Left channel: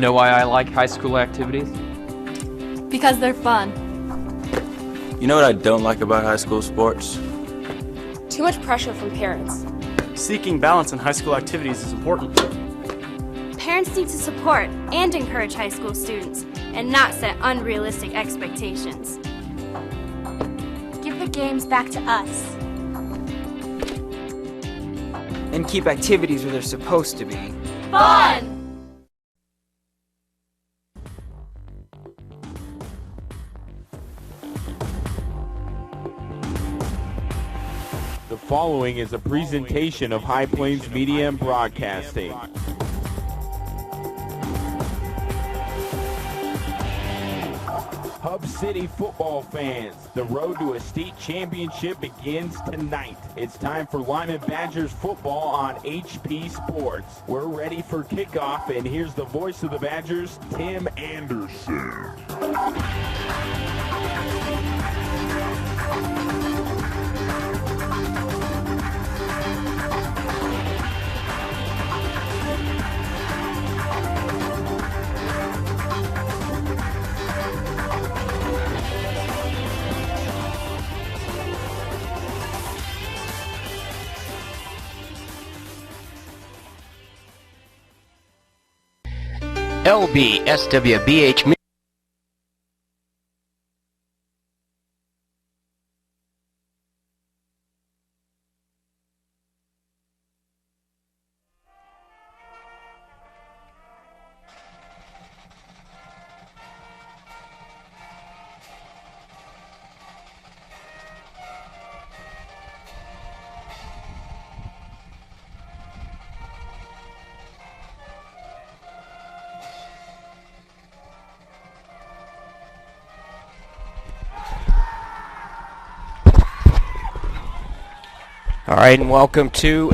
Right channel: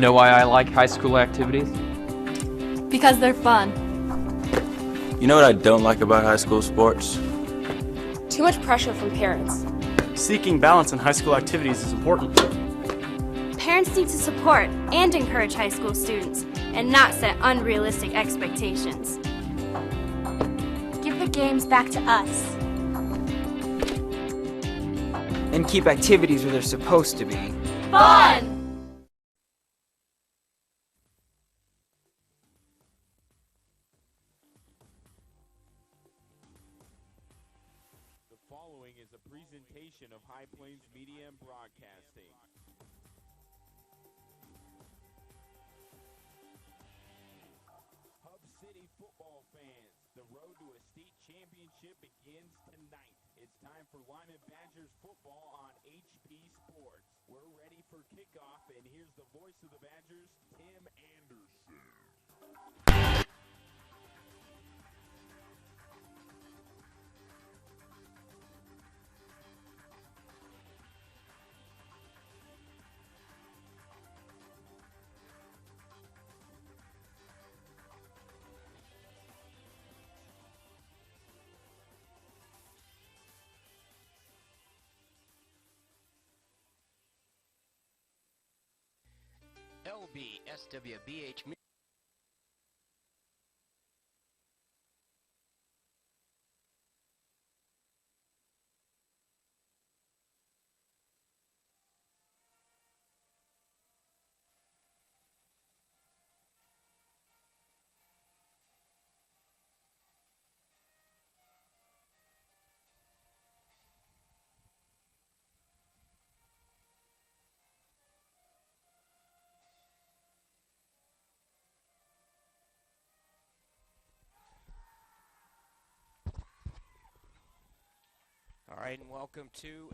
Know why I like high school activities? Because they're fun. You know what I don't like about high school sports? Too much pressure from parents. Seeking balance in high school activities is important. Parents need to support and encourage high school students and not set unrealistic expectations. Give the games back to us. And keep activities where they're supposed to be. Fun! The following is a presentation of High Plains Media and Broadcasting. Hub City football fans, the road to a state championship begins tonight. It's time for Limon Badgers football on HP Sports. We're ready for kickoff, and here's the voice of the Badgers, Tim Anderson. LBSWBH. All right, and welcome to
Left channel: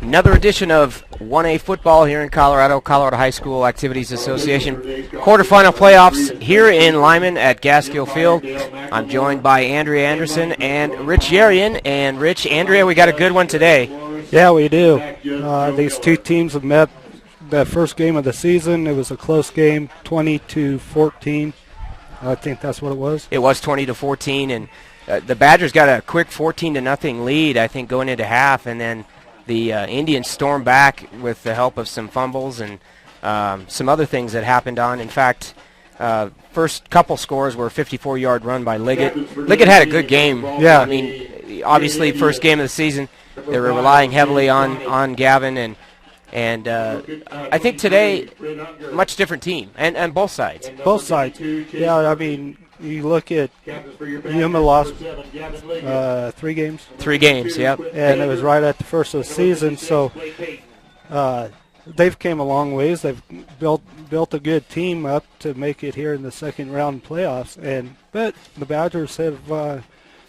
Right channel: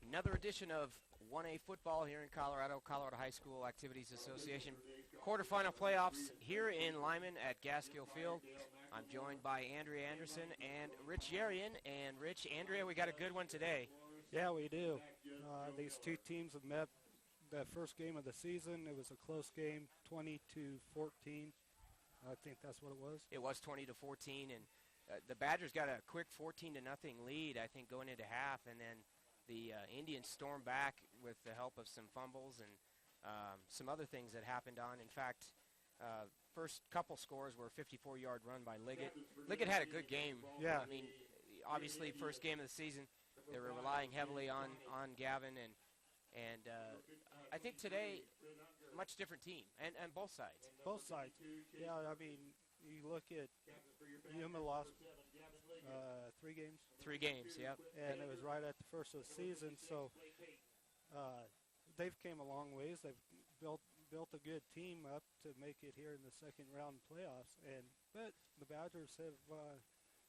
another edition of 1A football here in Colorado High School Activities Association. Quarterfinal playoffs here in Limon at Gaskill Field. I'm joined by Andrea Anderson and Rich Yerian. And Rich, Andrea, we got a good one today. Yeah, we do. These two teams have met the first game of the season. It was a close game, 20-14. I think that's what it was. It was 20-14, and the Badgers got a quick 14-0 lead, I think, going into half, and then the Indians stormed back with the help of some fumbles and some other things that happened on. In fact, first couple scores were a 54-yard run by Liggett. Liggett had a good game. Yeah. I mean, obviously, first game of the season, they were relying heavily on Gavin, and I think today, much different team, and both sides. Both sides. Yeah, I mean, you look at Yuma lost 3 games. 3 games, yep. And it was right at the first of the season, so they've came a long ways. They've built a good team up to make it here in the second round playoffs. But the Badgers have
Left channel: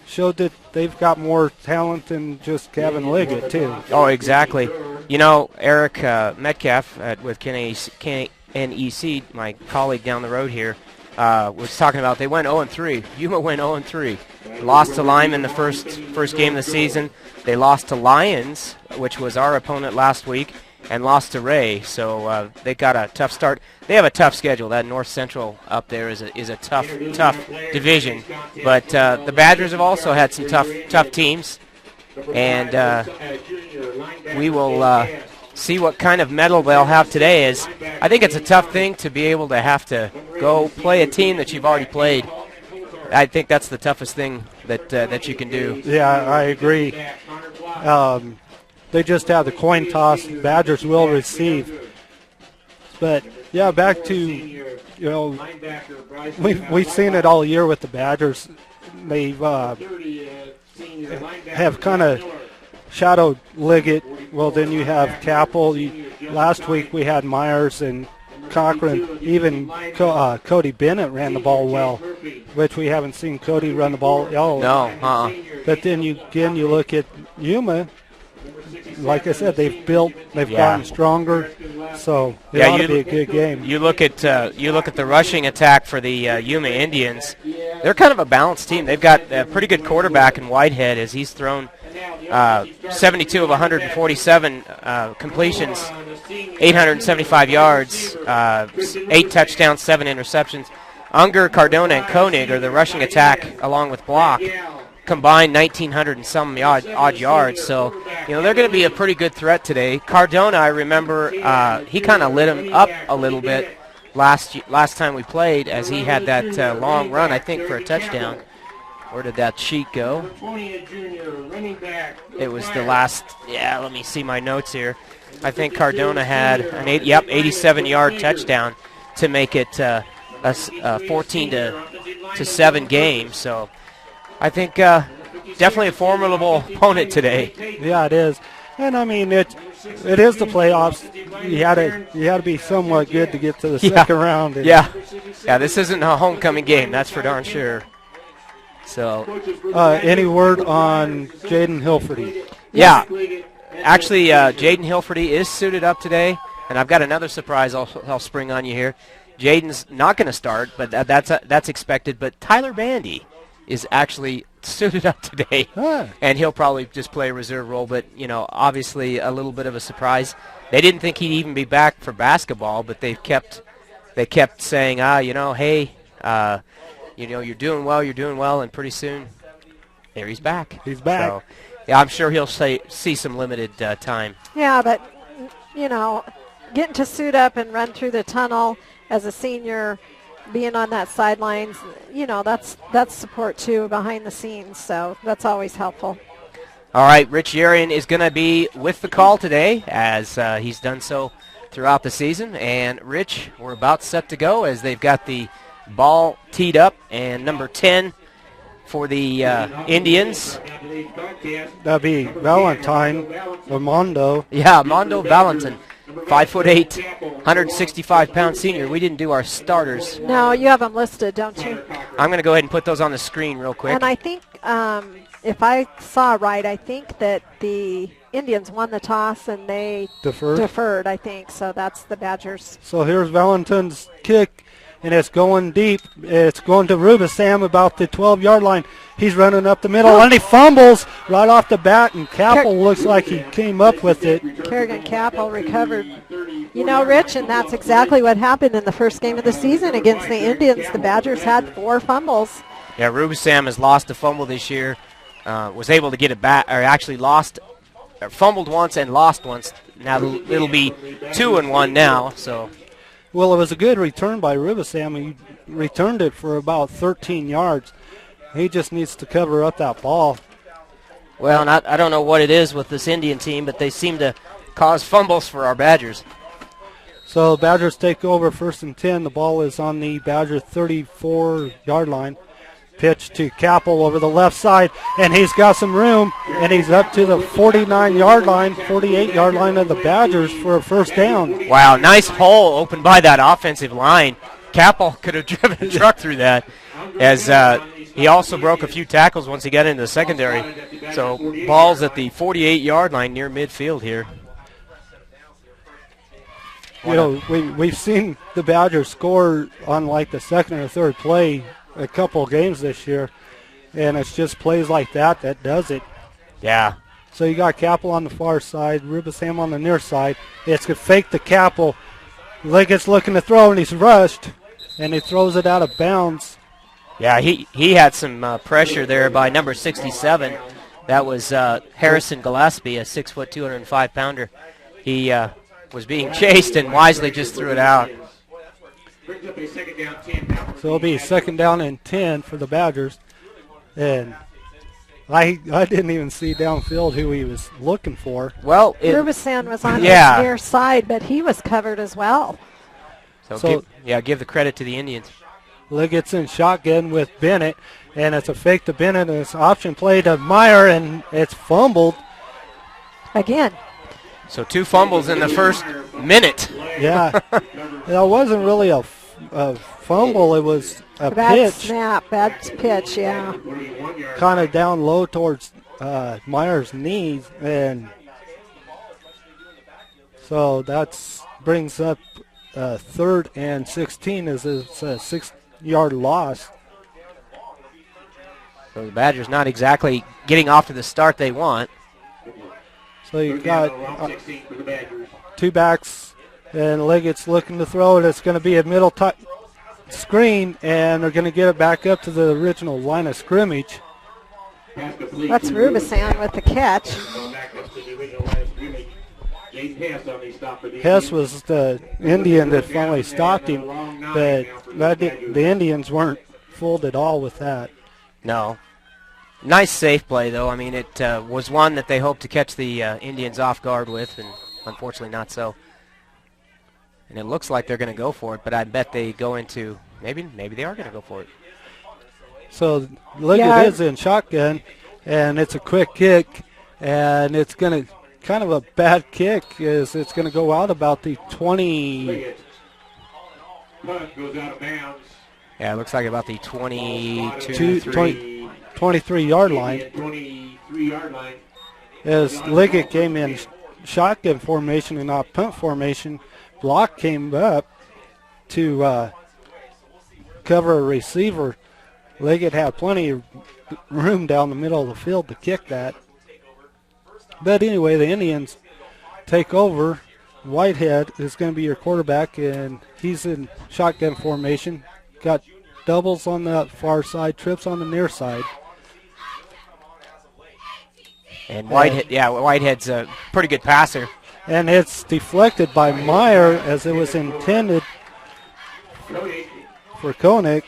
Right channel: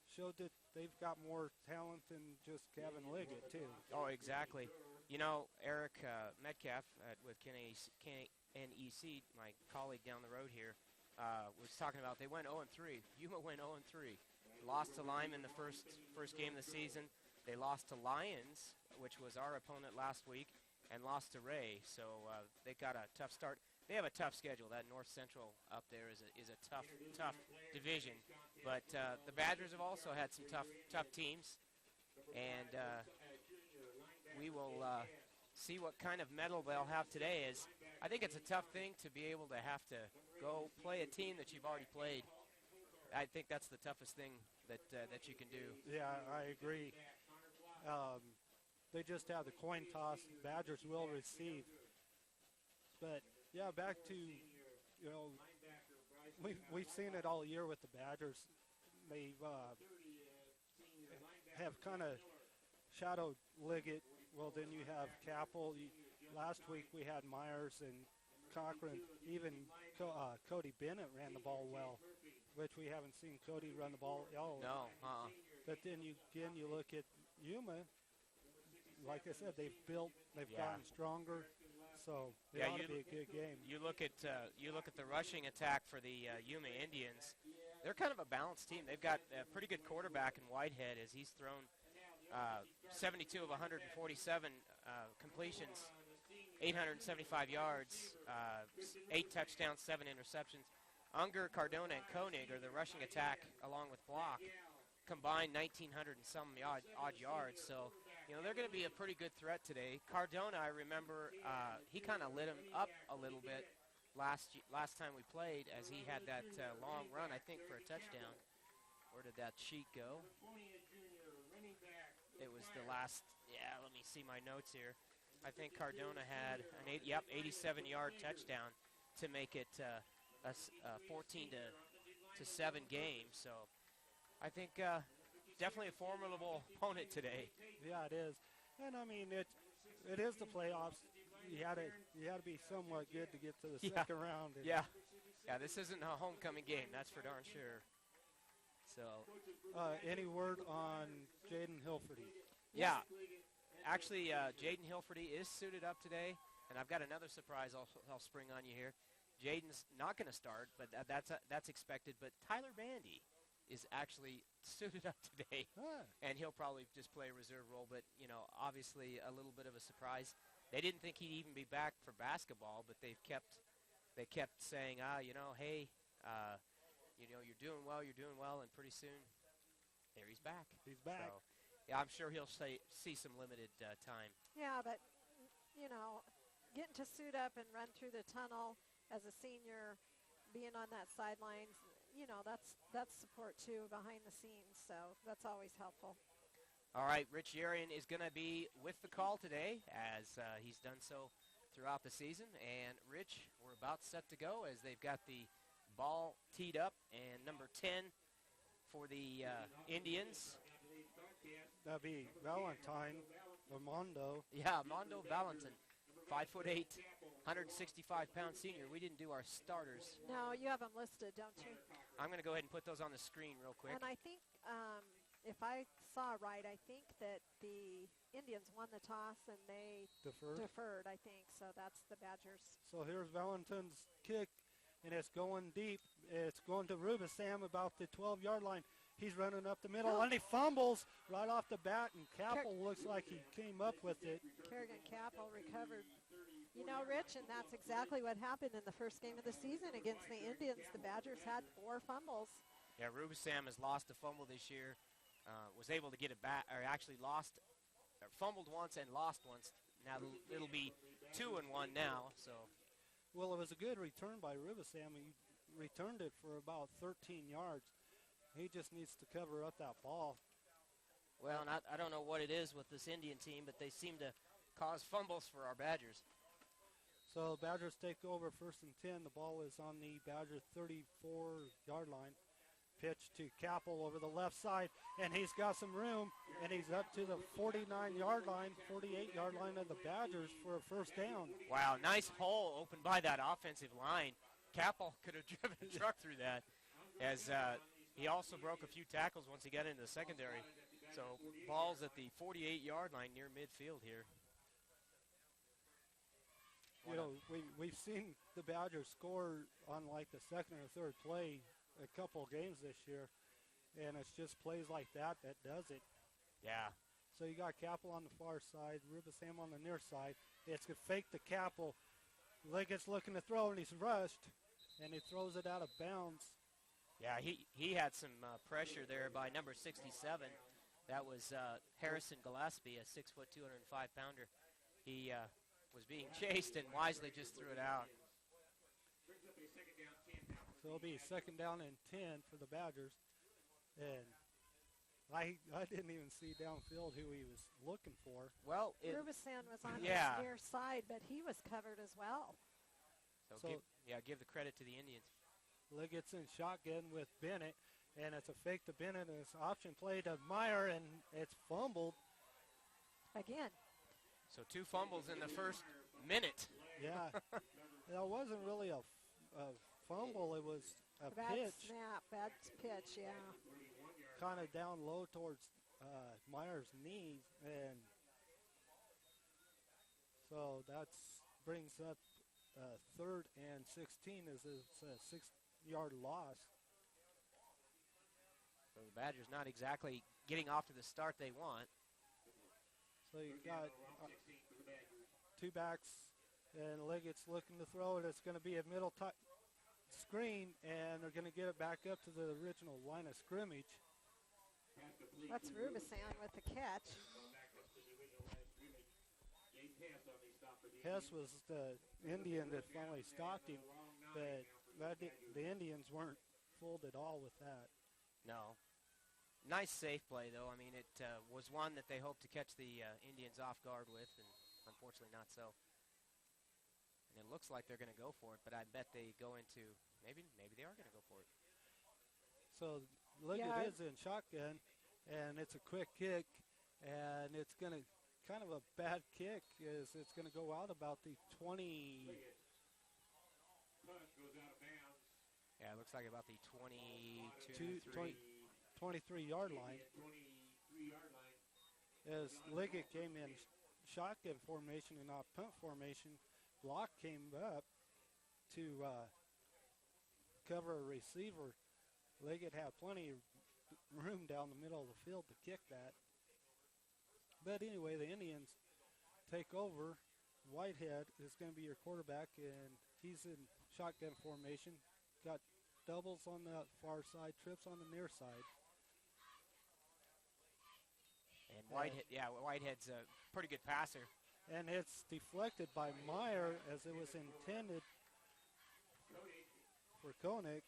showed that they've got more talent than just Gavin Liggett, too. Oh, exactly. You know, Eric Metcalf with NEC, my colleague down the road here, was talking about they went 0-3. Yuma went 0-3. Lost to Limon the first game of the season. They lost to Lions, which was our opponent last week, and lost to Ray. So they got a tough start. They have a tough schedule. That North Central up there is a tough division. But the Badgers have also had some tough teams, and we will see what kind of medal they'll have today. Is I think it's a tough thing to be able to have to go play a team that you've already played. I think that's the toughest thing that you can do. Yeah, I agree. They just have the coin toss. Badgers will receive. But yeah, back to we've seen it all year with the Badgers. They've have kind of shadowed Liggett. Well, then you have Capel. Last week we had Myers and Cochran. Even Cody Bennett ran the ball well, which we haven't seen Cody run the ball at all. No. But then you look at Yuma. Like I said, they've gotten stronger, so it ought to be a good game. You look at the rushing attack for the Yuma Indians. They're kind of a balanced team. They've got a pretty good quarterback in Whitehead as he's thrown 72 of 147 completions, 875 yards, 8 touchdowns, 7 interceptions. Unger, Cardona, and Koenig are the rushing attack along with Block. Combined 1,900 and some odd yards. So, they're going to be a pretty good threat today. Cardona, I remember, he kind of lit him up a little bit last time we played as he had that long run, I think, for a touchdown. Where did that sheet go? It was the last, let me see my notes here. I think Cardona had an 87-yard touchdown to make it a 14-7 game. So I think definitely a formidable opponent today. Yeah, it is. And I mean, it is the playoffs. You had to be somewhat good to get to the second round. Yeah, this isn't a homecoming game, that's for darn sure. So, any word on Jaden Hilferty? Yeah, actually, Jaden Hilferty is suited up today, and I've got another surprise I'll spring on you here. Jaden's not going to start, but that's expected. But Tyler Bandy is actually suited up today, and he'll probably just play a reserve role. But obviously a little bit of a surprise. They didn't think he'd even be back for basketball, but they kept saying, hey. You're doing well, and pretty soon, there he's back. He's back. So, yeah, I'm sure he'll see some limited time. Yeah, but, getting to suit up and run through the tunnel as a senior, being on that sidelines, that's support, too, behind the scenes. So that's always helpful. All right, Rich Yarian is going to be with the call today, as he's done so throughout the season. And, Rich, we're about set to go as they've got the ball teed up, and number 10 for the Indians. That'd be Valentine or Mondo. Yeah, Mondo Valentin, 5'8", 165-pound senior. We didn't do our starters. No, you have them listed, don't you? I'm going to go ahead and put those on the screen real quick. And I think, if I saw right, I think that the Indians won the toss and they deferred, I think. So that's the Badgers. So here's Valentin's kick. And it's going deep. It's going to Rubisam about the 12-yard line. He's running up the middle, and he fumbles right off the bat, and Capel looks like he came up with it. Kerrigan Capel recovered. Rich, and that's exactly what happened in the first game of the season against the Indians. The Badgers had 4 fumbles. Yeah, Rubisam has lost a fumble this year. Was able to get it back, or actually fumbled once and lost once. Now it'll be 2-1 now, so... Well, it was a good return by Rubisam. He returned it for about 13 yards. He just needs to cover up that ball. Well, and I don't know what it is with this Indian team, but they seem to cause fumbles for our Badgers. So Badgers take over 1st and 10. The ball is on the Badger 34-yard line. Pitch to Capel over the left side, and he's got some room, and he's up to the 49-yard line, 48-yard line of the Badgers for a first down. Wow, nice hole opened by that offensive line. Capel could have driven a truck through that, as he also broke a few tackles once he got into the secondary. So ball's at the 48-yard line near midfield here. We've seen the Badgers score on like the second or third play a couple of games this year, and it's just plays like that does it. Yeah. So you got Capel on the far side, Rubisam on the near side. It's going to fake the Capel. Liggett's looking to throw, and he's rushed, and he throws it out of bounds. Yeah, he had some pressure there by number 67. That was Harrison Gillespie, a 6', 205-pounder. He was being chased and wisely just threw it out. So it'll be 2nd down and 10 for the Badgers. And I didn't even see downfield who he was looking for. Well, Rubisam was on his near side, but he was covered as well. So give the credit to the Indians. Liggett's in shotgun with Bennett, and it's a fake to Bennett, and it's option play to Meyer, and it's fumbled. Again. So 2 fumbles in the first minute. Yeah. That wasn't really a fumble. It was a bad pitch. Bad pitch, yeah. Kind of down low towards Meyer's knees. And so that brings up 3rd and 16 as it's a 6-yard loss. So the Badgers not exactly getting off to the start they want. So you've got two backs, and Liggett's looking to throw it. It's going to be a middle screen, and they're going to get it back up to the original line of scrimmage. That's Rubisan with the catch. Hess was the Indian that finally stopped him, but the Indians weren't fooled at all with that. No. Nice safe play, though. I mean, it was one that they hoped to catch the Indians off guard with, and unfortunately not so. And it looks like they're going to go for it, but I bet they go into, maybe they are going to go for it. So Liggett is in shotgun, and it's a quick kick, and it's going to kind of a bad kick. It's going to go out about the 20. Yeah, it looks like about the 23-yard line. As Liggett came in shotgun formation and not punt formation, block came up to cover a receiver. Liggett had plenty of room down the middle of the field to kick that. But anyway, the Indians take over. Whitehead is going to be your quarterback, and he's in shotgun formation. Got doubles on the far side, trips on the near side. And Whitehead's a pretty good passer. And it's deflected by Meyer as it was intended for Koenig.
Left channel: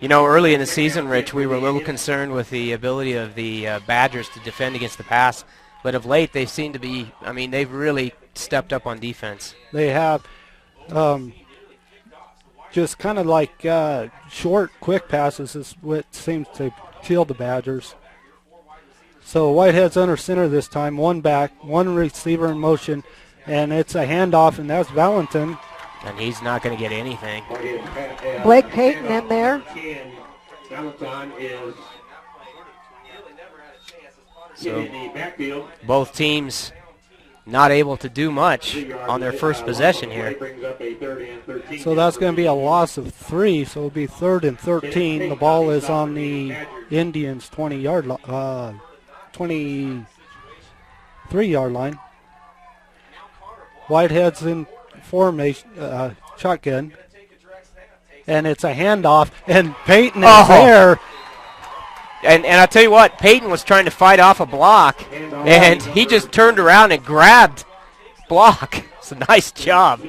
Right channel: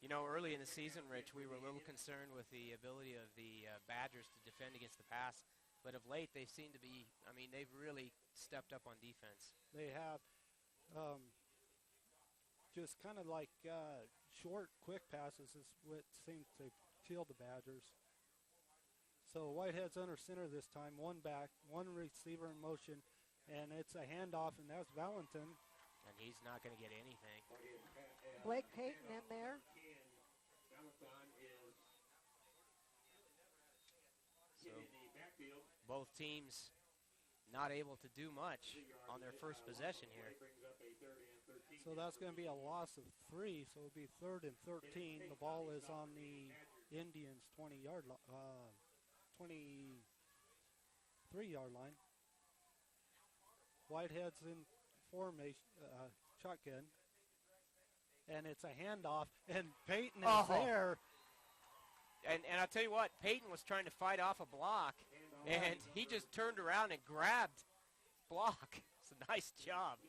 You know, early in the season, Rich, we were a little concerned with the ability of the Badgers to defend against the pass. But of late, they seem to be, I mean, they've really stepped up on defense. They have just kind of like short, quick passes is what seems to kill the Badgers. So Whitehead's under center this time, one back, one receiver in motion, and it's a handoff, and that's Valentin. And he's not going to get anything. Blake Payton in there. So both teams not able to do much on their first possession here. So that's going to be a loss of 3, so it'll be 3rd and 13. The ball is on the Indians' 23-yard line. Whitehead's in formation, shotgun, and it's a handoff, and Payton is there. And I tell you what, Payton was trying to fight off a block, and he just turned around and grabbed block. It's a nice job.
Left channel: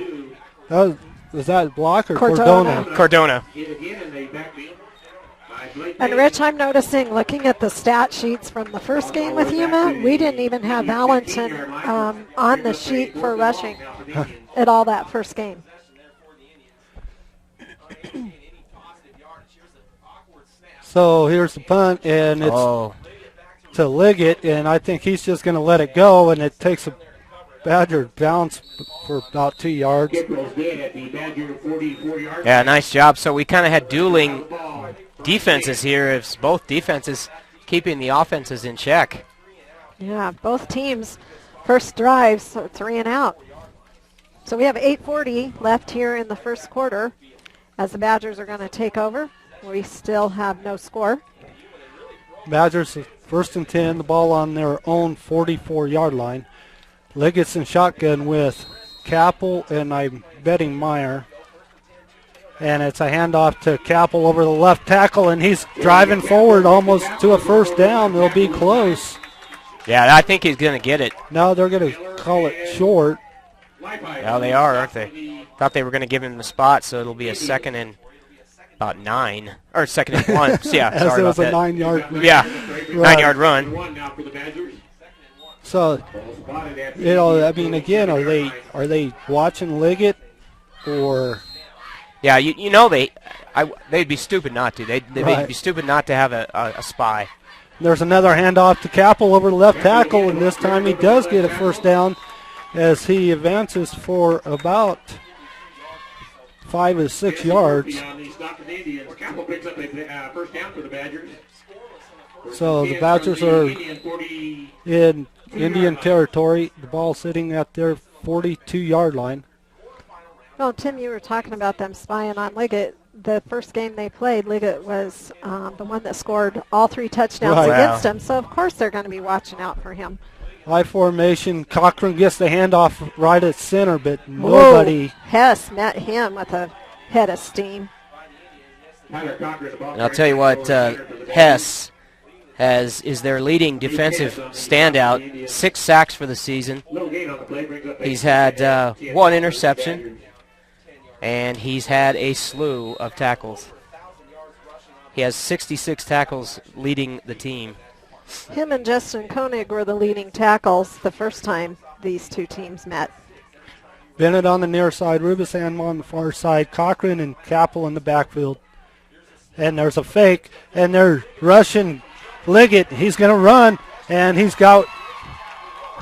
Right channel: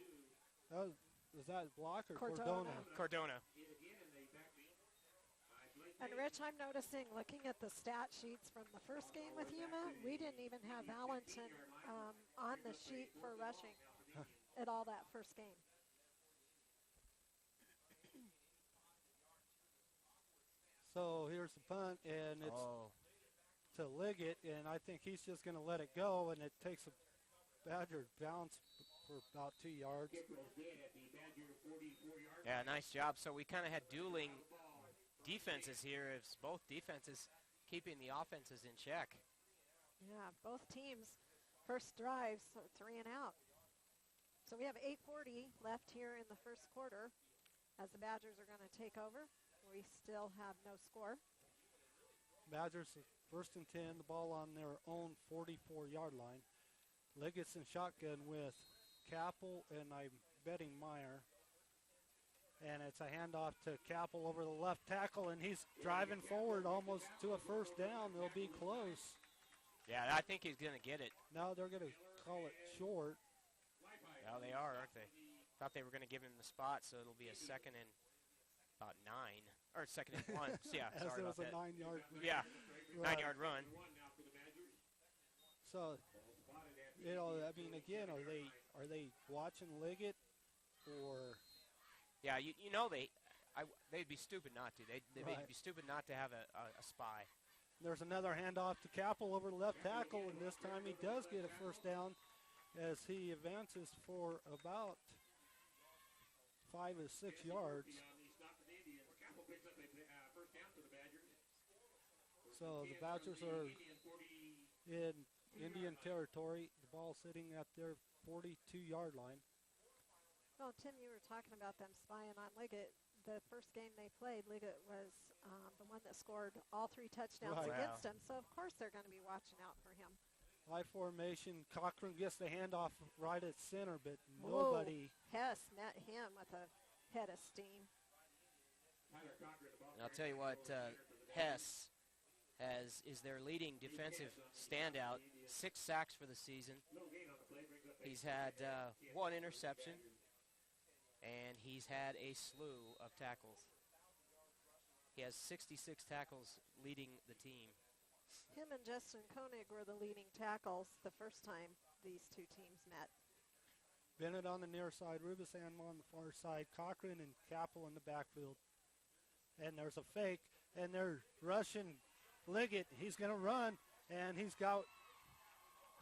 Was that block or Cordona? Cordona. And Rich, I'm noticing, looking at the stat sheets from the first game with Yuma, we didn't even have Valentin on the sheet for rushing at all that first game. So here's the punt, and it's to Liggett, and I think he's just going to let it go, and it takes a Badger bounce for about 2 yards. Yeah, nice job. So we kind of had dueling defenses here. It's both defenses keeping the offenses in check. Yeah, both teams first drives, so 3 and out. So we have 8:40 left here in the first quarter as the Badgers are going to take over. We still have no score. Badgers 1st and 10, the ball on their own 44-yard line. Liggett's in shotgun with Capel and I'm betting Meyer. And it's a handoff to Capel over the left tackle, and he's driving forward almost to a first down. They'll be close. Yeah, I think he's going to get it. No, they're going to call it short. Yeah, they are, aren't they? Thought they were going to give him the spot, so it'll be a 2nd and about 9, or 2nd and 1. Yeah, As sorry it was about a that. 9-yard Yeah, 9-yard run. So, you know, I mean, again, are they watching Liggett or? Yeah, you know they'd be stupid not to. They'd be stupid not to have a spy. There's another handoff to Capel over the left tackle, and this time he does get a first down as he advances for about 5 or 6 yards. So the Badgers are in Indian territory. The ball sitting at their 42-yard line. Well, Tim, you were talking about them spying on Liggett. the first game they played, Liggett was the one that scored all 3 touchdowns Right. against him. So, of course, they're going to be watching out for him. High formation. Cochran gets the handoff right at center, but nobody. Whoa. Hess met him with a head of steam. And I'll tell you what, Hess is their leading defensive standout. 6 sacks for the season. He's had 1 interception, and he's had a slew of tackles. He has 66 tackles leading the team. Him and Justin Koenig were the leading tackles the first time these 2 teams met. Bennett on the near side, Rubisam on the far side, Cochran and Capel in the backfield. And there's a fake, and they're rushing Liggett. He's going to run, and he's got...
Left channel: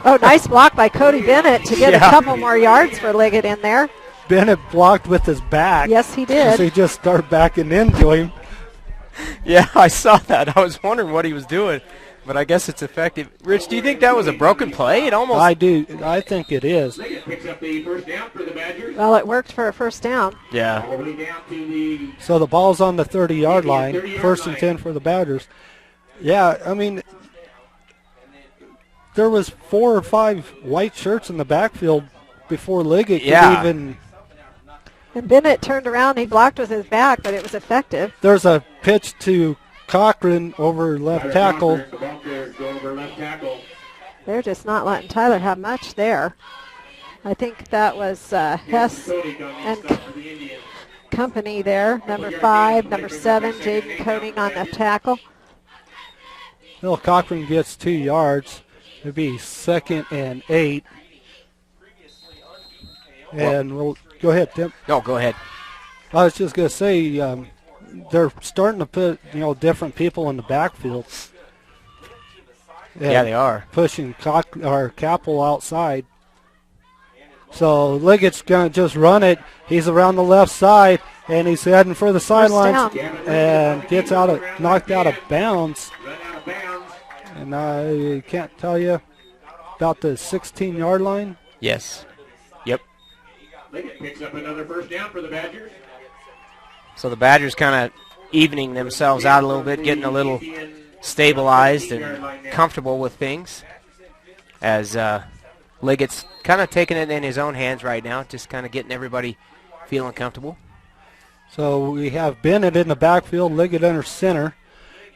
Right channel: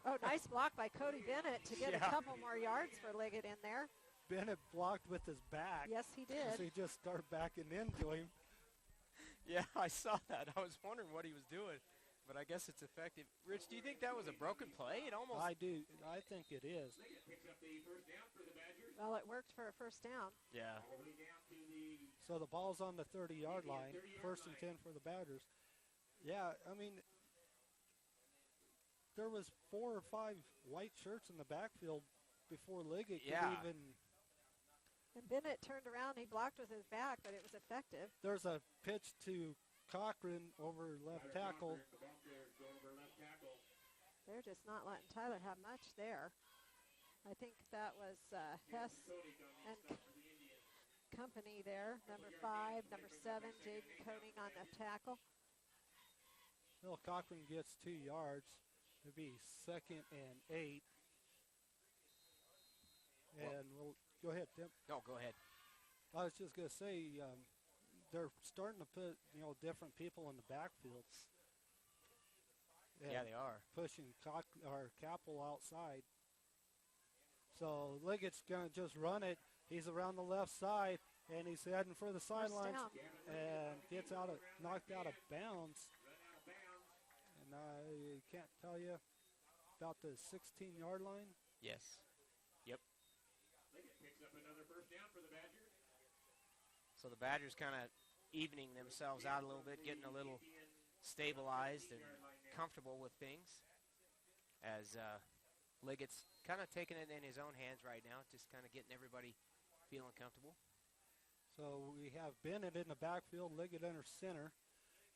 Oh, nice block by Cody Bennett to get a couple more yards for Liggett in there. Bennett blocked with his back. Yes, he did. So he just started backing into him. Yeah, I saw that. I was wondering what he was doing, but I guess it's effective. Rich, do you think that was a broken play? It almost... I do. I think it is. Well, it worked for a first down. Yeah. So the ball's on the 30-yard line, 1st and 10 for the Badgers. Yeah, I mean, there was 4 or 5 white shirts in the backfield before Liggett could even... And Bennett turned around. He blocked with his back, but it was effective. There's a pitch to Cochran over left tackle. They're just not letting Tyler have much there. I think that was Hess and company there. Number 5, number 7, Jaden Koenig on the tackle. Bill Cochran gets 2 yards. It'd be 2nd and 8. And we'll go ahead, Tim. No, go ahead. I was just going to say they're starting to put different people in the backfield. Yeah, they are pushing Capel outside. So Liggett's going to just run it. He's around the left side, and he's heading for the sidelines and gets knocked out of bounds. And I can't tell you about the 16-yard line. Yes. Yep. Picks up another first down for the Badgers. So the Badgers kind of evening themselves out a little bit, getting a little stabilized and comfortable with things, as Liggett's kind of taking it in his own hands right now, just kind of getting everybody feeling comfortable. So we have Bennett in the backfield, Liggett under center,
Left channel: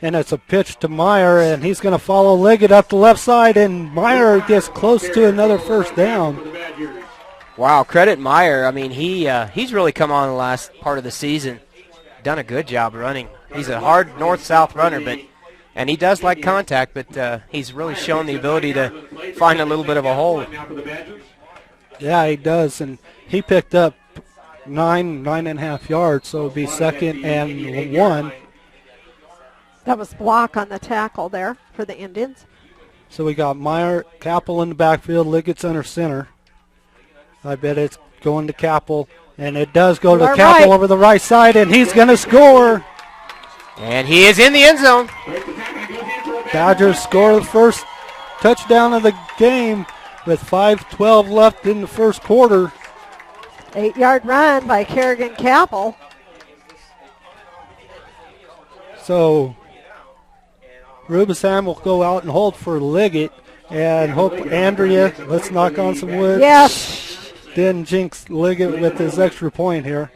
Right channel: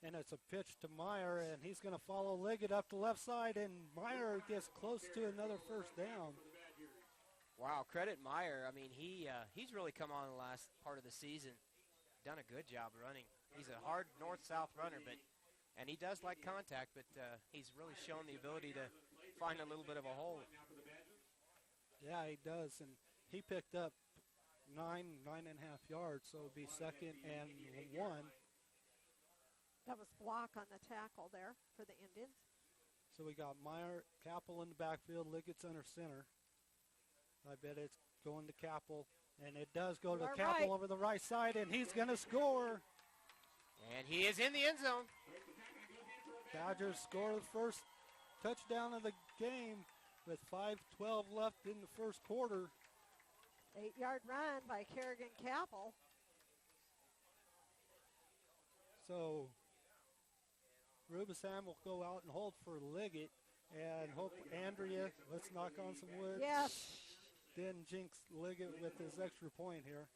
and it's a pitch to Meyer, and he's going to follow Liggett up the left side, and Meyer gets close to another first down. Wow, credit Meyer. I mean, he's really come on the last part of the season, done a good job running. He's a hard north-south runner, and he does like contact, but he's really shown the ability to find a little bit of a hole. Yeah, he does, and he picked up 9.5 yards, so it would be 2nd and 1. That was block on the tackle there for the Indians. So we got Meyer, Capel in the backfield, Liggett's under center. I bet it's going to Capel, and it does go to Capel over the right side, and he's going to score. And he is in the end zone. Badgers score the first touchdown of the game with 5:12 left in the first quarter. 8-yard run by Kerrigan Capel. So Rubisam will go out and hold for Liggett, and hope Andrea, let's knock on some wood. Yes. Didn't jinx Liggett with his extra point here.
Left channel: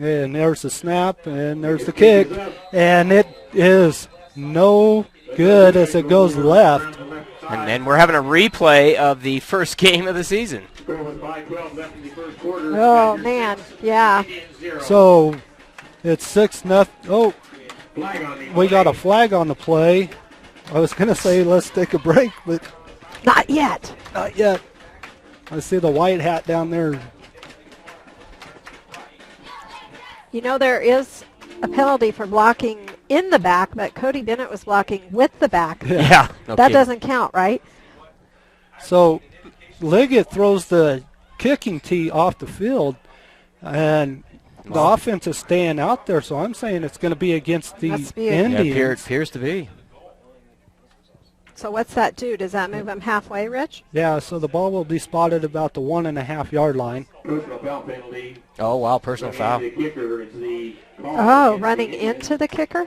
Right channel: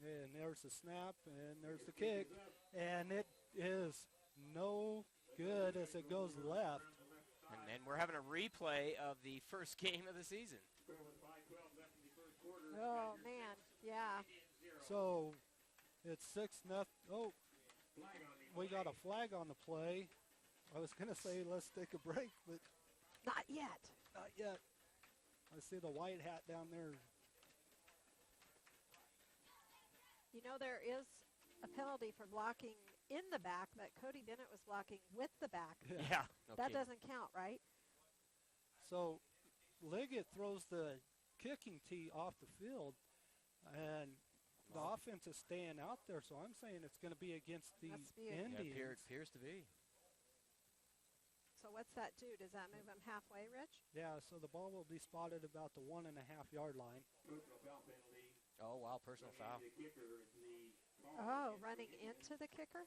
And there's the snap, and there's the kick, and it is no good as it goes left. And then we're having a replay of the first game of the season. Oh, man, yeah. So it's 6-0. Oh, we got a flag on the play. I was going to say let's take a break, but not yet. Not yet. I see the white hat down there. You know, there is a penalty for blocking in the back, but Cody Bennett was blocking with the back. Yeah. That doesn't count, right? So Liggett throws the kicking tee off the field, and the offense is staying out there, so I'm saying it's going to be against the Indians. Yeah, it appears to be. So what's that do? Does that move them halfway, Rich? Yeah, so the ball will be spotted about the 1.5 yard line. Oh, wow, personal foul. Oh, running into the kicker?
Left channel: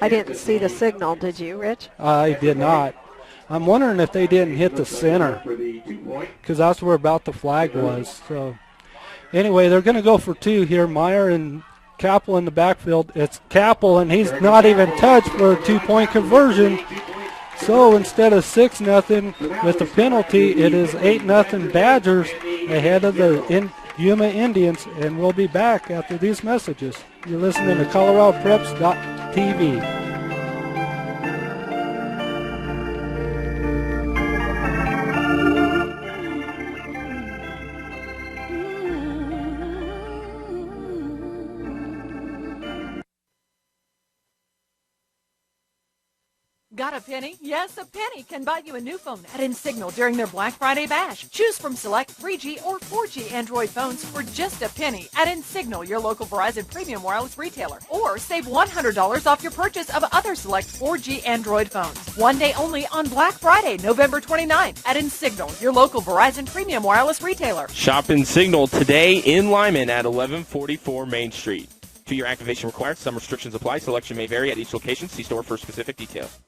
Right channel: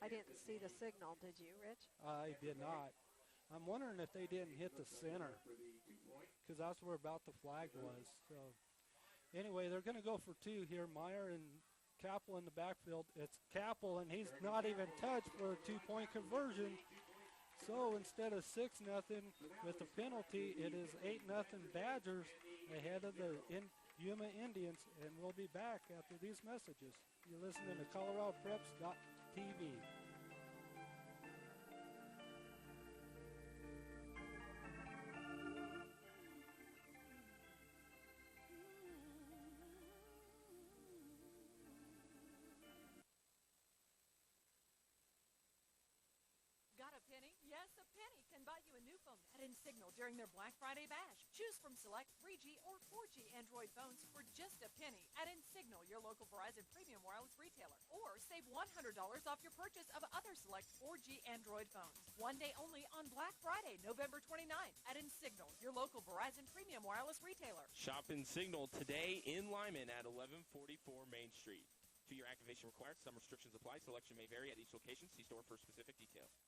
I didn't see the signal, did you, Rich? I did not. I'm wondering if they didn't hit the center, because that's where about the flag was. So anyway, they're going to go for 2 here. Meyer and Capel in the backfield. It's Capel, and he's not even touched for a 2-point conversion. So instead of 6-0 with the penalty, it is 8-0 Badgers ahead of the Yuma Indians, and we'll be back after these messages. You're listening to ColoradoPreps.tv. Got a penny? Yes, a penny can buy you a new phone at InSignal during their Black Friday bash. Choose from select 3G or 4G Android phones for just a penny at InSignal, your local Verizon premium wireless retailer. Or save $100 off your purchase of other select 4G Android phones. One day only on Black Friday, November 29th at InSignal, your local Verizon premium wireless retailer. Shop InSignal today in Limon at 1144 Main Street. 2-year activation required. Some restrictions apply. Selection may vary at each location. See store for specific details.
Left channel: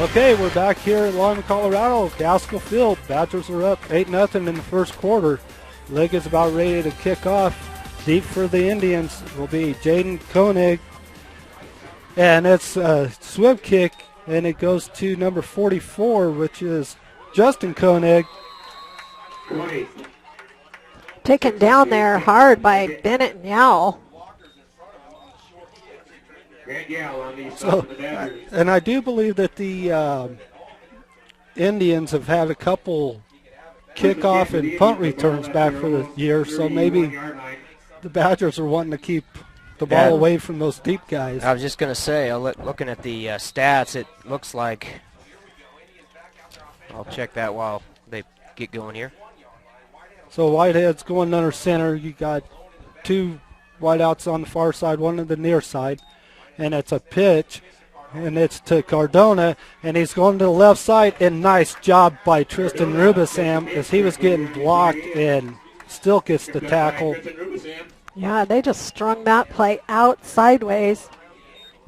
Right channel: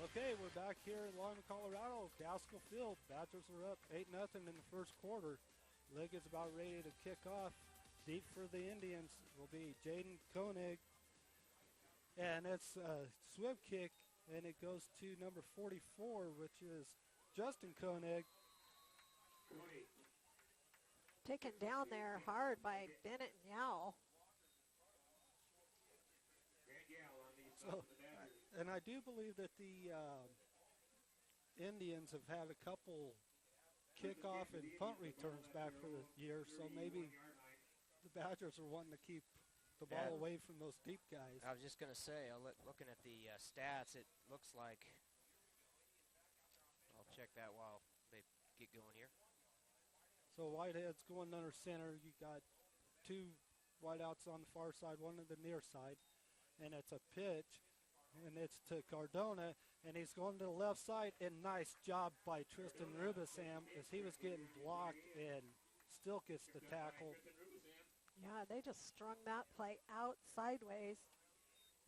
Okay, we're back here at Limon, Colorado. Gaskell Field. Badgers are up 8-0 in the first quarter. League is about ready to kick off. Deep for the Indians will be Jaden Koenig. And it's a swim kick, and it goes to number 44, which is Justin Koenig. Taken down there hard by Bennett and Yowell. So, and I do believe that the Indians have had a couple kickoff and punt returns back for the year, so maybe the Badgers are wanting to keep the ball away from those deep guys. I was just going to say, looking at the stats, it looks like, I'll check that while they get going here. So Whitehead's going under center. You got 2 wideouts on the far side, one on the near side. And it's a pitch, and it's to Cardona, and he's going to the left side, and nice job by Tristan Rubisam as he was getting blocked and still gets the tackle. Yeah, they just strung that play out sideways.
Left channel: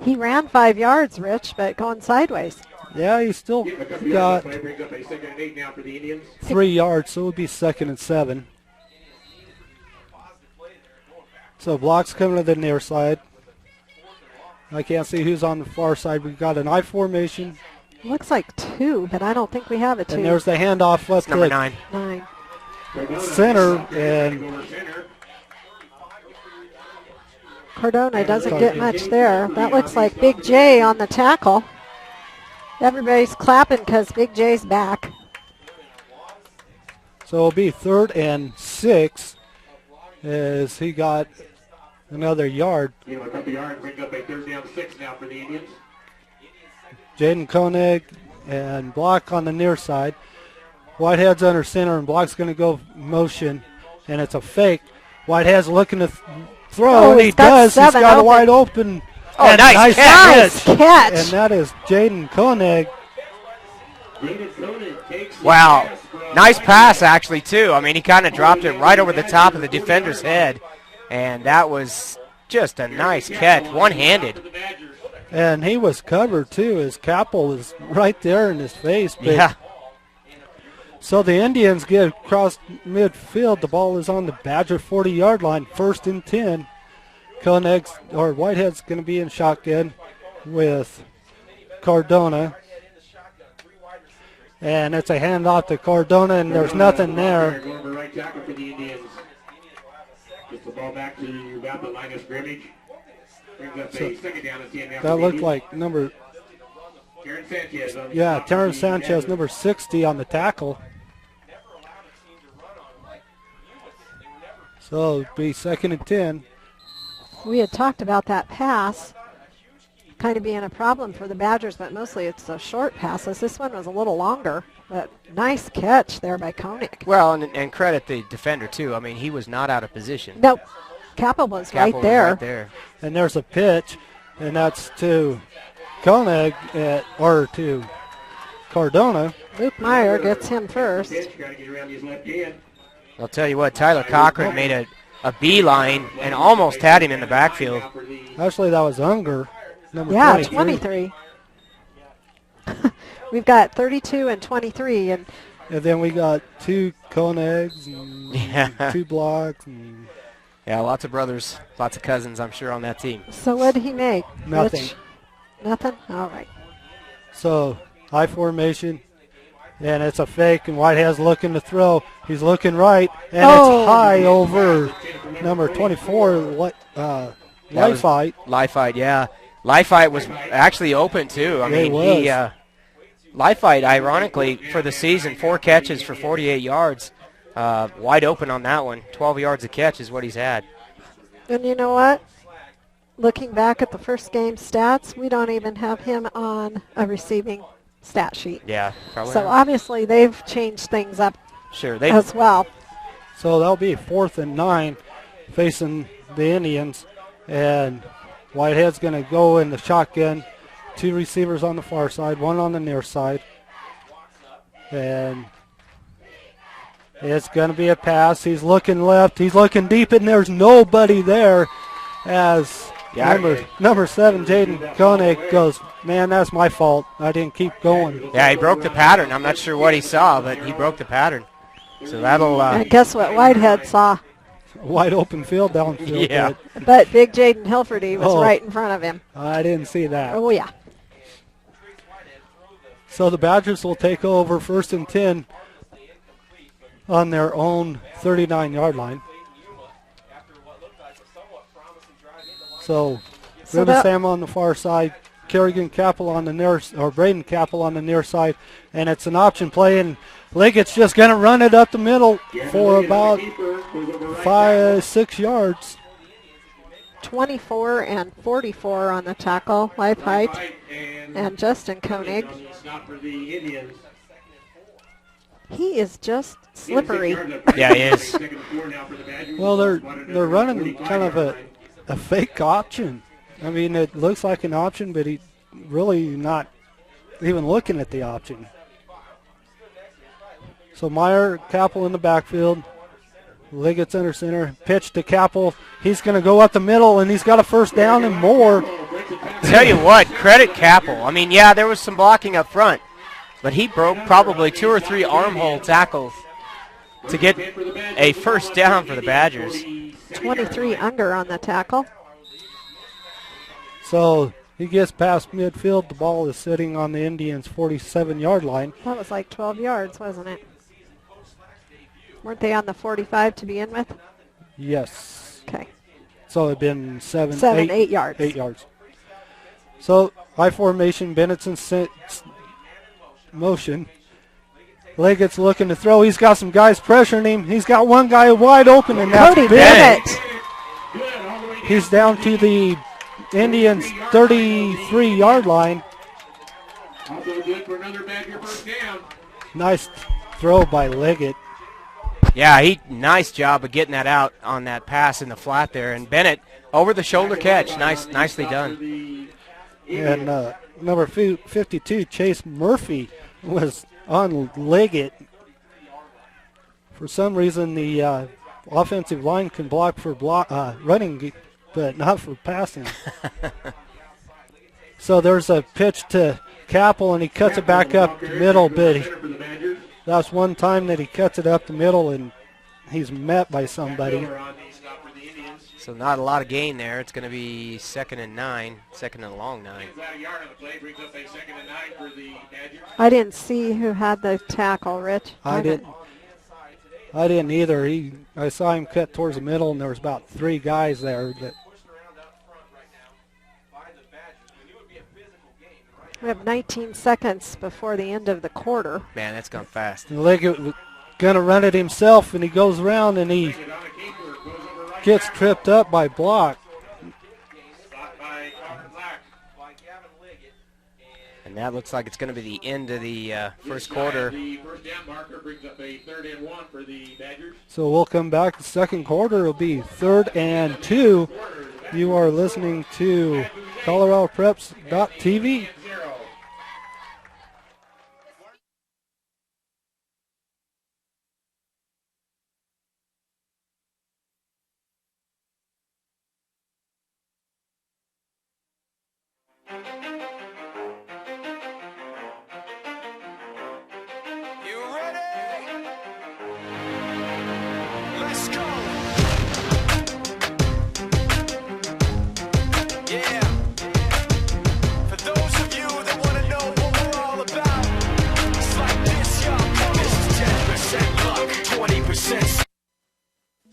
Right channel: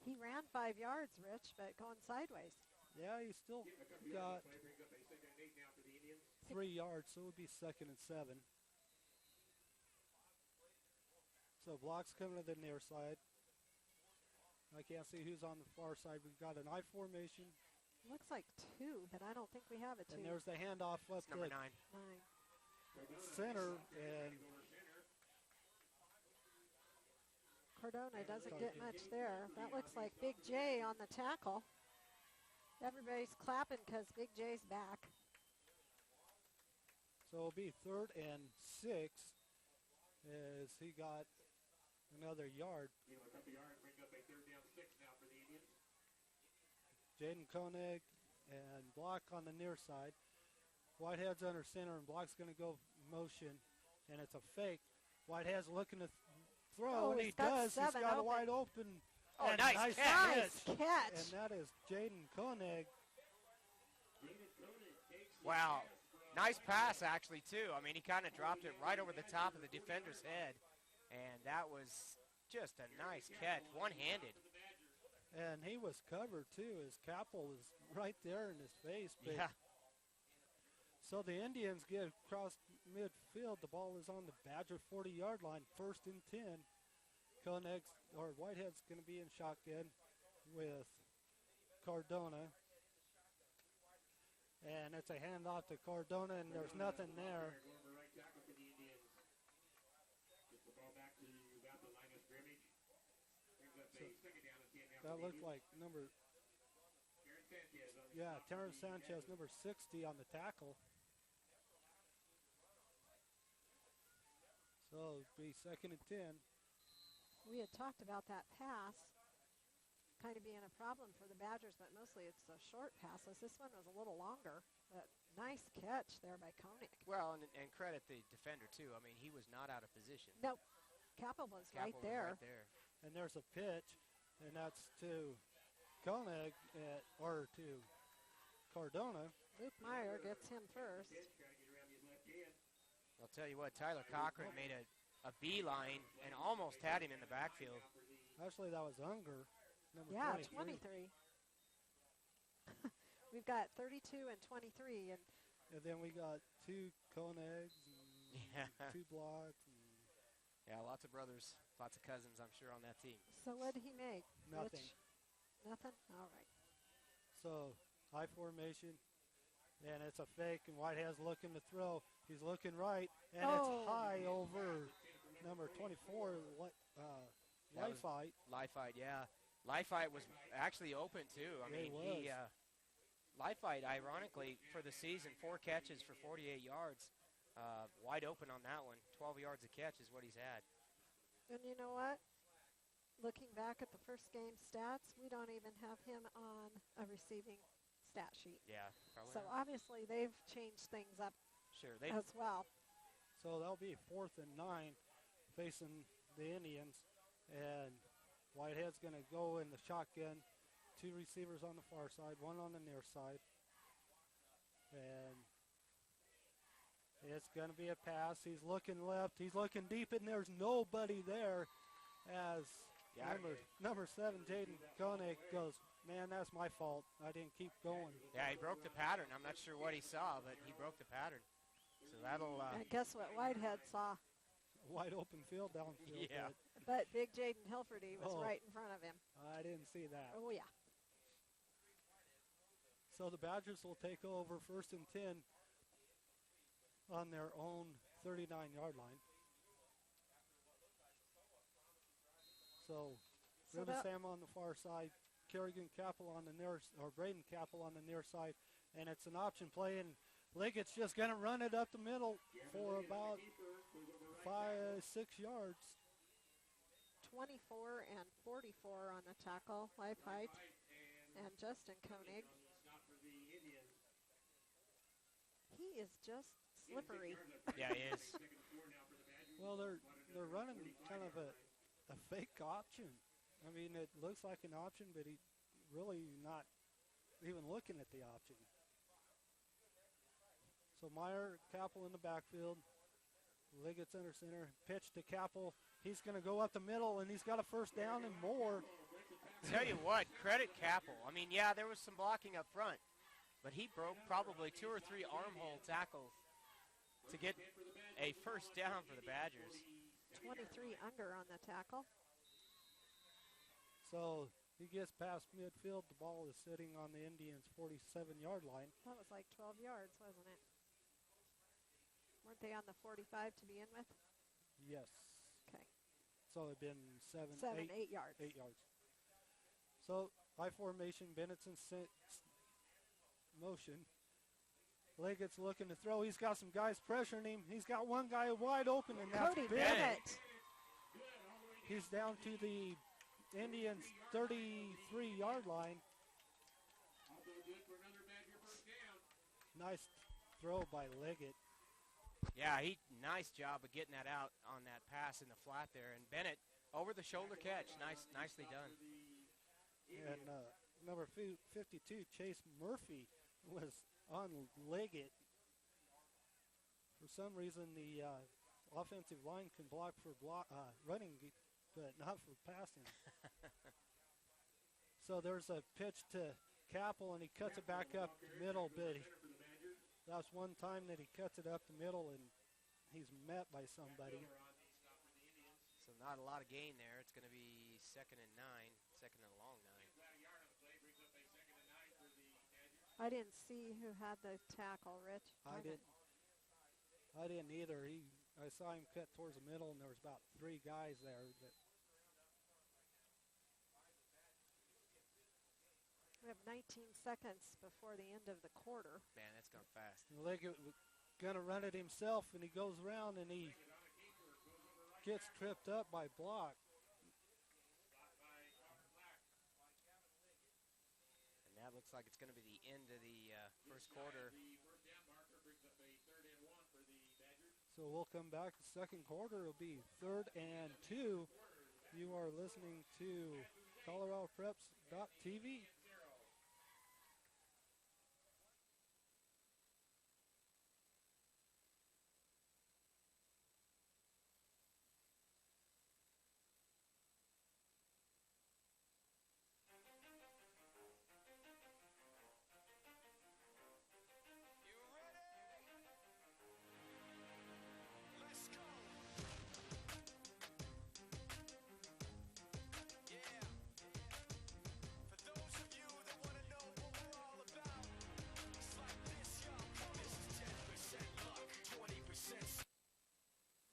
He ran 5 yards, Rich, but going sideways. Yeah, he still got 3 yards, so it would be 2nd and 7. So blocks coming to the near side. I can't see who's on the far side. We've got an I formation. Looks like 2, but I don't think we have a 2. And there's the handoff left number to 9. Center, and Cardona doesn't get much there. That looks like Big J on the tackle. Everybody's clapping because Big J's back. So it'll be 3rd and 6 as he got another yard. Jaden Koenig and block on the near side. Whitehead's under center, and block's going to go motion, and it's a fake. Whitehead's looking to throw, and he does. He's got a wide open. Oh, nice catch. And that is Jaden Koenig. Wow. Nice pass, actually, too. I mean, he kind of dropped it right over the top of the defender's head. And that was just a nice catch, one-handed. And he was covered, too, as Capel was right there in his face. But yeah. So the Indians get across midfield. The ball is on the Badger 40-yard line, 1st and 10. Whitehead's going to be in shotgun with Cardona. And it's a handoff to Cardona, and there's nothing there. Gets the ball back to about the line of scrimmage. Brings up a second down and 10 down. That looked like Terrence Sanchez. Terrence Sanchez, number 60 on the tackle. So it'll be 2nd and 10. We had talked about that pass. kind of being a problem for the Badgers, but mostly it's the short passes. This one was a little longer, but nice catch there by Koenig. Well, and credit the defender, too. I mean, he was not out of position. Nope. Capel was right there. Right there. And there's a pitch, and that's to Koenig, or to Cardona. Luke Meyer gets him first. I'll tell you what, Tyler Cochran made a beeline and almost had him in the backfield. Actually, that was Unger, number 23. We've got 32 and 23. And then we got 2 Koenigs and 2 blocks. And yeah, lots of brothers, lots of cousins, I'm sure, on that team. So what did he make? Nothing. Nothing? All right. So high formation, and it's a fake, and Whitehead's looking to throw. He's looking right, and it's high over number 24, Leifheit. Leifheit, yeah. Leifheit was actually open, too. I mean, Leifheit, ironically, for the season, 4 catches for 48 yards. Wide open on that one. 12 yards a catch is what he's had. And you know what? Looking back at the first game stats, we don't even have him on a receiving stat sheet. Yeah, probably So not. obviously they've changed things up as well. So that'll be 4th and 9 facing the Indians. And Whitehead's going to go in the shotgun. 2 receivers on the far side, 1 on the near side. And it's going to be a pass. He's looking left. He's looking deep, and there's nobody there as number 7, Jaden Koenig, goes, man, that's my fault. I didn't keep going. Yeah, he broke the pattern. I'm not sure what he saw, but he broke the pattern. So that'll... and guess what Whitehead saw? Wide open field downfield. Yeah. But big Jaden Hilferty was right in front of him. I didn't see that. Oh, yeah. So the Badgers will take over 1st and 10 on their own 39-yard line. So Ruben Sam on the far side, Kerrigan Capel on the near, or Braden Capel on the near side, and it's an option play, and Liggett's just going to run it up the middle for about 5-6 yards. 24 and 44 on the tackle, Leifheit and Justin Koenig. He is just slippery. Yeah, he is. Well, they're running kind of a fake option. I mean, it looks like an option, but he's really not even looking at the option. So Meyer, Capel in the backfield. Liggett's under center. Pitch to Capel. He's going to go up the middle, and he's got a first down and more. Tell you what, credit Capel. I mean, yeah, there was some blocking up front, but he broke probably 2 or 3 armhole tackles to get a first down for the Badgers. 23 under on the tackle. So he gets past midfield. The ball is sitting on the Indians' 47-yard line. That was like 12 yards, wasn't it? Weren't they on the 45 to begin with? Yes. Okay. So it'd been 8 yards. 8 yards. So high formation, Bennett's motion. Liggett's looking to throw. He's got some guys pressuring him. He's got one guy wide open, and that's Cody Bennett. He's down to the Indians' 33-yard line. Nice throw by Liggett. Yeah, nice job of getting that out on that pass in the flat there. And Bennett, over the shoulder catch, nicely done. And number 52, Chase Murphy, was on Liggett. For some reason, the offensive line can block for running, but not for passing. So there's a pitch to Capel, and he cuts it back up the middle, but that's one time that he cuts it up the middle, and he's met by somebody. So not a lot of gain there. It's going to be 2nd and 9, 2nd and long 9. I didn't see who had the tackle, Rich. I didn't either. I saw him cut towards the middle, and there was about 3 guys there. We have 19 seconds before the end of the quarter. Man, that's gone fast. Liggett going to run it himself, and he goes around, and he gets tripped up by Block. And that looks like it's going to be the end of the first quarter. The first down marker brings up a 3rd and 1 for the Badgers. So we'll come back. The second quarter will be 3rd and 2. You are listening to ColoradoPreps.tv.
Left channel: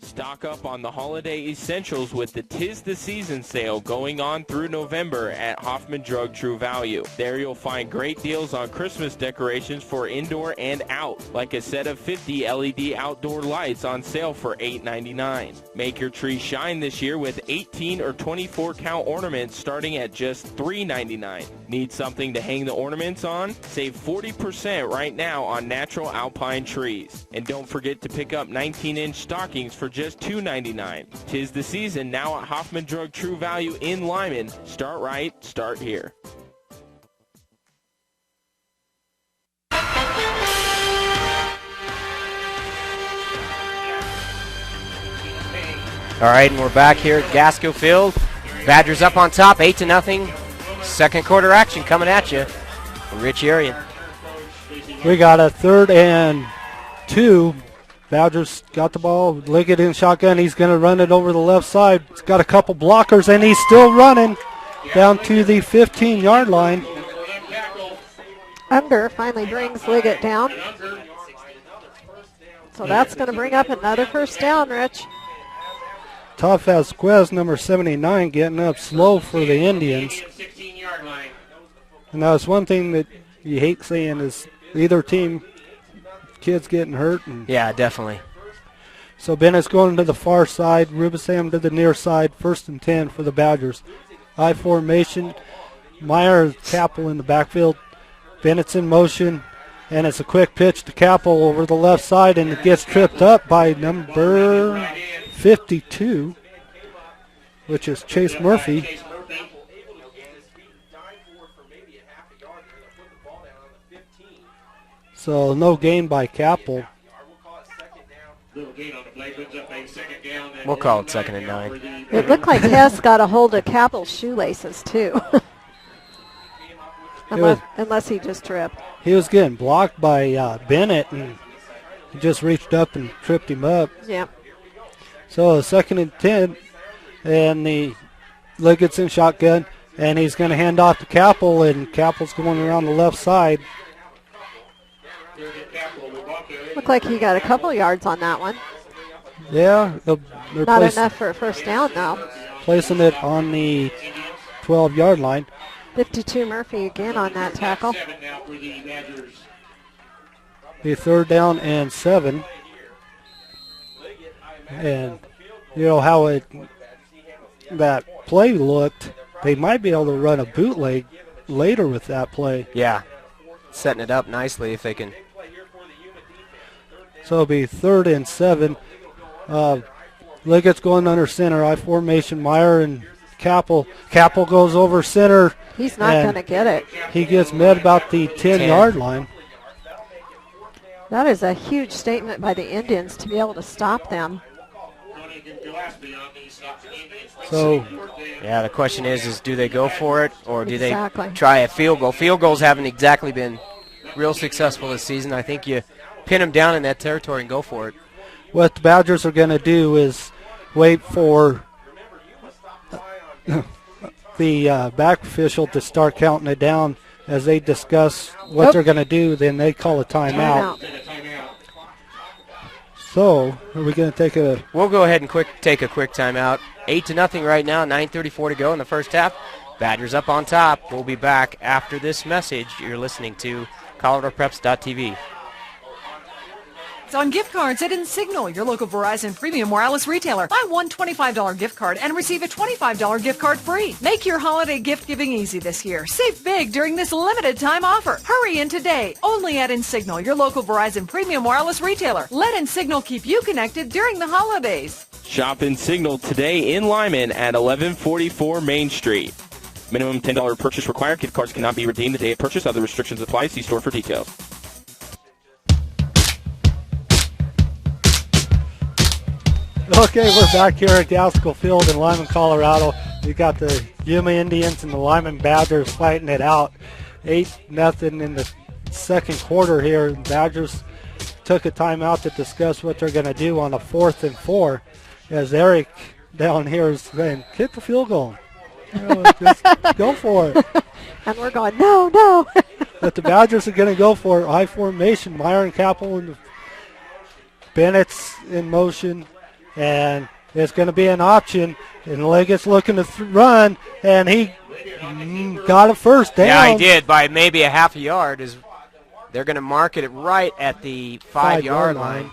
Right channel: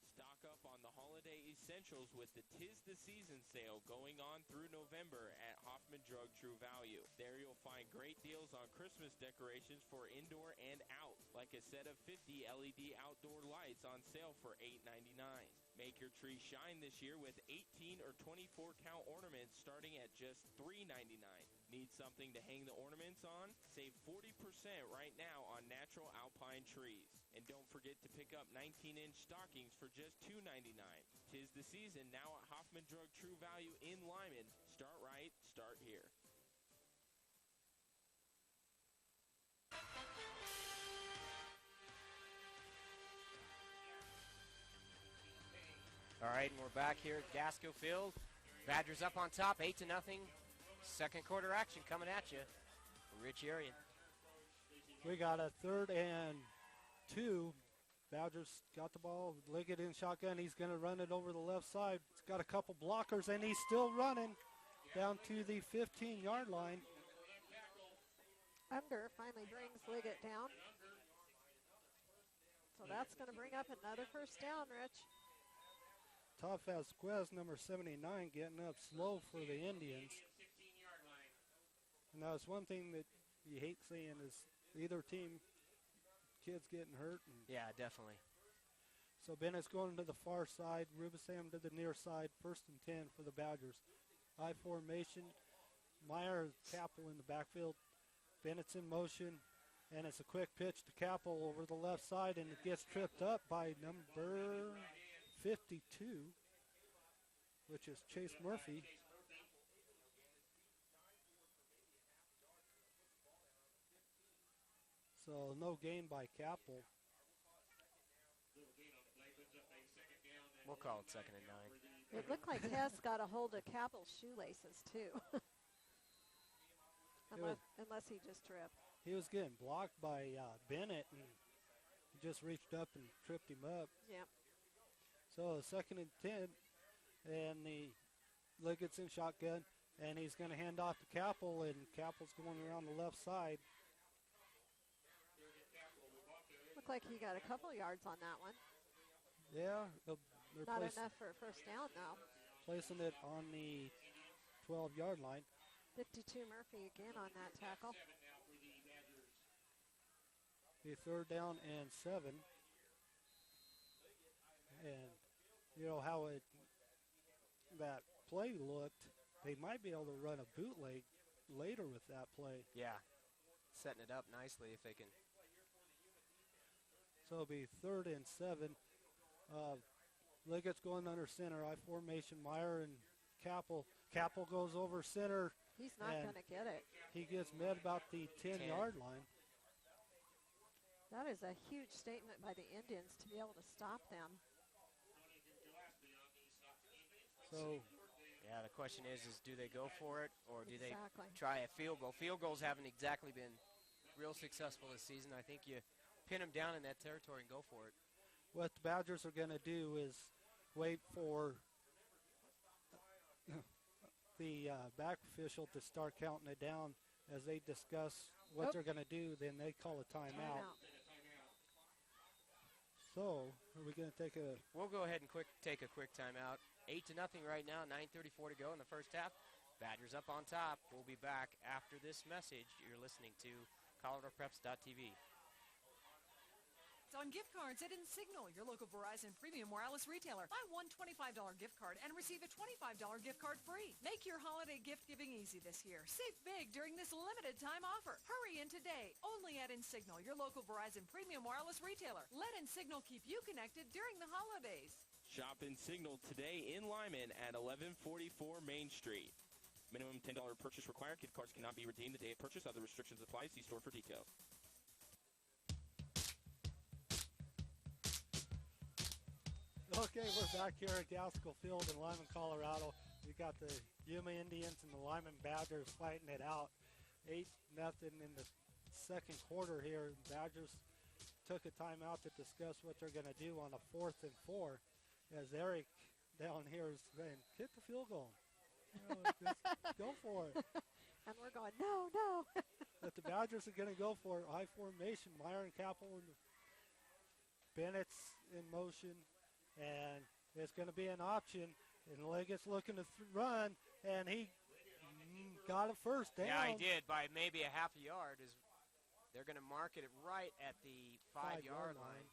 Stock up on the holiday essentials with the 'Tis the Season sale going on through November at Hoffman Drug True Value. There you'll find great deals on Christmas decorations for indoor and out, like a set of 50 LED outdoor lights on sale for $8.99. Make your tree shine this year with 18 or 24 count ornaments starting at just $3.99. Need something to hang the ornaments on? Save 40% right now on natural alpine trees. And don't forget to pick up 19-inch stockings for just $2.99. 'Tis the season now at Hoffman Drug True Value in Limon. Start right, start here. All right, and we're back here at Gasco Field. Badgers up on top, 8-0. Second quarter action coming at you from Rich Arian. We got a 3rd and 2. Badgers got the ball. Liggett in shotgun. He's going to run it over the left side. He's got a couple blockers, and he's still running down to the 15-yard line. Under finally brings Liggett down. So that's going to bring up another first down, Rich. Todd Vasquez, number 79, getting up slow for the Indians. And that's one thing that you hate seeing is either team, kids getting hurt. Yeah, definitely. So Bennett's going to the far side, Rubisam to the near side, 1st and 10 for the Badgers. I formation, Meyer, Capel in the backfield. Bennett's in motion, and it's a quick pitch to Capel over the left side, and it gets tripped up by number 52, which is Chase Murphy. So no gain by Capel. We'll call it 2nd and 9. It looked like Hess got a hold of Capel's shoelaces, too. unless he just tripped. He was getting blocked by Bennett, and he just reached up and tripped him up. Yep. So 2nd and 10, and the Liggett's in shotgun, and he's going to hand off to Capel, and Capel's going around the left side. Looked like he got a couple yards on that one. Yeah. They're Not enough for a first down, though. Placing it on the 12-yard line. 52 Murphy again on that tackle. The 3rd down and 7. And you know how that play looked, they might be able to run a bootleg later with that play. Yeah, setting it up nicely if they can. So it'll be 3rd and 7. Liggett's going under center. I formation, Meyer and Capel. Capel goes over center. He's not going to get it. He gets met about the 10-yard line. That is a huge statement by the Indians to be able to stop them. So, yeah, the question is do they go for it or do they try a field goal? Field goals haven't exactly been real successful this season. I think you pin them down in that territory and go for it. What the Badgers are going to do is wait for the back official to start counting it down as they discuss what they're going to do. Then they call a timeout. So, are we going to take a... We'll go ahead and take a quick timeout. 8-0 right now, 9:34 to go in the first half. Badgers up on top. We'll be back after this message. You're listening to ColoradoPreps.tv. It's on gift cards at Insignal, your local Verizon Premium Wireless retailer. Buy one $25 gift card and receive a $25 gift card free. Make your holiday gift giving easy this year. Save big during this limited time offer. Hurry in today. Only at Insignal, your local Verizon Premium Wireless retailer. Let Insignal keep you connected during the holidays. Shop Insignal today in Limon at 1144 Main Street. Minimum $10 purchase required. Gift cards cannot be redeemed the day of purchase. Other restrictions apply. See store for details. Okay, we're back here at Gaskell Field in Limon, Colorado. We got the Yuma Indians and the Limon Badgers fighting it out. 8-0 in the second quarter here. Badgers took a timeout to discuss what they're going to do on a 4th and 4. As Eric down here is saying, kick the field goal. Just go for it. And we're going, no. But the Badgers are going to go for high formation. Myron Capel and Bennett's in motion. And it's going to be an option. And Leggett's looking to run. And he got a first down. Yeah, he did by maybe a half a yard. They're going to mark it right at the 5-yard line.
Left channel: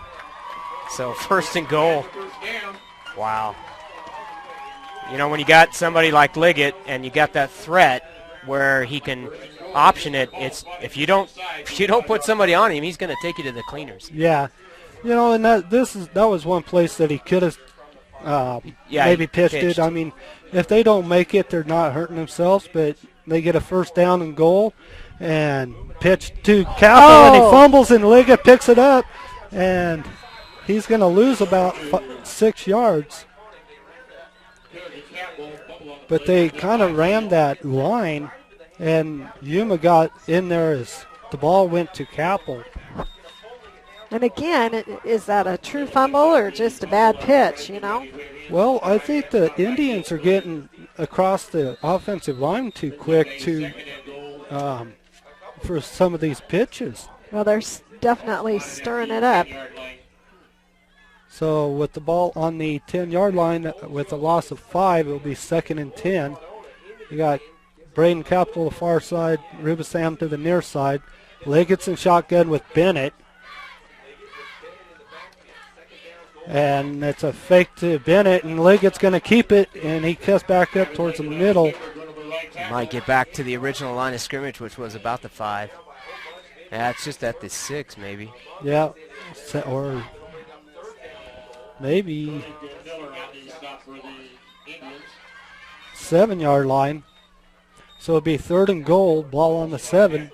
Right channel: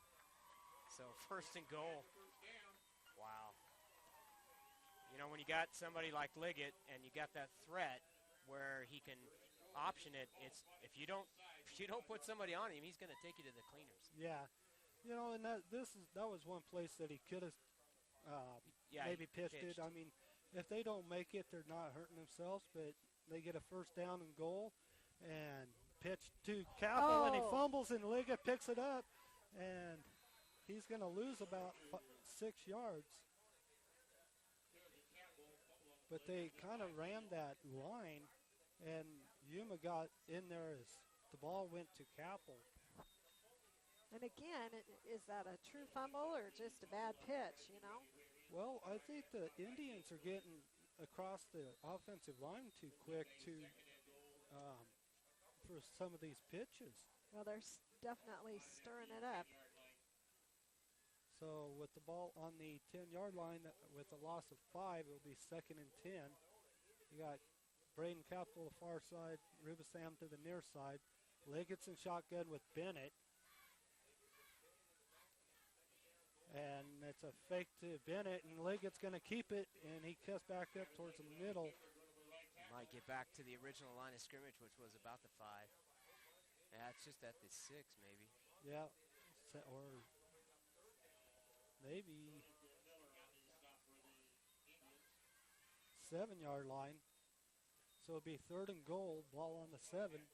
So 1st and goal. Wow. You know, when you got somebody like Liggett and you got that threat where he can option it, if you don't put somebody on him, he's going to take you to the cleaners. Yeah. You know, and that was one place that he could have maybe pitched it. I mean, if they don't make it, they're not hurting themselves, but they get a 1st down and goal and pitch to Capel, and he fumbles, and Liggett picks it up, and he's going to lose about 6 yards. But they kind of ran that line, and Yuma got in there as the ball went to Capel. And again, is that a true fumble or just a bad pitch, you know? Well, I think the Indians are getting across the offensive line too quick for some of these pitches. Well, they're definitely stirring it up. So with the ball on the 10-yard line with a loss of 5, it'll be 2nd and 10. You got Braden Capel the far side, Rubisam to the near side. Liggett's in shotgun with Bennett. And it's a fake to Bennett, and Liggett's going to keep it, and he cuts back up towards the middle. Might get back to the original line of scrimmage, which was about the 5. Yeah, it's just at the 6, maybe. Yeah, or maybe 7-yard line. So it'll be 3rd and goal, ball on the 7.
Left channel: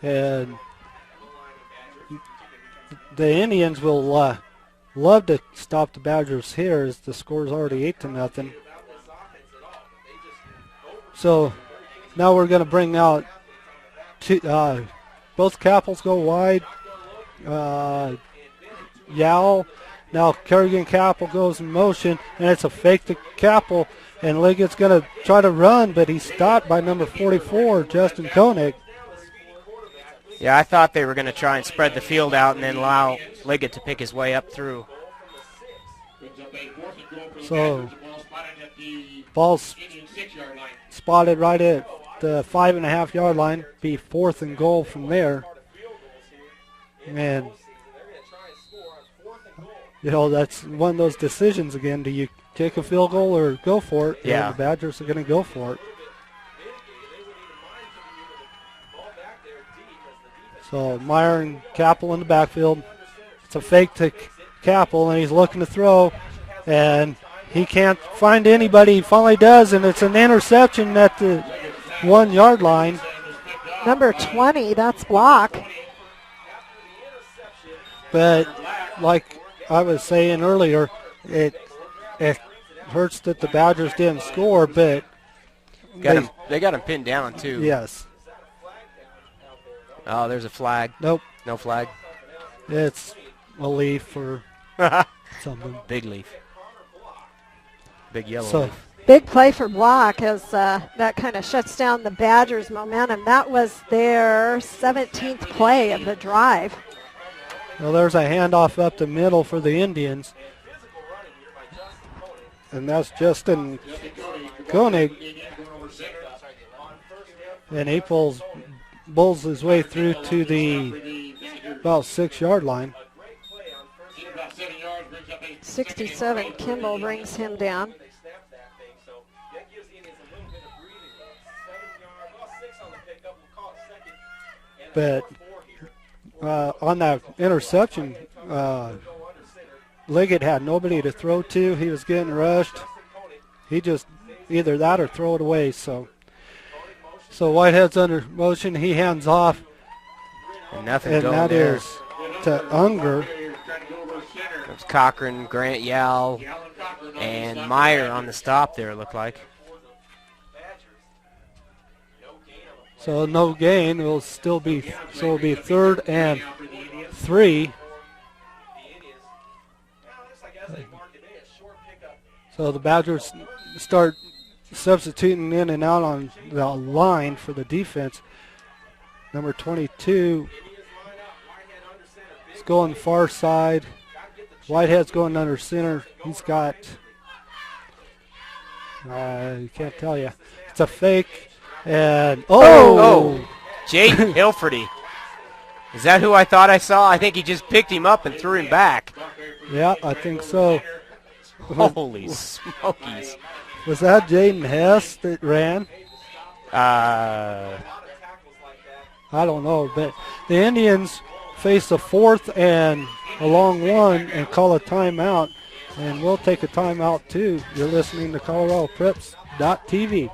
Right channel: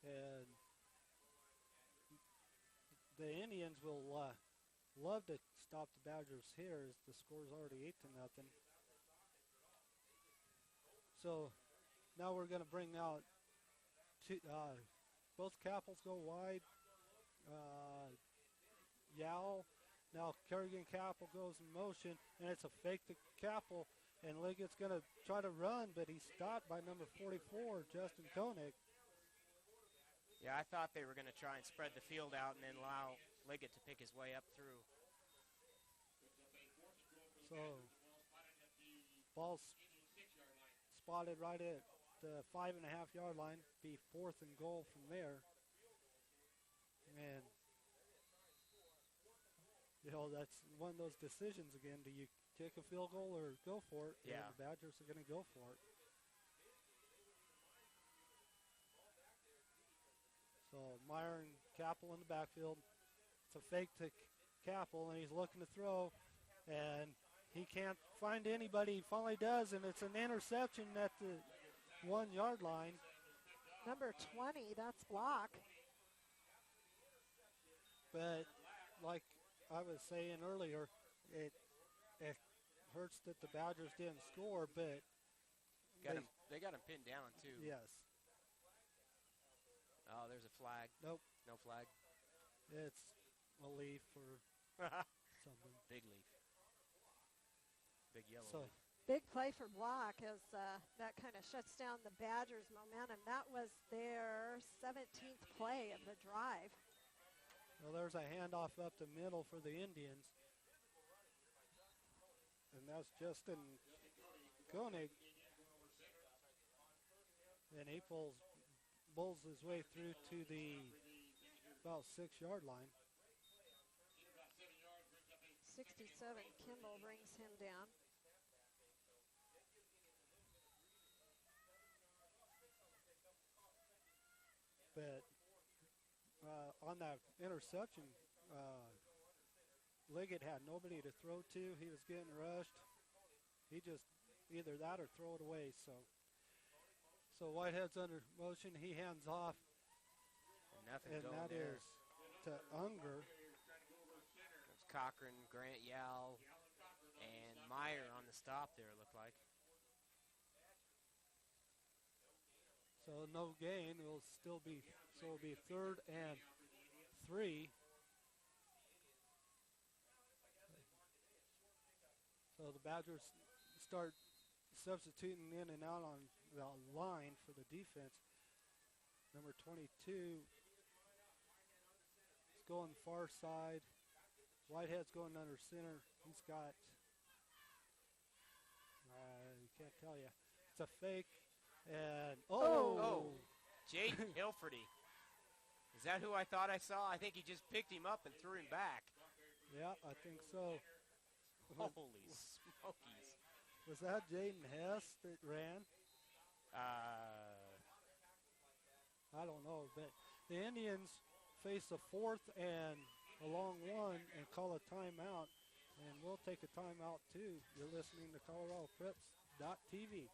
And the Indians will love to stop the Badgers here, as the score's already 8-0. So now we're going to bring out both Capels go wide. Yowell. Now Kerrigan Capel goes in motion, and it's a fake to Capel, and Liggett's going to try to run, but he's stopped by number 44, Justin Koenig. Yeah, I thought they were going to try and spread the field out and then allow Liggett to pick his way up through. So ball's spotted right at the 5.5-yard line. Be 4th and goal from there. And, you know, that's one of those decisions again. Do you take a field goal or go for it? Yeah. And the Badgers are going to go for it. So Meyer and Capel in the backfield. It's a fake to Capel, and he's looking to throw, and he can't find anybody. He finally does, and it's an interception at the 1-yard line. Number 20, that's block. But like I was saying earlier, it hurts that the Badgers didn't score, but they got him pinned down too. Yes. Oh, there's a flag. Nope. No flag. It's a leaf or something. Big leaf. Big yellow leaf. Big play for block as that kind of shuts down the Badgers' momentum. That was their 17th play of the drive. Well, there's a handoff up the middle for the Indians. And that's Justin Koenig. And he pulls bowls his way through to the about 6-yard line. 67, Kimball brings him down. But on that interception, Liggett had nobody to throw to. He was getting rushed. He just either that or throw it away. So Whitehead's under motion. He hands off. And nothing and going that there. is to Unger. Comes Cochran, Grant Yao, and Meyer on the stop there, it looked like. So no gain. It'll still be, so it'll be 3rd and 3. So the Badgers start substituting in and out on the line for the defense. Number 22 is going far side. Whitehead's going under center. He's got, I can't tell you. It's a fake. And, Jaden Hilferty. Is that who I thought I saw? I think he just picked him up and threw him back. Yeah, I think so. Holy smokies. Was that Jaden Hess that ran? I don't know, but the Indians face a 4th and a long one and call a timeout, and we'll take a timeout too. You're listening to ColoradoPreps.tv.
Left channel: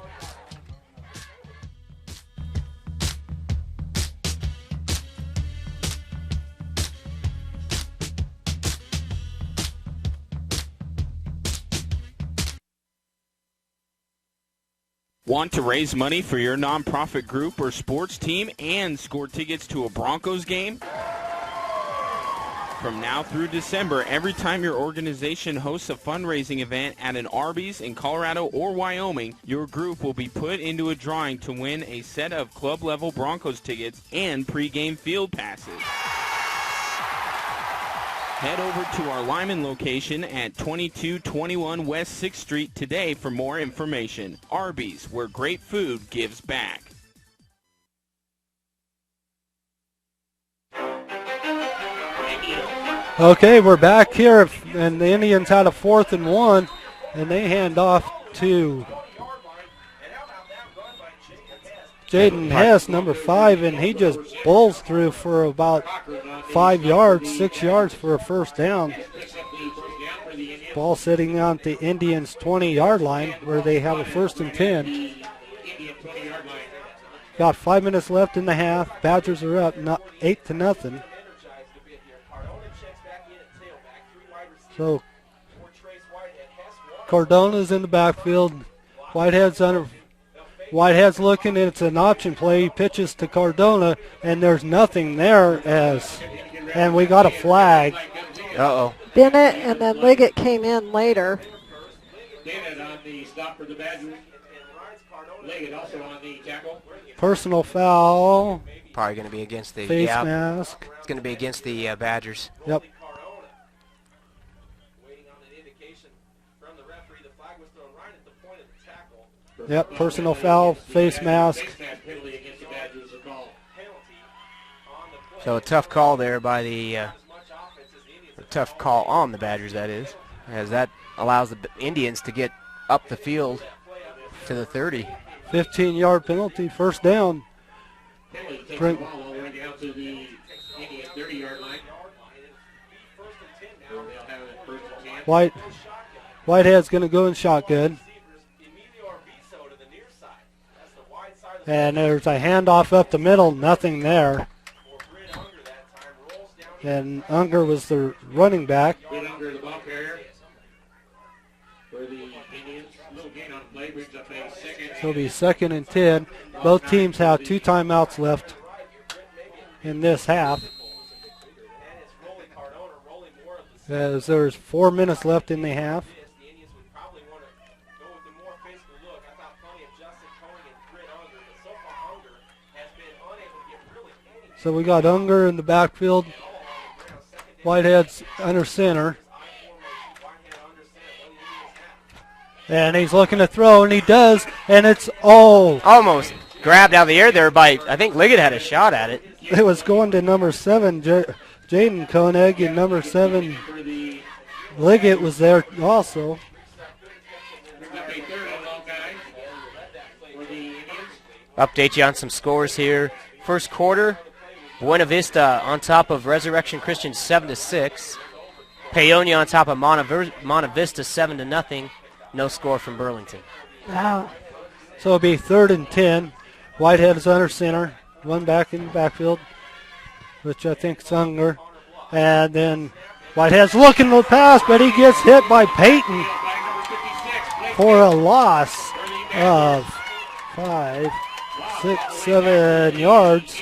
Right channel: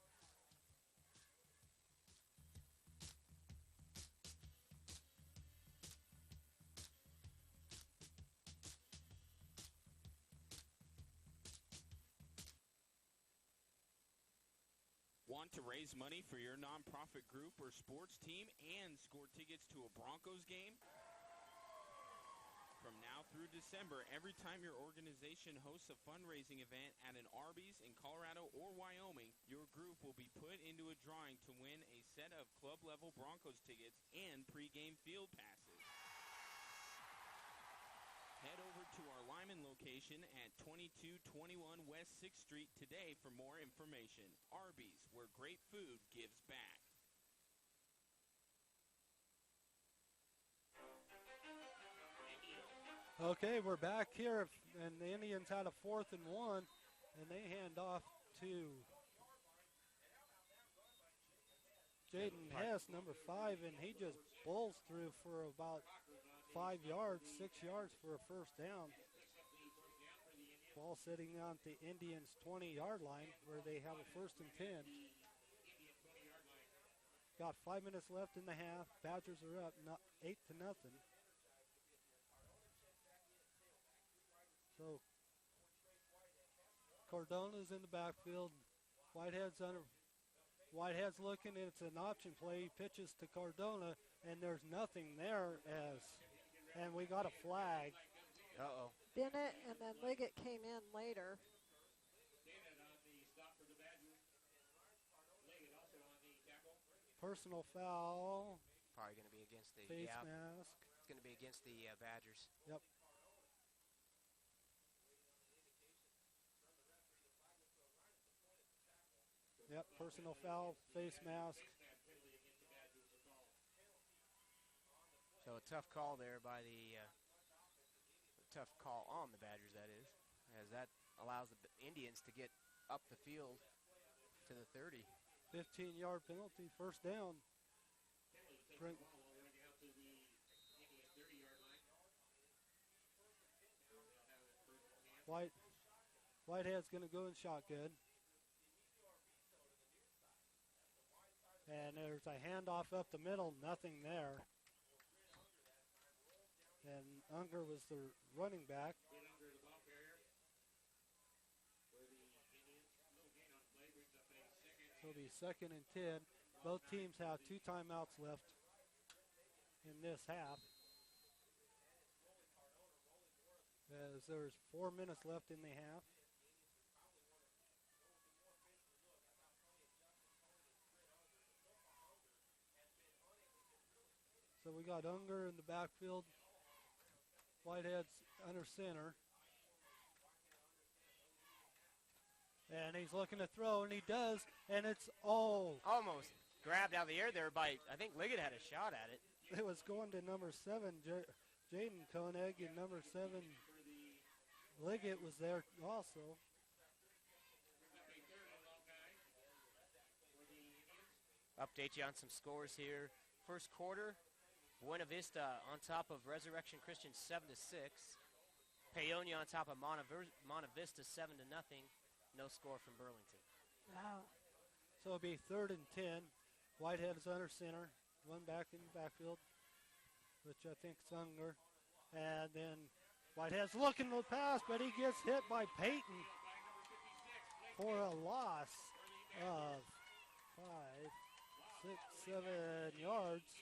Want to raise money for your nonprofit group or sports team and score tickets to a Broncos game? From now through December, every time your organization hosts a fundraising event at an Arby's in Colorado or Wyoming, your group will be put into a drawing to win a set of club-level Broncos tickets and pregame field passes. Head over to our Limon location at 2221 West 6th Street today for more information. Arby's, where great food gives back. Okay, we're back here, and the Indians had a 4th and 1, and they hand off to Jaden Hess, number 5, and he just bowls through for about 5 yards, 6 yards for a first down. Ball sitting on the Indians' 20-yard line where they have a 1st and 10. Got 5 minutes left in the half. Badgers are up 8-0. So Cardona's in the backfield. Whitehead's looking, and it's an option play. He pitches to Cardona, and there's nothing there and we got a flag. Uh-oh. Bennett and then Liggett came in later. Bennett on the stop for the Badgers. Liggett also on the tackle. Personal foul. Probably going to be against the face mask. It's going to be against the Badgers. Yep. Yep, personal foul, face mask. So a tough call there by a tough call on the Badgers, that is, as that allows the Indians to get up the field to the 30. 15-yard penalty, first down. Whitehead's going to go in shotgun. And there's a handoff up the middle, nothing there. And Unger was the running back. So it'll be 2nd and 10. Both teams have 2 timeouts left in this half. As there's 4 minutes left in the half. So we got Unger in the backfield. Whitehead's under center. And he's looking to throw, and he does, and it's almost grabbed out of the air there by, I think Liggett had a shot at it. It was going to number 7, Jaden Koenig, and number 7, Liggett was there also. Update you on some scores here. First quarter, Buena Vista on top of Resurrection Christian 7-6. Paonia on top of Monte Vista 7-0. No score from Burlington. Wow. So it'll be 3rd and 10. Whitehead is under center. One back in the backfield, which I think is Unger. And then Whitehead's looking to the pass, but he gets hit by Peyton for a loss of 5, 6, 7 yards.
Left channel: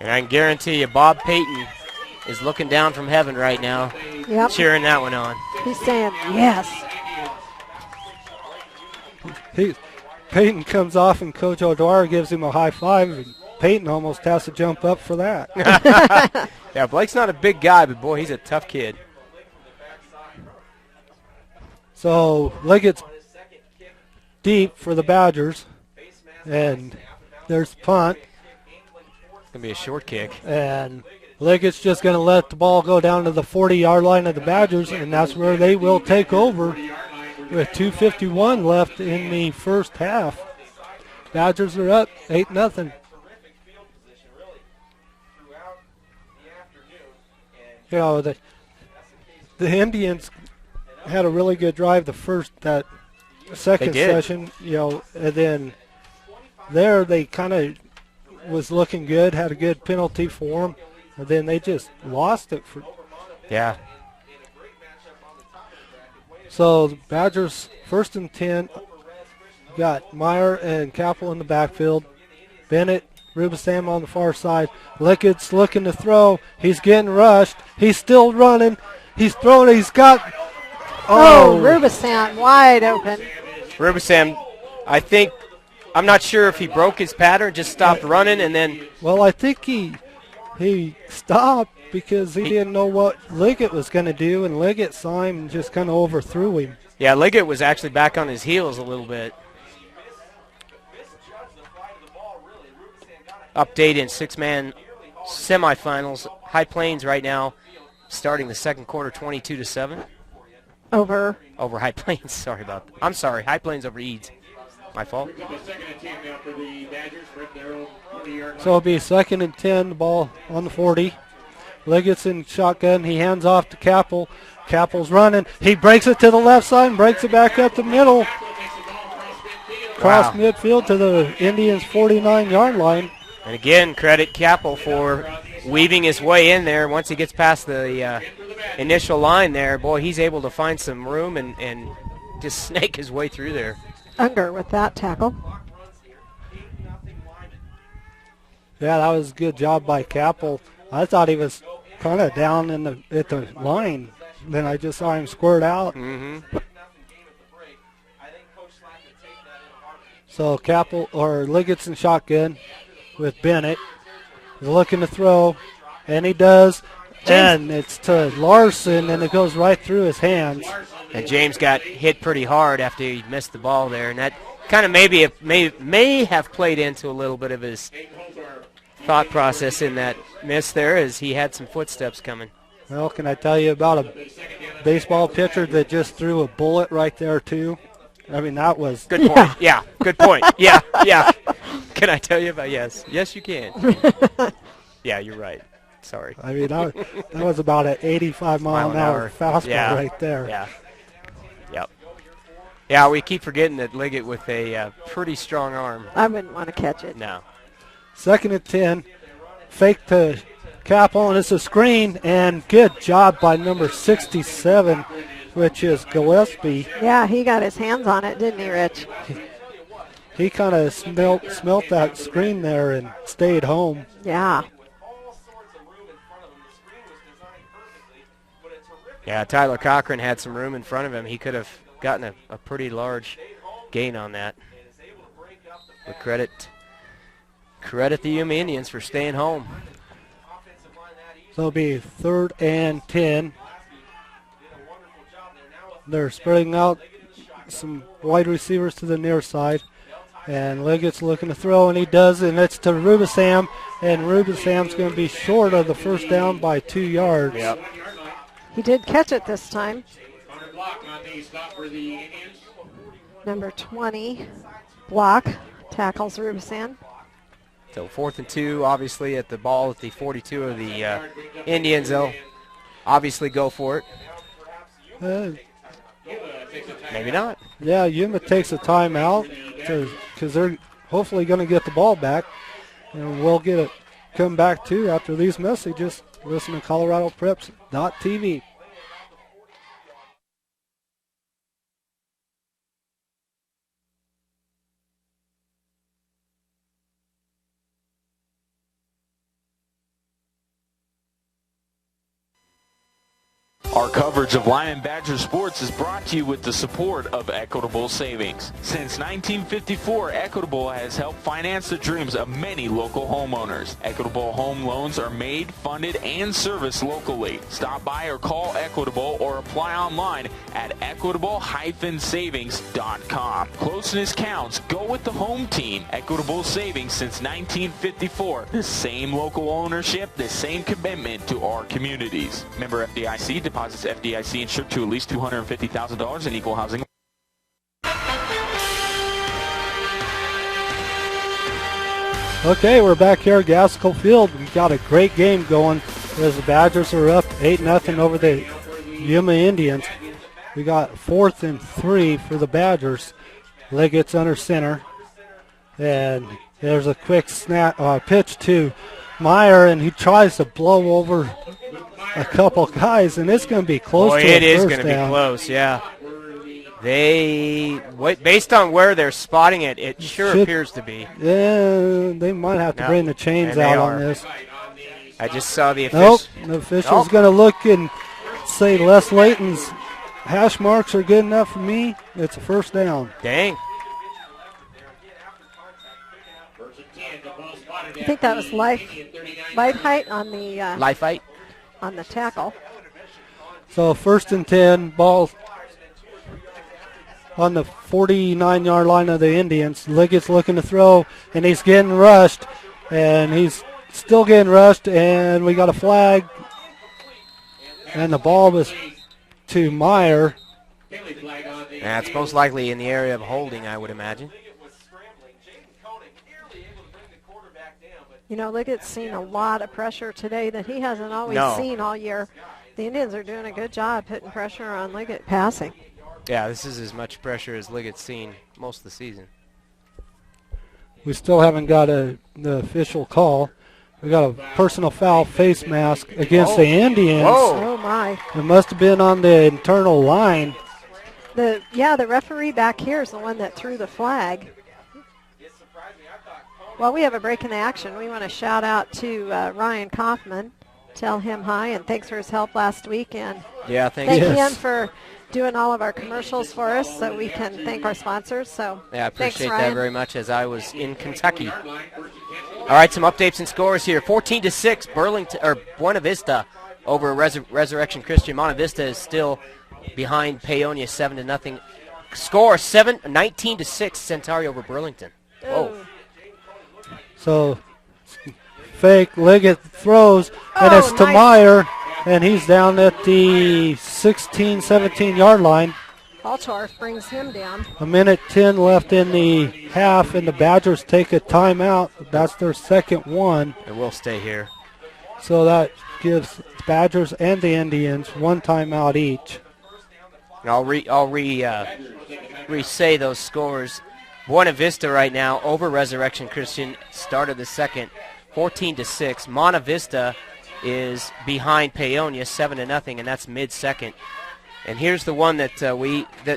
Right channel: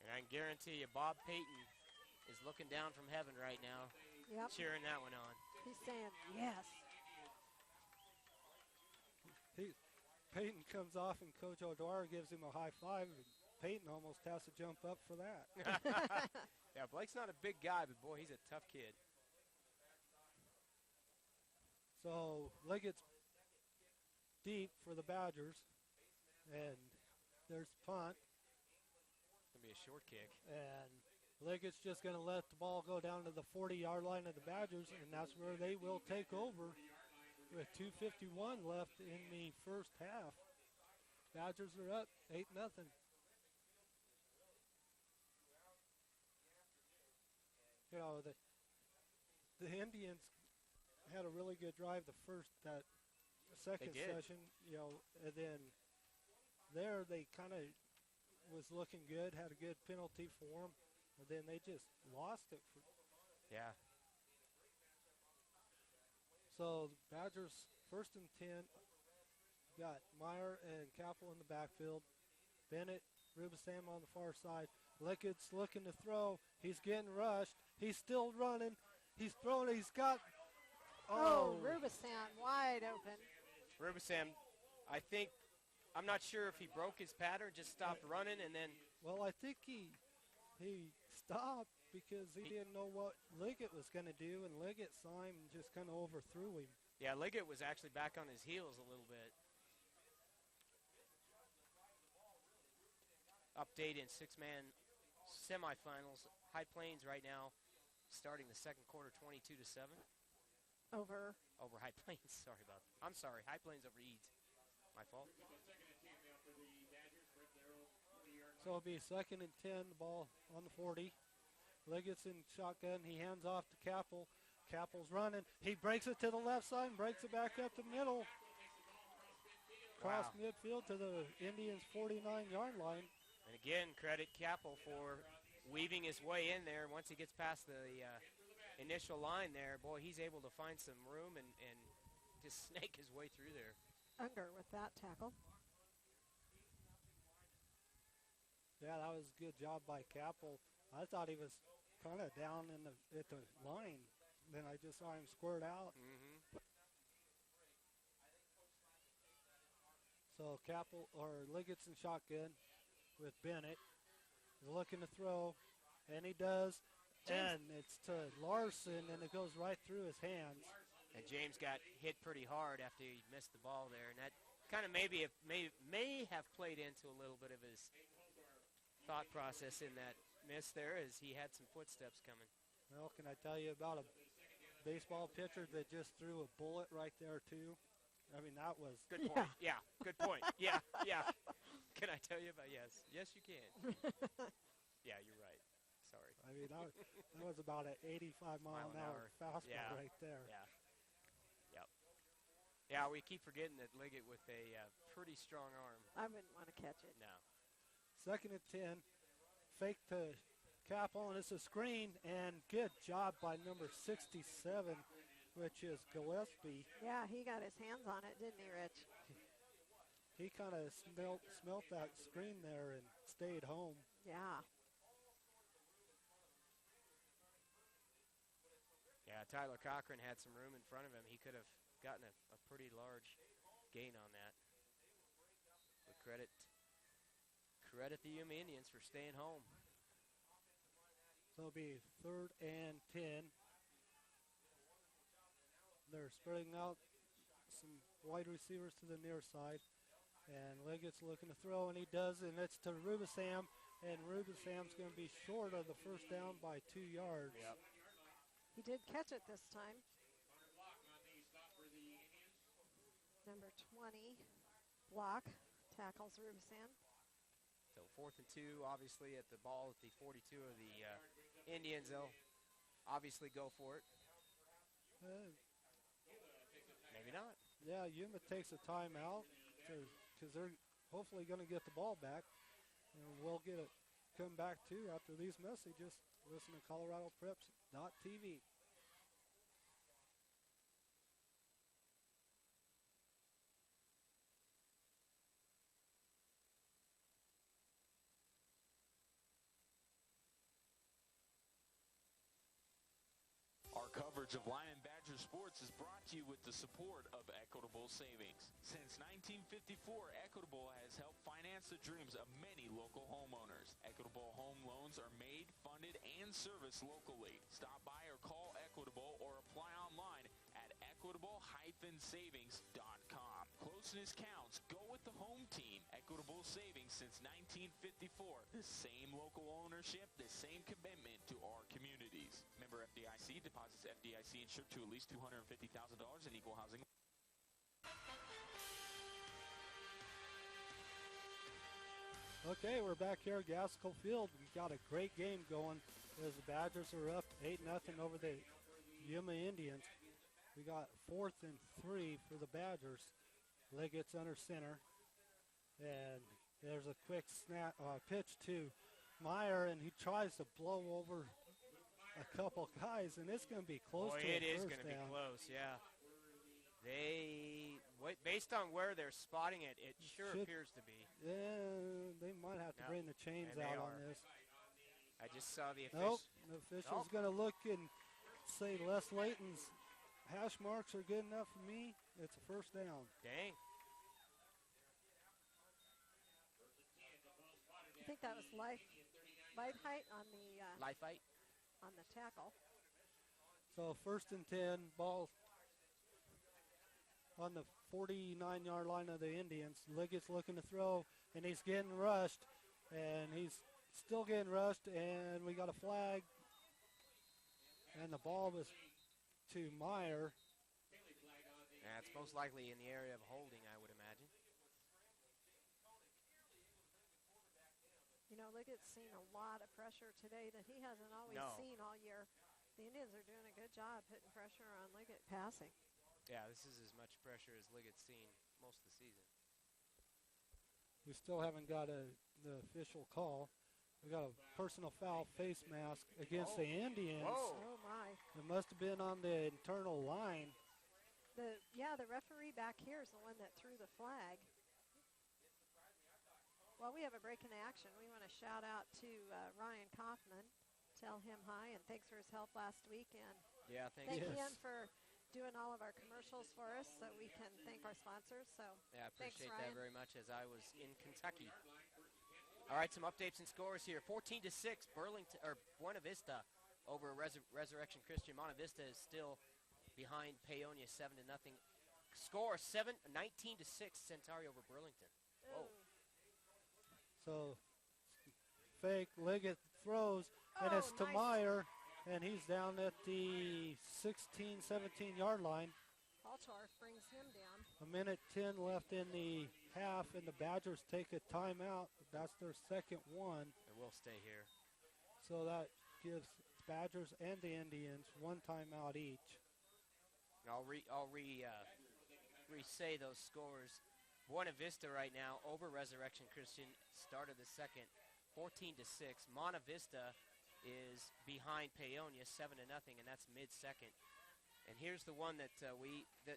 And I can guarantee you Bob Payton is looking down from heaven right now, cheering that one on. He's saying yes. Peyton comes off, and Coach O'Dwyer gives him a high five, and Peyton almost has to jump up for that. Yeah, Blake's not a big guy, but boy, he's a tough kid. So Liggett's deep for the Badgers, and there's punt. It's going to be a short kick. And Liggett's just going to let the ball go down to the 40-yard line of the Badgers, and that's where they will take over with 2:51 left in the first half. Badgers are up 8-0. You know, the Indians had a really good drive that second session, you know, and then there they kind of was looking good, had a good penalty for them, and then they just lost it. Yeah. So the Badgers 1st and 10, got Meyer and Capel in the backfield. Bennett, Rubisam on the far side. Lickett's looking to throw. He's getting rushed. He's still running. He's throwing. He's got. Rubisam wide open. Rubisam, I'm not sure if he broke his pattern, just stopped running, and then. Well, I think he stopped because he didn't know what Liggett was going to do, and Liggett saw him and just kind of overthrew him. Yeah, Liggett was actually back on his heels a little bit. Update in 6-man semifinals. High Plains right now starting the second quarter 22-7. Over High Plains. Sorry about that. I'm sorry. High Plains over Eads. My fault. So it'll be 2nd and 10, the ball on the 40. Liggett's in shotgun. He hands off to Capel. Capel's running. He breaks it to the left side and breaks it back up the middle. Cross midfield to the Indians' 49-yard line. And again, credit Capel for weaving his way in there. Once he gets past the initial line there, boy, he's able to find some room and just snake his way through there. Unger with that tackle. Yeah, that was a good job by Capel. I thought he was kind of down at the line. Then I just saw him squirt out. Mm-hmm. So Capel or Liggett's in shotgun with Bennett. He's looking to throw, and he does. And it's to Larson, and it goes right through his hands. And James got hit pretty hard after he missed the ball there, and that kind of may have played into a little bit of his thought process in that miss there, as he had some footsteps coming. Well, can I tell you about a baseball pitcher that just threw a bullet right there too? I mean, that was good point. Yeah, good point. Yeah. Can I tell you about yes, you can. Yeah, you're right. Sorry. I mean, that was about an 85-mile-an-hour fastball right there. Yeah. Yep. Yeah, we keep forgetting that Liggett with a pretty strong arm. I wouldn't want to catch it. No. 2nd and 10. Fake to Capel, and it's a screen, and good job by number 67, which is Gillespie. Yeah, he got his hands on it, didn't he, Rich? He kind of smelt that screen there and stayed home. Yeah. Yeah, Tyler Cochran had some room in front of him. He could have gotten a pretty large gain on that. But credit the Yuma Indians for staying home. So it'll be 3rd and 10. They're spreading out some wide receivers to the near side. And Liggett's looking to throw, and he does, and it's to Rubisam. And Rubisam's going to be short of the first down by 2 yards. Yep. He did catch it this time. Number 20, block, tackles Rubisam. So 4th and 2, obviously, at the ball at the 42 of the Indians. They'll obviously go for it. Maybe not. Yeah, Yuma takes a timeout because they're hopefully going to get the ball back. And we'll get it come back too after these messages. Listen to ColoradoPreps.tv. Our coverage of Limon Badger sports is brought to you with the support of Equitable Savings. Since 1954, Equitable has helped finance the dreams of many local homeowners. Equitable home loans are made, funded, and serviced locally. Stop by or call Equitable or apply online at equitable-savings.com. Closeness counts. Go with the home team. Equitable Savings since 1954. The same local ownership, the same commitment to our communities. Member FDIC. Deposits FDIC insured to at least $250,000 in equal housing. Okay, we're back here at Gaskell Field. We've got a great game going as the Badgers are up 8-0 over the Yuma Indians. We got 4th and 3 for the Badgers. Liggett's under center. And there's a quick pitch to Meyer, and he tries to blow over a couple guys, and it's going to be close to a first down. It is going to be close, yeah. Based on where they're spotting it, it sure appears to be. Yeah, they might have to bring the chains out on this. I just saw the official. Nope, the official's going to look and say Les Layton's hash marks are good enough for me. It's a first down. Dang. I think that was life height on the life height on the tackle. So 1st and 10, ball on the 49-yard line of the Indians. Liggett's looking to throw, and he's getting rushed, and he's still getting rushed, and we got a flag, and the ball was to Meyer. That's most likely in the area of holding, I would imagine. You know, Liggett's seen a lot of pressure today that he hasn't always seen all year. The Indians are doing a good job putting pressure on Liggett passing. Yeah, this is as much pressure as Liggett's seen most of the season. We still haven't got the official call. We got a personal foul face mask against the Indians. Oh, my. It must have been on the internal line. The referee back here is the one that threw the flag. Well, we have a break in the action. We want to shout out to Ryan Kaufman, tell him hi, and thanks for his help last week. And thank him for doing all of our commercials for us so we can thank our sponsors. So yeah, I appreciate thanks, that very much as I was in Kentucky. All right, some updates and scores here. 14-6, Buena Vista over Resurrection Christian. Monte Vista is still behind Paonia 7-0. Score 19-6, Centauri over Burlington. Whoa. So fake, Liggett throws, and it's to Meyer, and he's down at the 16, 17-yard line. Altorf brings him down. 1:10 left in the half, and the Badgers take a timeout. That's their second one. And we'll stay here. So that gives Badgers and the Indians one timeout each. And I'll re-say those scores. Buena Vista right now over Resurrection Christian, start of the second, 14-6. Monte Vista is behind Paonia 7-0, and that's mid-second. And here's the one that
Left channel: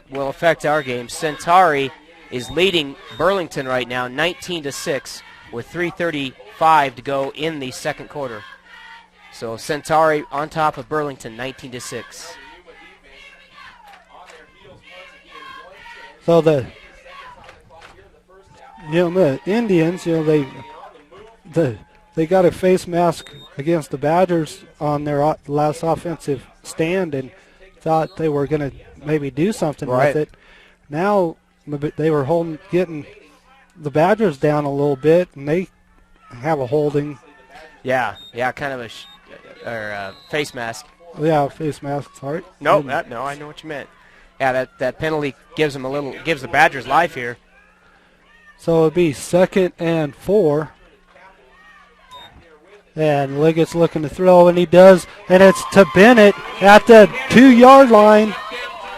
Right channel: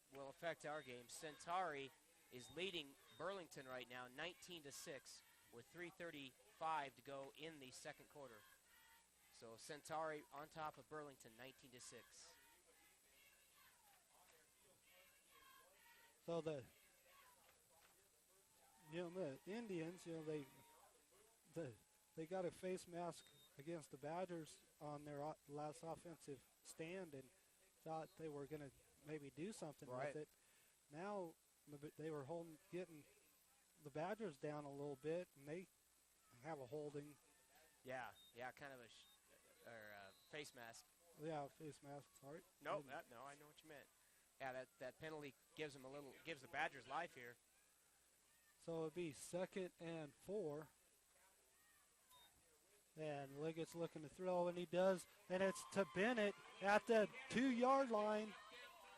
will affect our game. Centauri is leading Burlington right now, 19-6, with 3:35 to go in the second quarter. So Centauri on top of Burlington, 19-6. So the Indians, they got a face mask against the Badgers on their last offensive stand and thought they were going to maybe do something with it. Now they were getting the Badgers down a little bit, and they have a holding. Yeah, kind of a face mask. Yeah, face mask. Sorry. No, no, I know what you meant. Yeah, that penalty gives the Badgers life here. So it'd be 2nd and 4. And Liggett's looking to throw, and he does, and it's to Bennett at the 2-yard line.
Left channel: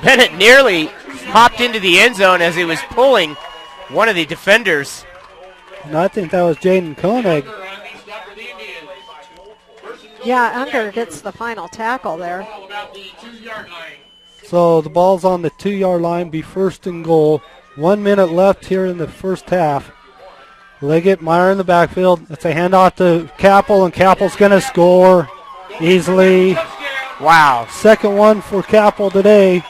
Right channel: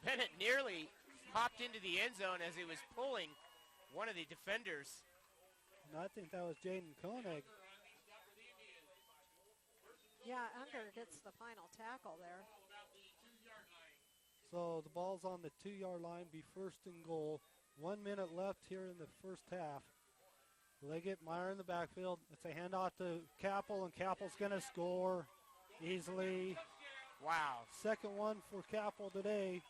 Bennett nearly hopped into the end zone as he was pulling one of the defenders. And I think that was Jaden Koenig. Yeah, Unger gets the final tackle there. So the ball's on the 2-yard line, be 1st and goal. 1 minute left here in the first half. Liggett, Meyer in the backfield. It's a handoff to Capel, and Capel's going to score easily. Wow. Second one for Capel today.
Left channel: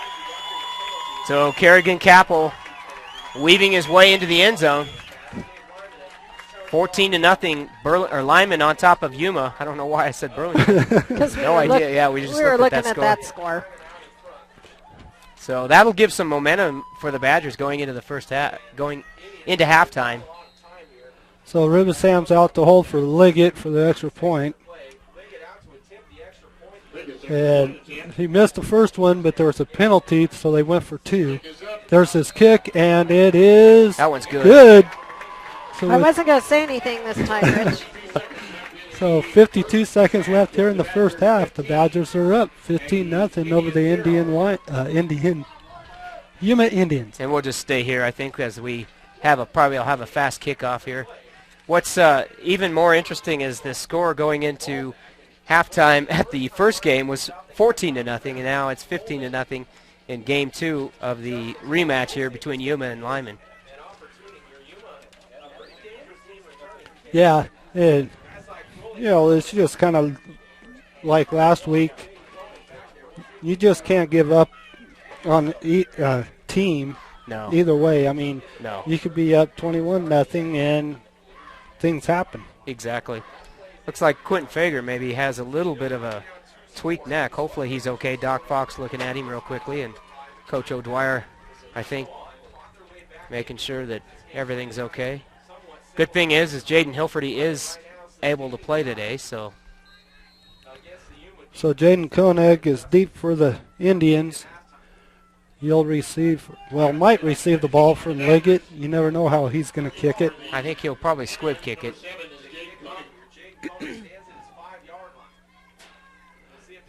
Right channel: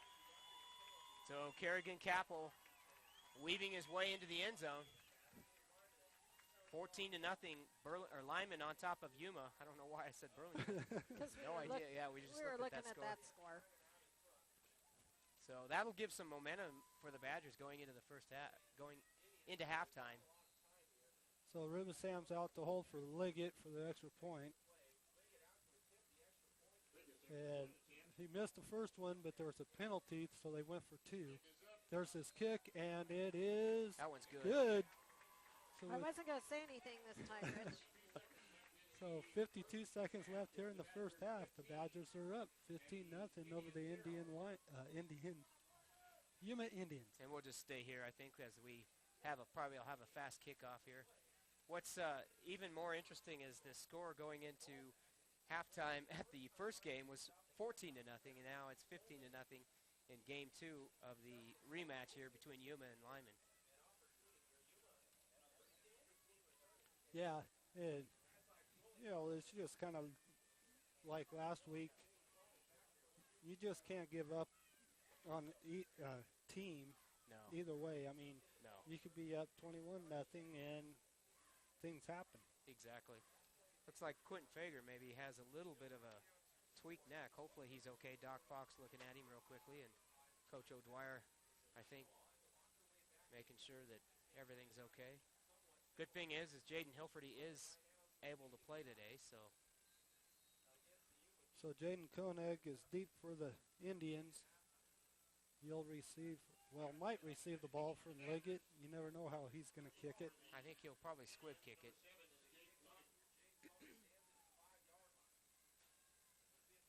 So Kerrigan Capel weaving his way into the end zone. 14-0. Limon on top of Yuma. I don't know why I said Burlington. No idea. Yeah, we were looking at score. that score. So that'll give some momentum for the Badgers going into the first half, going into halftime. So Riversam's out to hold for Liggett for the extra point. And he missed the first one, but there was a penalty, so they went for 2. There's his kick, and it is that one's good. Good. So I wasn't going to say anything this time, Rich. So 52 seconds left here in the first half. The Badgers are up 15-0 over the Yuma Indians. And we'll just stay here, I think, as we probably have a fast kickoff here. What's even more interesting is the score going into halftime at the first game was 14-0, and now it's 15-0 in game 2 of the rematch here between Yuma and Limon. Yeah, and it's just kind of like last week. You just can't give up on team. No. Either way. I mean, no. You could be up 21-0 and things happen. Exactly. Looks like Quentin Fager maybe has a little bit of a tweaked neck. Hopefully he's okay. Doc Fox looking at him real quickly, and Coach O'Dwyer, I think, making sure that everything's okay. Good thing is Jaden Hilferty is able to play today, so. So Jaden Koenig is deep for the Indians. He'll might receive the ball from Liggett. You never know how he's going to kick it. I think he'll probably squib kick it.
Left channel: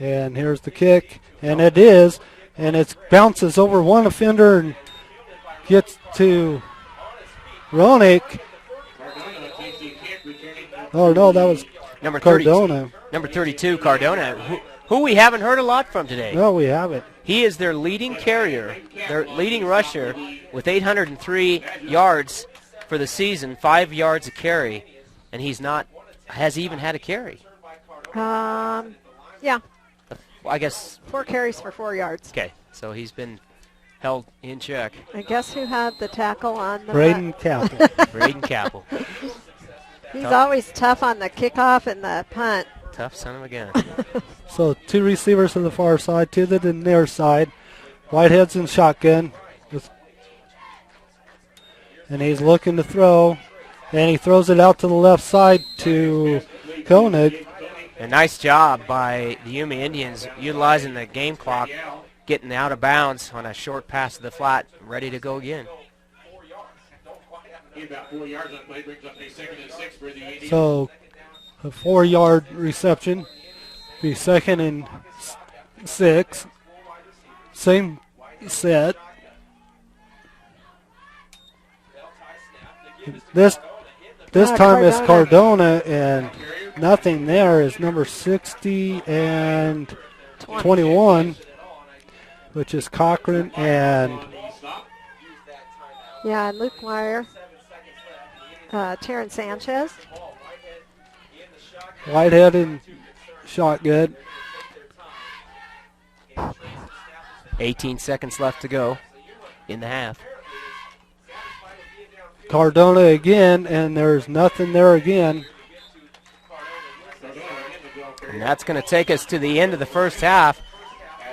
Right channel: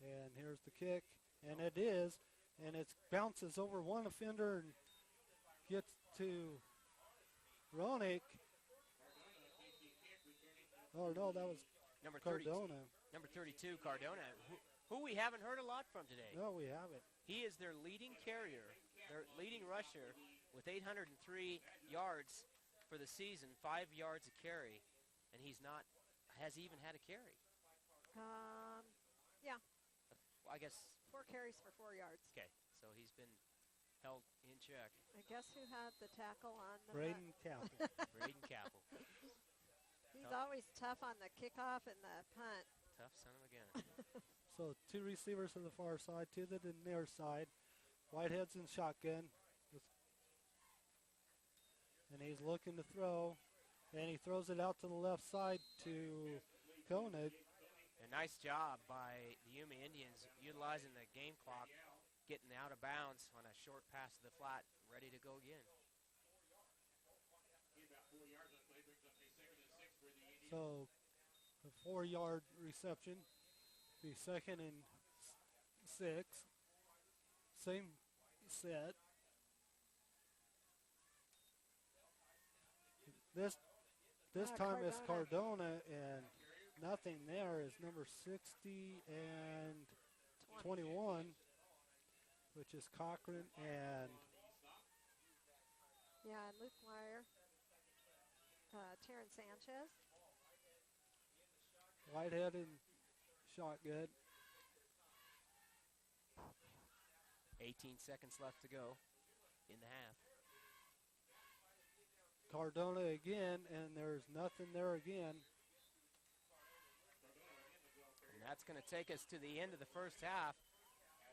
And here's the kick, and it is, and it bounces over one offender and gets to Ronick. Oh, no, that was number Cardona. Number 32, Cardona, who we haven't heard a lot from today. No, we haven't. He is their leading carrier, their leading rusher, with 803 yards for the season, 5 yards a carry, and has even had a carry. Yeah. I guess 4 carries for 4 yards. Okay, so he's been held in check. I guess who had the tackle on the Braden Capel. Braden Capel. He's always tough on the kickoff and the punt. Tough son of a gun. So 2 receivers to the far side, 2 to the near side. Whitehead's in shotgun. And he's looking to throw. And he throws it out to the left side to Koenig. A nice job by the Yuma Indians utilizing the game clock, getting out of bounds on a short pass to the flat, ready to go again. So a 4-yard reception. Be 2nd and 6. Same set. This time it's Cardona, and nothing there is number 60 and 21, which is Cochran and and Luke Meyer, Terrence Sanchez. Whitehead in shotgun. 18 seconds left to go in the half. Cardona again, and there's nothing there again. And that's going to take us to the end of the first half.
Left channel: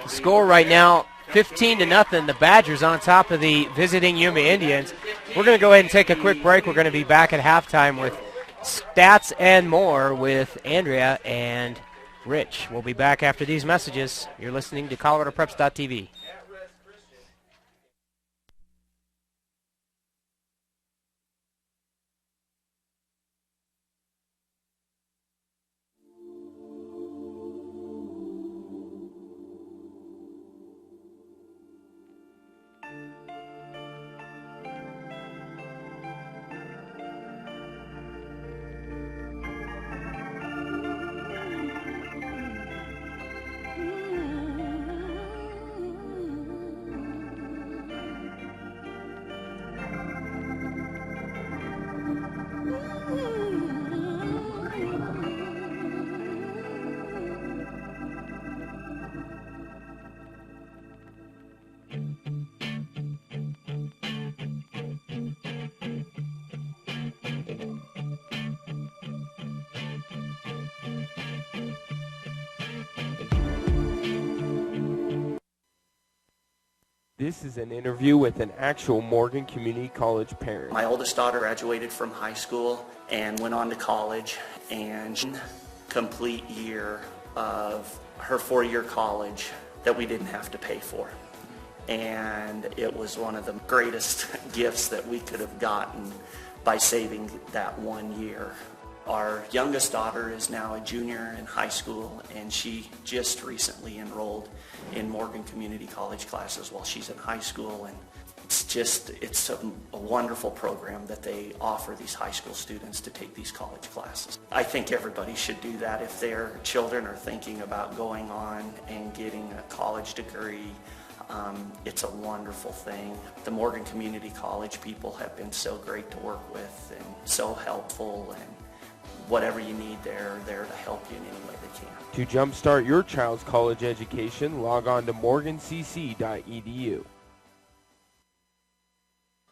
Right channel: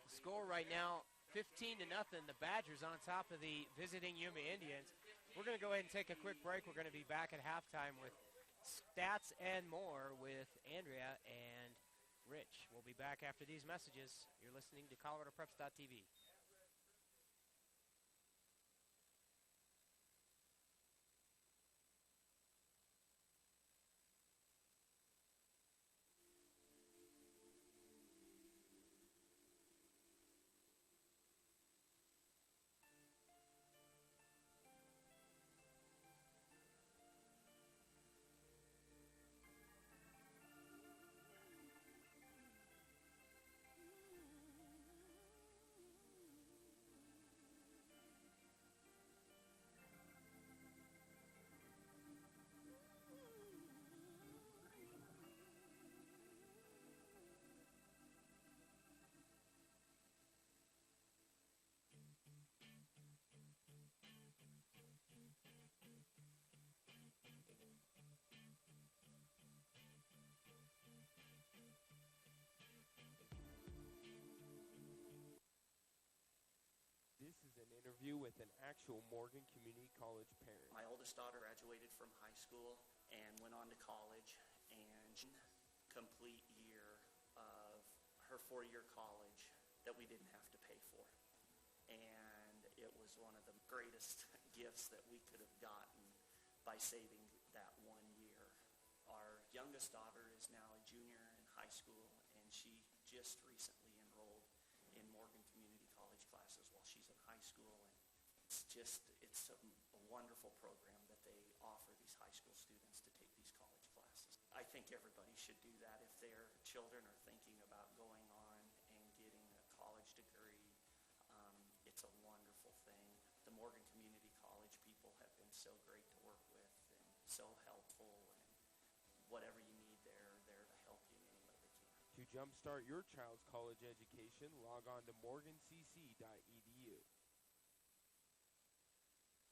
The score right now, 15-0, the Badgers on top of the visiting Yuma Indians. We're going to go ahead and take a quick break. We're going to be back at halftime with stats and more with Andrea and Rich. We'll be back after these messages. You're listening to ColoradoPreps.tv. This is an interview with an actual Morgan Community College parent. My oldest daughter graduated from high school and went on to college, and complete year of her 4-year college that we didn't have to pay for. And it was one of the greatest gifts that we could have gotten by saving that 1 year. Our youngest daughter is now a junior in high school, and she just recently enrolled in Morgan Community College classes while she's in high school. And it's a wonderful program that they offer these high school students to take these college classes. I think everybody should do that if their children are thinking about going on and getting a college degree. It's a wonderful thing. The Morgan Community College people have been so great to work with and so helpful, and whatever you need, they're there to help you in any way they can. To jumpstart your child's college education, log on to morgancc.edu.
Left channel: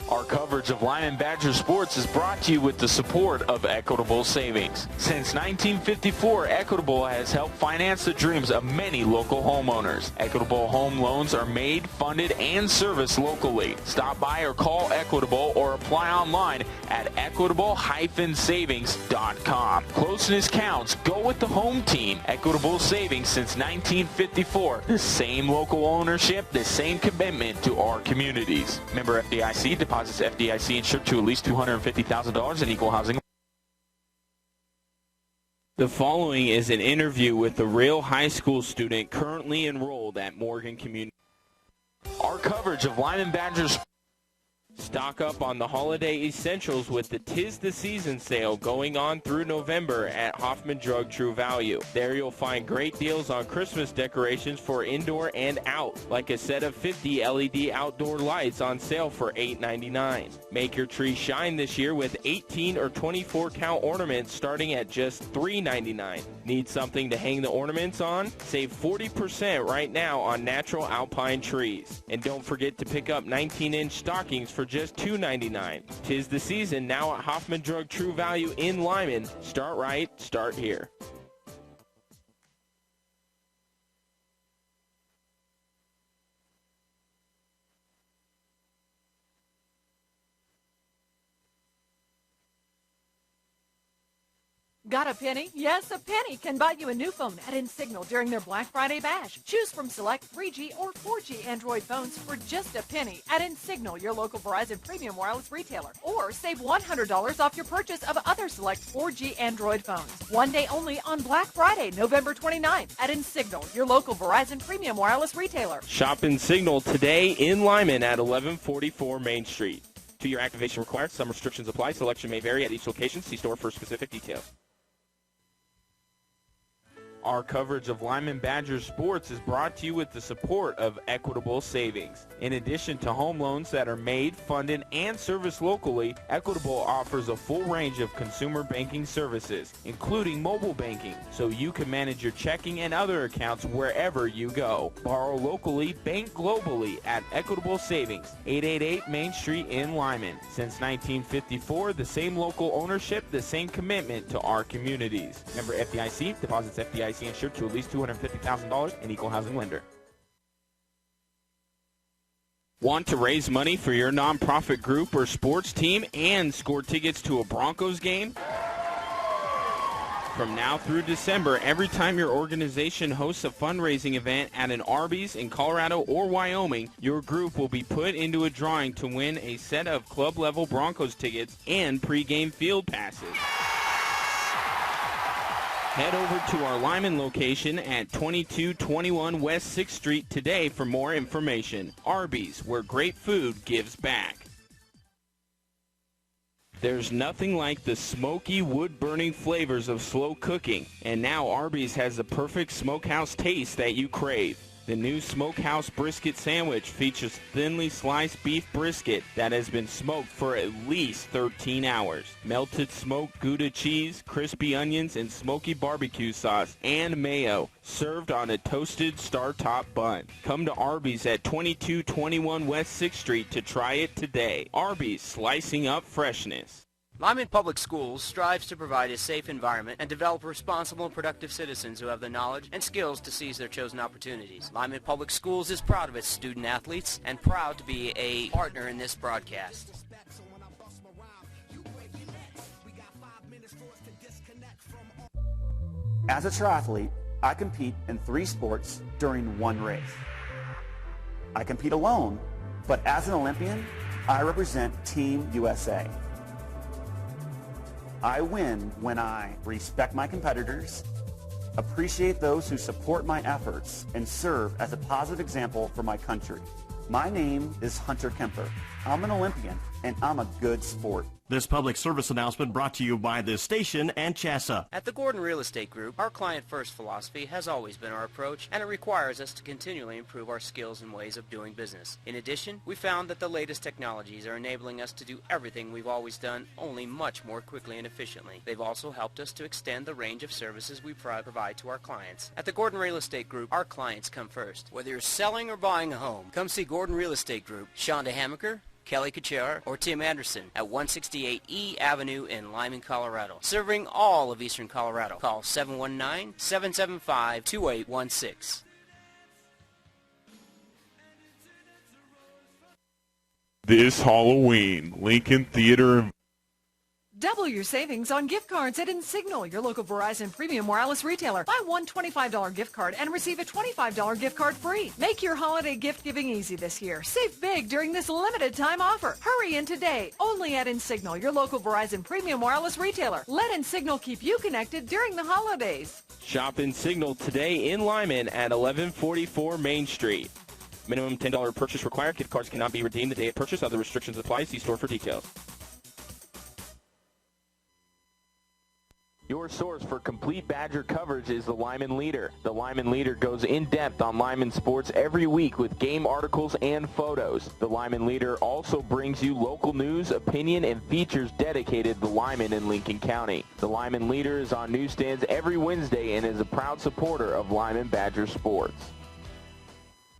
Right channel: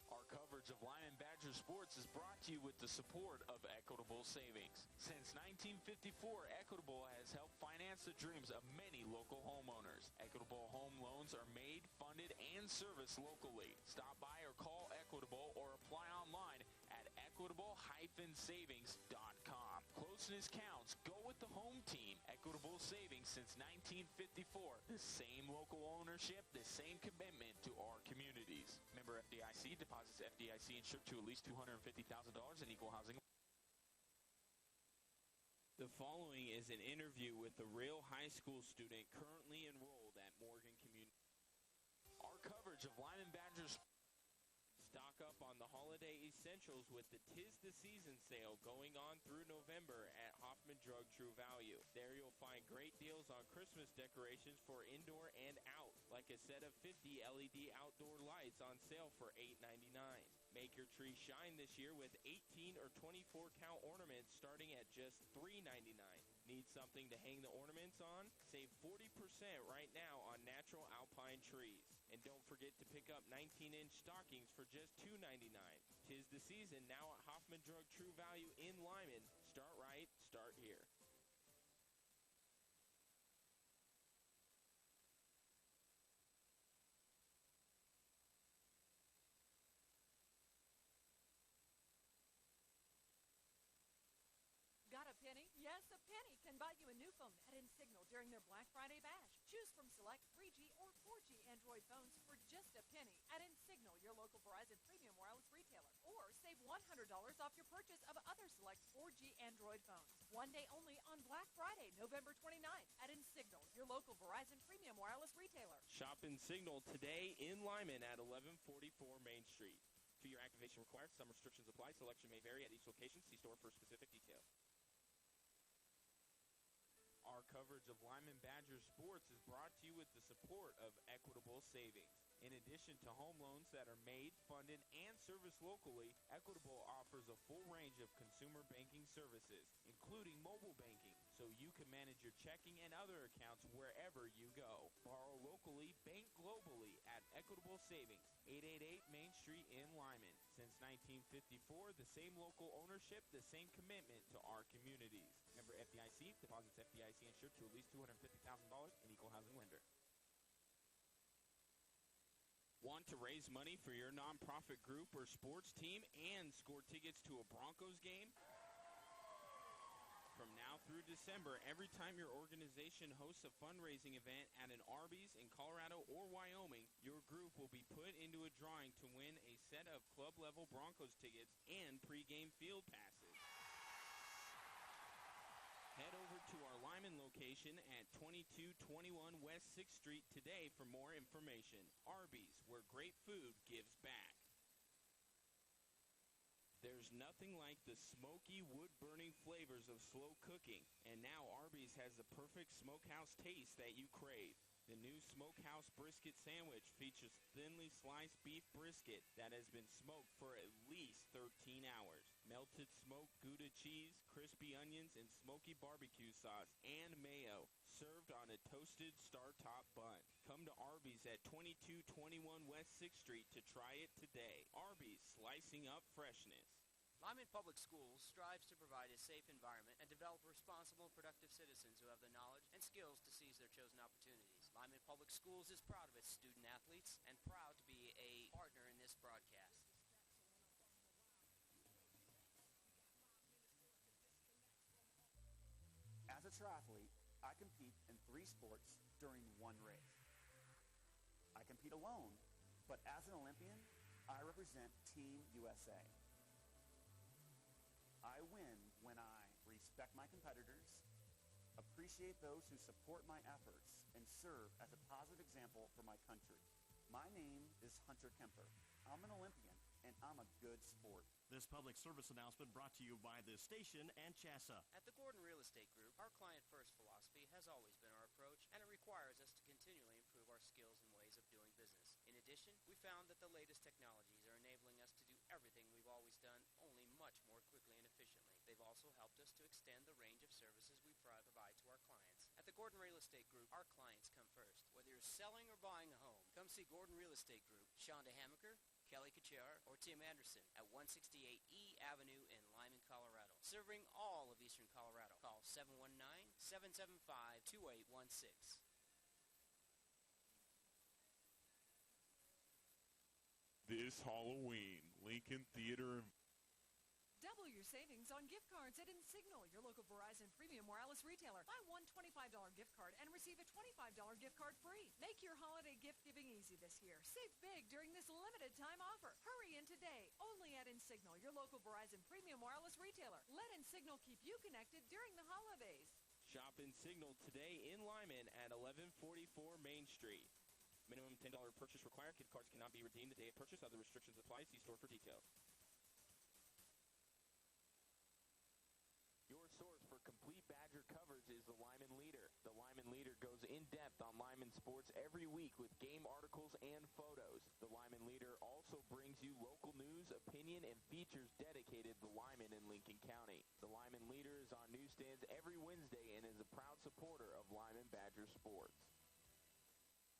Our coverage of Limon Badger sports is brought to you with the support of Equitable Savings. Since 1954, Equitable has helped finance the dreams of many local homeowners. Equitable home loans are made, funded, and serviced locally. Stop by or call Equitable or apply online at equitable-savings.com. Closeness counts. Go with the home team. Equitable Savings since 1954. The same local ownership, the same commitment to our communities. Member FDIC, deposits FDIC insured to at least $250,000 in equal housing. The following is an interview with a real high school student currently enrolled at Morgan Community. Our coverage of Limon Badgers. Stock up on the holiday essentials with the 'Tis the Season sale going on through November at Hoffman Drug True Value. There you'll find great deals on Christmas decorations for indoor and out, like a set of 50 LED outdoor lights on sale for $8.99. Make your tree shine this year with 18 or 24 count ornaments starting at just $3.99. Need something to hang the ornaments on? Save 40% right now on natural alpine trees. And don't forget to pick up 19-inch stockings for just $2.99. 'Tis the season now at Hoffman Drug True Value in Limon. Start right, start here. Got a penny? Yes, a penny can buy you a new phone at InSignal during their Black Friday bash. Choose from select 3G or 4G Android phones for just a penny at InSignal, your local Verizon premium wireless retailer. Or save $100 off your purchase of other select 4G Android phones. One day only on Black Friday, November 29th at InSignal, your local Verizon premium wireless retailer. Shop InSignal today in Limon at 1144 Main Street. 2-year activation required. Some restrictions apply. Selection may vary at each location. See store for specific details. Our coverage of Limon Badgers sports is brought to you with the support of Equitable Savings. In addition to home loans that are made, funded, and serviced locally, Equitable offers a full range of consumer banking services, including mobile banking, so you can manage your checking and other accounts wherever you go. Borrow locally, bank globally at Equitable Savings, 888 Main Street in Limon. Since 1954, the same local ownership, the same commitment to our communities. Member FDIC, deposits FDIC insured to at least $250,000 in equal housing lender. Want to raise money for your nonprofit group or sports team and score tickets to a Broncos game? From now through December, every time your organization hosts a fundraising event at an Arby's in Colorado or Wyoming, your group will be put into a drawing to win a set of club-level Broncos tickets and pregame field passes. Head over to our Limon location at 2221 West 6th Street today for more information. Arby's, where great food gives back. There's nothing like the smoky, wood-burning flavors of slow cooking, and now Arby's has the perfect smokehouse taste that you crave. The new Smokehouse Brisket Sandwich features thinly sliced beef brisket that has been smoked for at least 13 hours. Melted smoked Gouda cheese, crispy onions, and smoky barbecue sauce and mayo, served on a toasted star-top bun. Come to Arby's at 2221 West 6th Street to try it today. Arby's, slicing up freshness. Limon Public Schools strives to provide a safe environment and develop responsible and productive citizens who have the knowledge and skills to seize their chosen opportunities. Limon Public Schools is proud of its student athletes and proud to be a partner in this broadcast. As a triathlete, I compete in 3 sports during one race. I compete alone, but as an Olympian, I represent Team USA. I win when I respect my competitors, appreciate those who support my efforts, and serve as a positive example for my country. My name is Hunter Kemper. I'm an Olympian, and I'm a good sport. This public service announcement brought to you by this station and CHSA. At the Gordon Real Estate Group, our client-first philosophy has always been our approach, and it requires us to continually improve our skills and ways of doing business. In addition, we found that the latest technologies are enabling us to do everything we've always done, only much more quickly and efficiently. They've also helped us to extend the range of services we provide to our clients. At the Gordon Real Estate Group, our clients come first. Whether you're selling or buying a home, come see Gordon Real Estate Group, Shonda Hamaker, Kelly Kachar, or Tim Anderson at 168 E Avenue in Limon, Colorado. Serving all of Eastern Colorado. Call 719-775-2816. This Halloween, Lincoln Theater. Double your savings on gift cards at Insignal, your local Verizon Premium Wireless retailer. Buy one $25 gift card and receive a $25 gift card free. Make your holiday gift giving easy this year. Save big during this limited time offer. Hurry in today, only at Insignal, your local Verizon Premium Wireless retailer. Let Insignal keep you connected during the holidays. Shop Insignal today in Limon at 1144 Main Street. Minimum $10 purchase required. Gift cards cannot be redeemed the day of purchase. Other restrictions apply. See store for details. Your source for complete Badger coverage is the Limon Leader. The Limon Leader goes in-depth on Limon sports every week with game articles and photos. The Limon Leader also brings you local news, opinion, and features dedicated to Limon and Lincoln County. The Limon Leader is on newsstands every Wednesday and is a proud supporter of Limon Badger sports.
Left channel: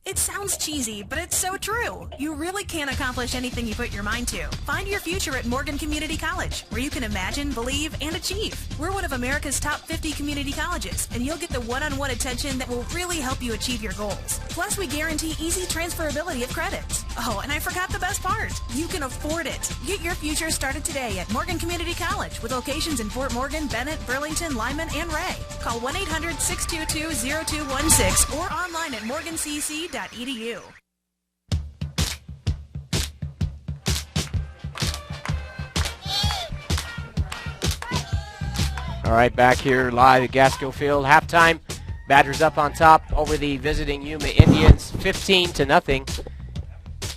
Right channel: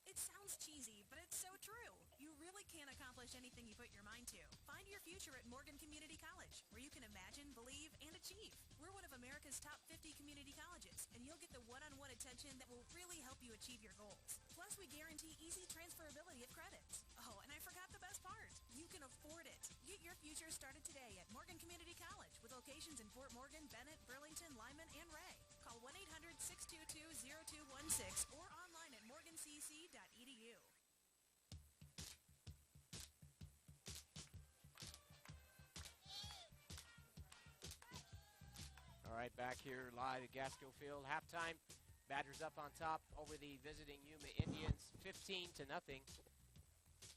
It sounds cheesy, but it's so true. You really can accomplish anything you put your mind to. Find your future at Morgan Community College, where you can imagine, believe, and achieve. We're one of America's top 50 community colleges, and you'll get the one-on-one attention that will really help you achieve your goals. Plus, we guarantee easy transferability of credits. Oh, and I forgot the best part. You can afford it. Get your future started today at Morgan Community College, with locations in Fort Morgan, Bennett, Burlington, Limon, and Ray. Call 1-800-622-0216 or online at morgancc.edu. All right, back here live at Gasco Field. Halftime. Badgers up on top over the visiting Yuma Indians, 15-0.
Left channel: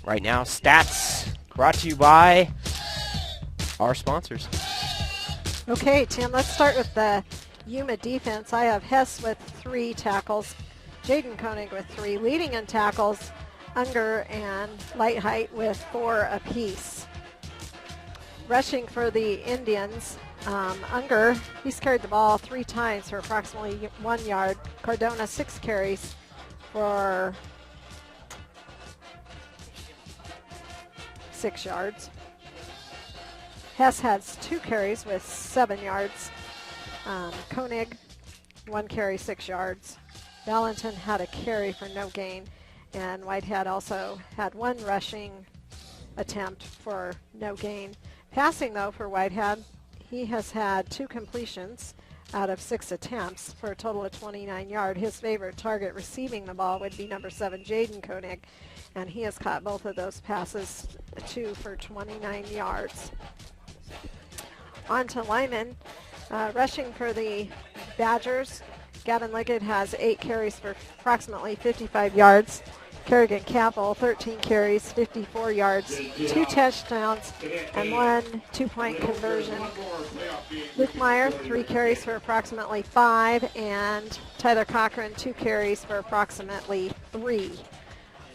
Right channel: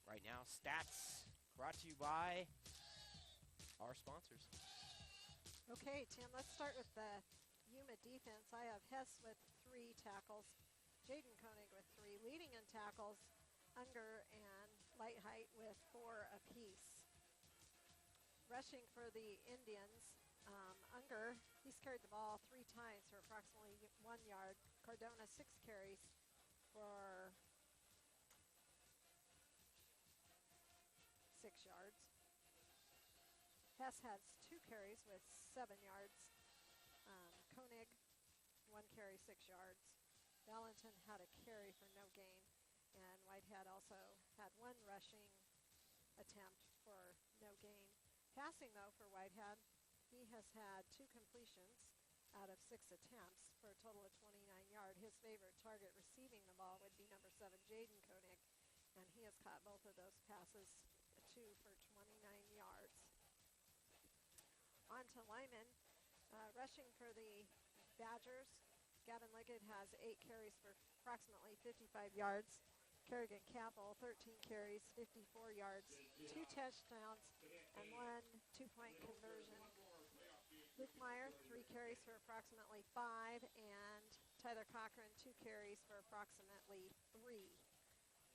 Right now, stats brought to you by our sponsors. Okay, Tim, let's start with the Yuma defense. I have Hess with 3 tackles. Jaden Koenig with 3, leading in tackles, Unger and Lightheight with 4 apiece. Rushing for the Indians, Unger, he's carried the ball 3 times for approximately 1 yard. Cardona 6 carries for 6 yards. Hess has 2 carries with 7 yards. Koenig, 1 carry, 6 yards. Valentin had a carry for no gain. And Whitehead also had one rushing attempt for no gain. Passing, though, for Whitehead, he has had 2 completions out of 6 attempts for a total of 29 yards. His favorite target receiving the ball would be number 7, Jaden Koenig, and he has caught both of those passes, 2 for 29 yards. On to Limon. Rushing for the Badgers, Gavin Liggett has 8 carries for approximately 55 yards. Kerrigan Capel, 13 carries, 54 yards, 2 touchdowns, and 1 2-point conversion. Luke Meyer, 3 carries for approximately 5, and Tyler Cochran, 2 carries for approximately 3.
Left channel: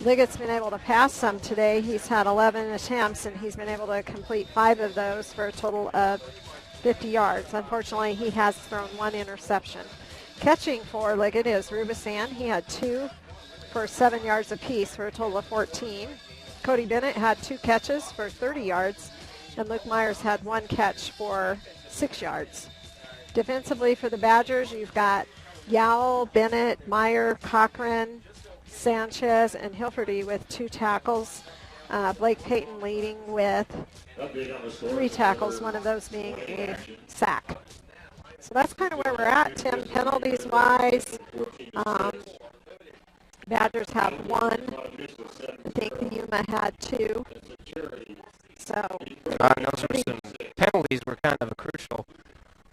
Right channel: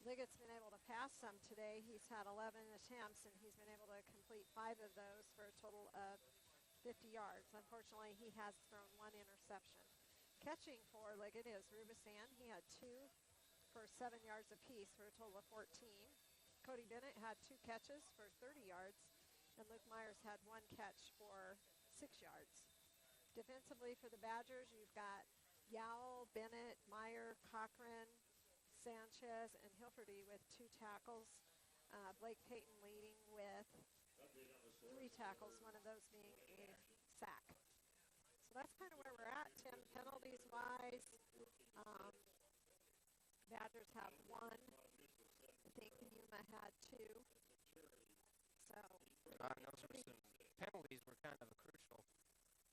Liggett's been able to pass some today. He's had 11 attempts, and he's been able to complete 5 of those for a total of 50 yards. Unfortunately, he has thrown 1 interception. Catching for Liggett is Rubisan. He had 2 for 7 yards apiece for a total of 14. Cody Bennett had 2 catches for 30 yards, and Luke Myers had 1 catch for 6 yards. Defensively for the Badgers, you've got Yowell, Bennett, Meyer, Cochran, Sanchez, and Hilferty with 2 tackles. Blake Payton leading with 3 tackles, one of those being a sack. So that's kind of where we're at, Tim, penalties-wise. Badgers have 1. I think Yuma had 2. So those were some penalties were kind of crucial,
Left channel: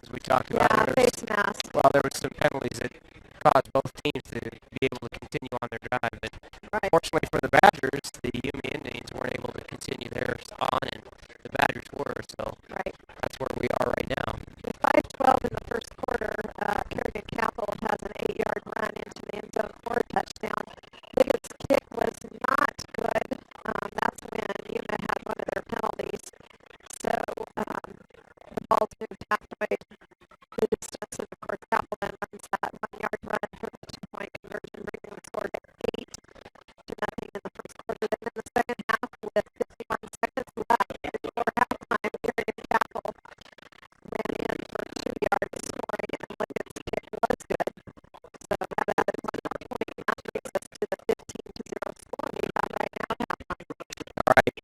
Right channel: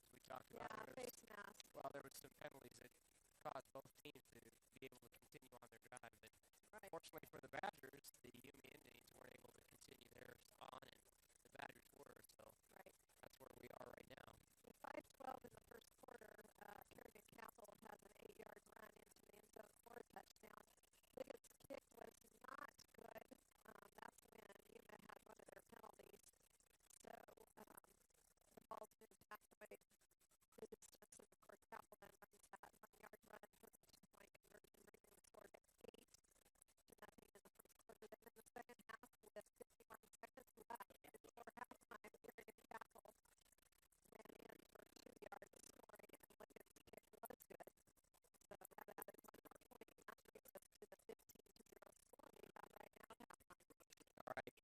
as we talked about. Yeah, face mask. Well, there were some penalties that caused both teams to be able to continue on their drive. But fortunately for the Badgers, the Yuma Indians weren't able to continue theirs on, and the Badgers were. So that's where we are right now. With 5:12 in the first quarter, Kerrigan Capel has an 8-yard run into the end zone for a touchdown. Liggett's kick was not good. That's when Yuma had one of their penalties. So the ball's moved halfway the distance, and of course Capel then runs that 1-yard run for the 2-point conversion, bringing the score to 8-0 in the first quarter. Then in the second half, with 51 seconds left before halftime, Kerrigan Capel ran in for 2 yards scoring, and Liggett's kick was good. So that added 1 more point, and that brings us to the 15-0 score we have right now at halftime. All right.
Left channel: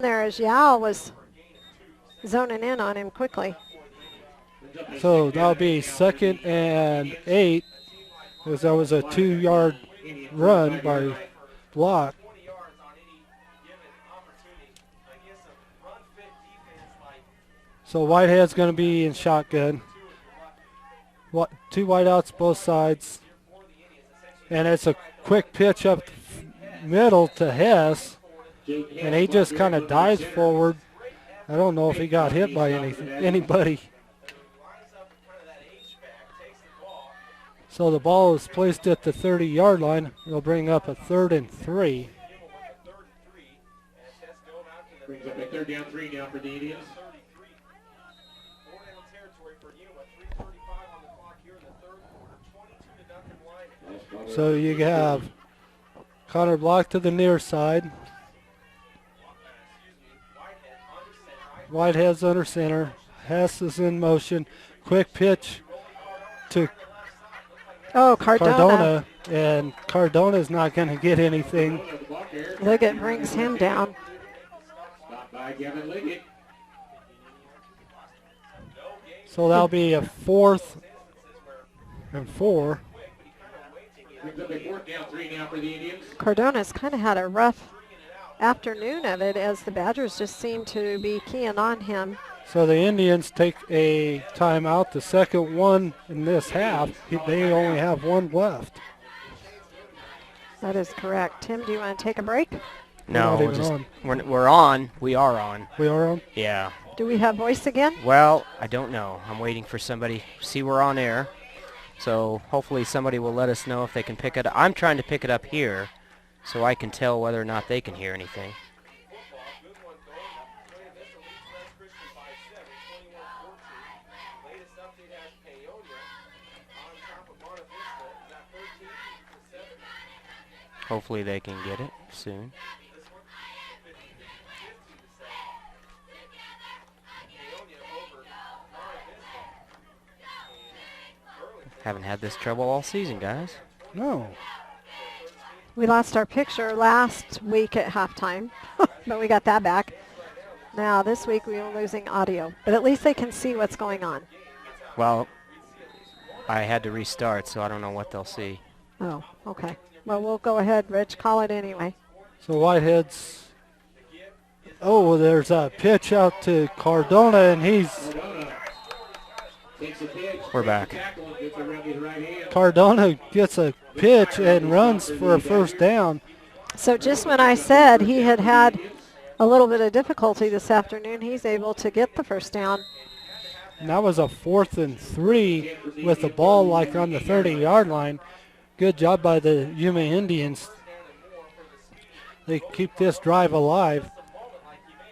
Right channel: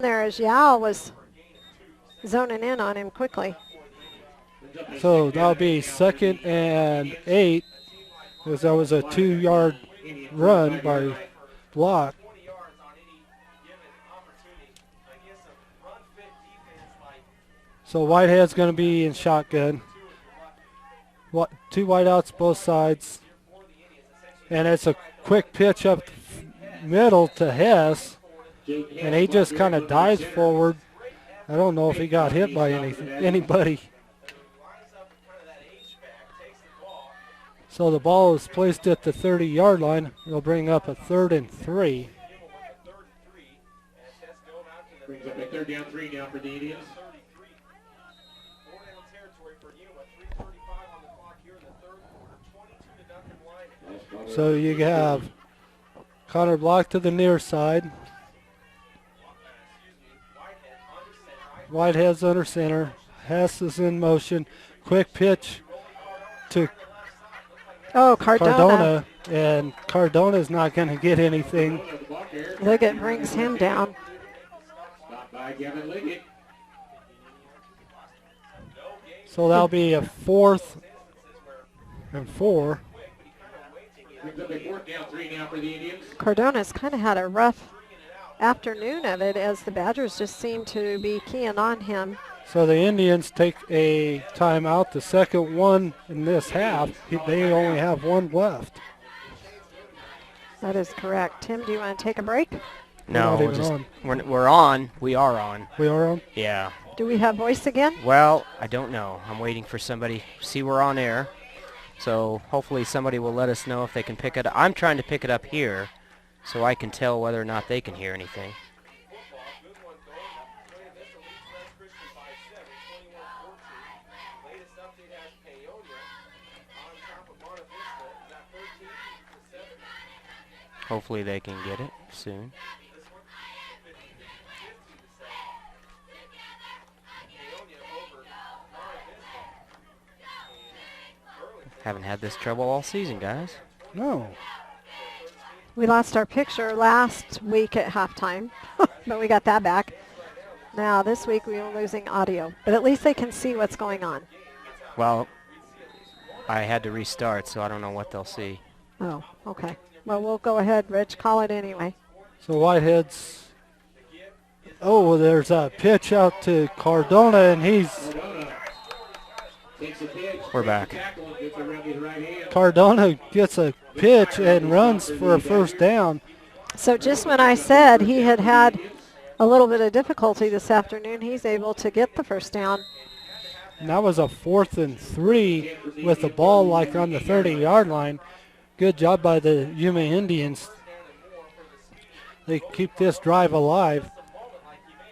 there as Yao was zoning in on him quickly. So that'll be 2nd and 8, because that was a 2-yard run by Block. So Whitehead's going to be in shotgun. 2 wideouts both sides. And it's a quick pitch up middle to Hess. And he just kind of dives forward. I don't know if he got hit by anybody. So the ball is placed at the 30-yard line. It'll bring up a 3rd and 3. Brings up a 3rd down 3 now for the Indians. So you have Connor Block to the near side. Whitehead's under center. Hess is in motion. Quick pitch to Cardona. And Cardona's not going to get anything. Liggett brings him down. Stopped by Gavin Liggett. So that'll be a 4th and 4. Brings up a 4th down 3 now for the Indians. Cardona's kind of had a rough afternoon of it as the Badgers just seem to be keying on him. So the Indians take a timeout, the second one in this half. They only have 1 left. That is correct. Tim, do you want to take a break? No, we're on. We are on. We are on? Yeah. Do we have voice again? Well, I don't know. I'm waiting for somebody. See, we're on air. So hopefully somebody will let us know if they can pick it up. I'm trying to pick it up here so I can tell whether or not they can hear anything. Hopefully they can get it soon. Haven't had this trouble all season, guys. No. We lost our picture last week at halftime, but we got that back. Now this week we are losing audio, but at least they can see what's going on. Well, I had to restart, so I don't know what they'll see. Oh, okay. Well, we'll go ahead, Rich. Call it anyway. So Whitehead's... Oh, there's a pitch out to Cardona, and he's... We're back. Cardona gets a pitch and runs for a 1st down. So just when I said he had had a little bit of difficulty this afternoon, he's able to get the 1st down. And that was a 4th and 3 with the ball like on the 30-yard line. Good job by the Yuma Indians. They keep this drive alive.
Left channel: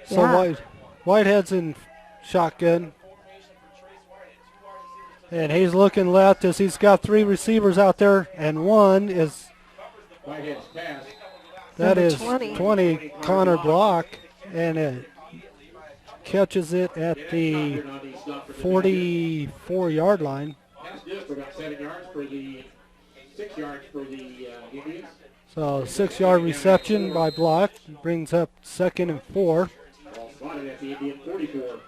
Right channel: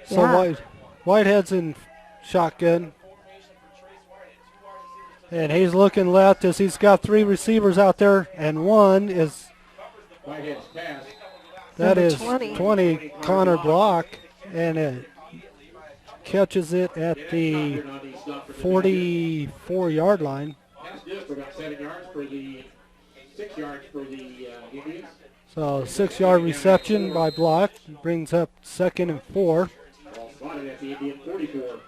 So Yeah. Whitehead's in shotgun. And he's looking left as he's got 3 receivers out there, and one is, that is 20, Connor Block, and it catches it at the 44-yard line. Pass just for about 7 yards for the 6 yards for the Indians. So 6-yard reception by Block brings up 2nd and 4. Ball spotted at the Indian 44.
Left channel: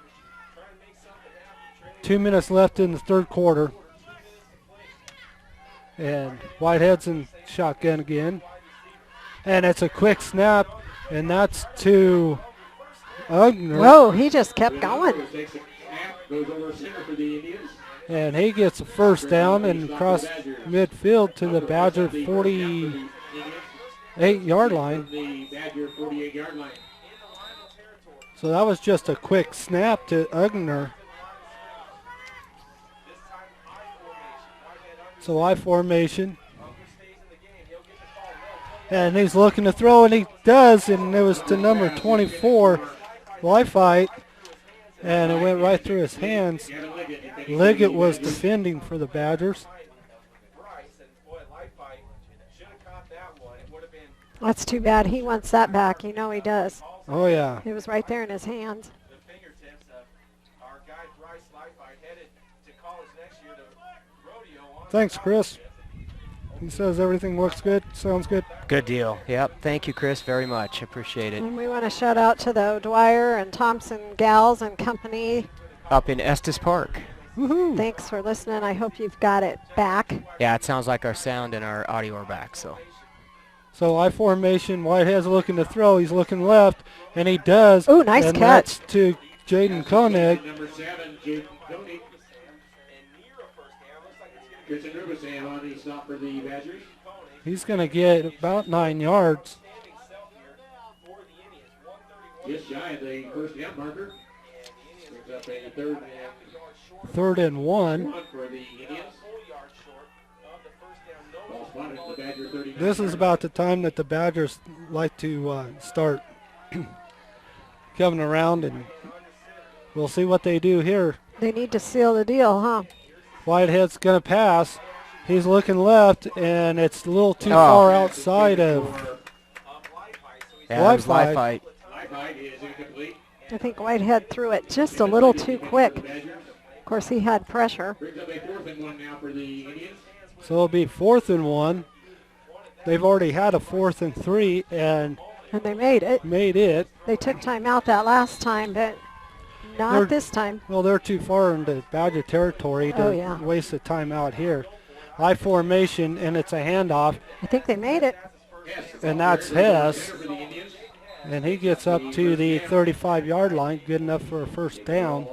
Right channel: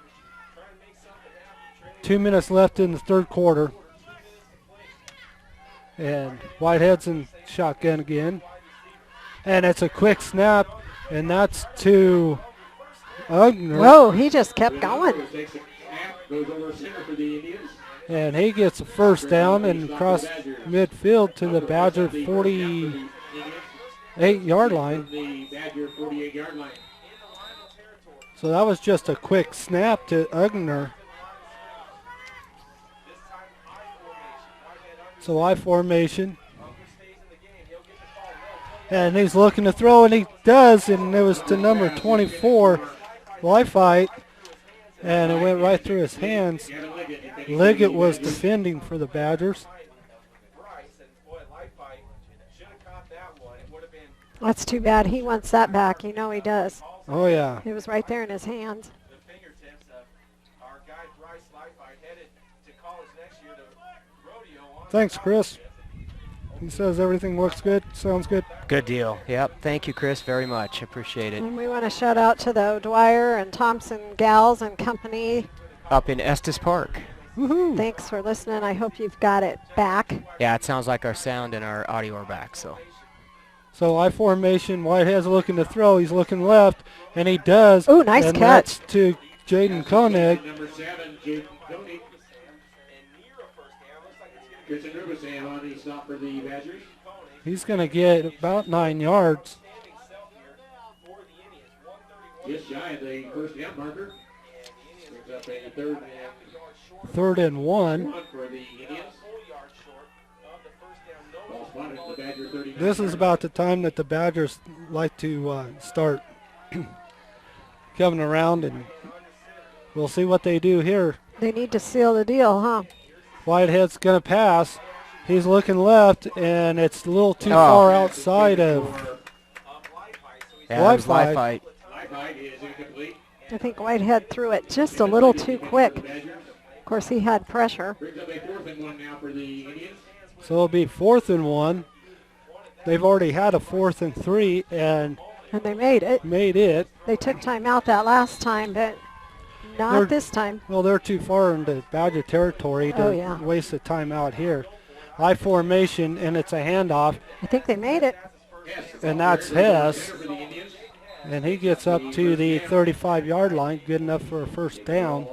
2 minutes left in the 3rd quarter. And Whitehead's in shotgun again. And it's a quick snap, and that's to Ugner. Whoa, he just kept going. Goes over center for the Indians. And he gets a 1st down and across midfield to the Badger 48-yard line. The Badger 48-yard line. So that was just a quick snap to Ugner. So I formation. And he's looking to throw, and he does, and it was to number 24, Wi-Fi, and it went right through his hands. Liggett was defending for the Badgers. That's too bad. He wants that back. You know he does. Oh, yeah. It was right there in his hands. Thanks, Chris. He says everything looks good, sounds good. Good deal. Yep. Thank you, Chris, very much. Appreciate it. And we want to shout out to the Dwyer and Thompson gals and company. Up in Estes Park. Woohoo! Thanks for listening. I hope you've got it back. Yeah, it sounds like our sound and our audio are back. So I formation, Whitehead's looking to throw. He's looking left, and he does. Oh, nice and catch. That's to Jaden Koenig. Number 7, Jaden Koenig. Christian Rubinson on the stop for the Badgers. He's going to get about 9 yards. Just shy of the first down marker. Brings up a Third and one. for the Indians. Ball spotted at the Badger 39. This is about the time that the Badgers like to start coming around, and we'll see what they do here. They need to seal the deal, huh? Whitehead's going to pass. He's looking left, and it's a little too far outside of Wi-Fi. I think Whitehead threw it just a little too quick. Of course, he had pressure. So it'll be 4th and 1. They've already had a 4th and 3, and they made it. They took time out that last time, but not this time. Well, they're too far into Badger territory to waste the time out here. I formation, and it's a handoff. I think they made it. And that's Hess. And he gets up to the 35-yard line, good enough for a first down.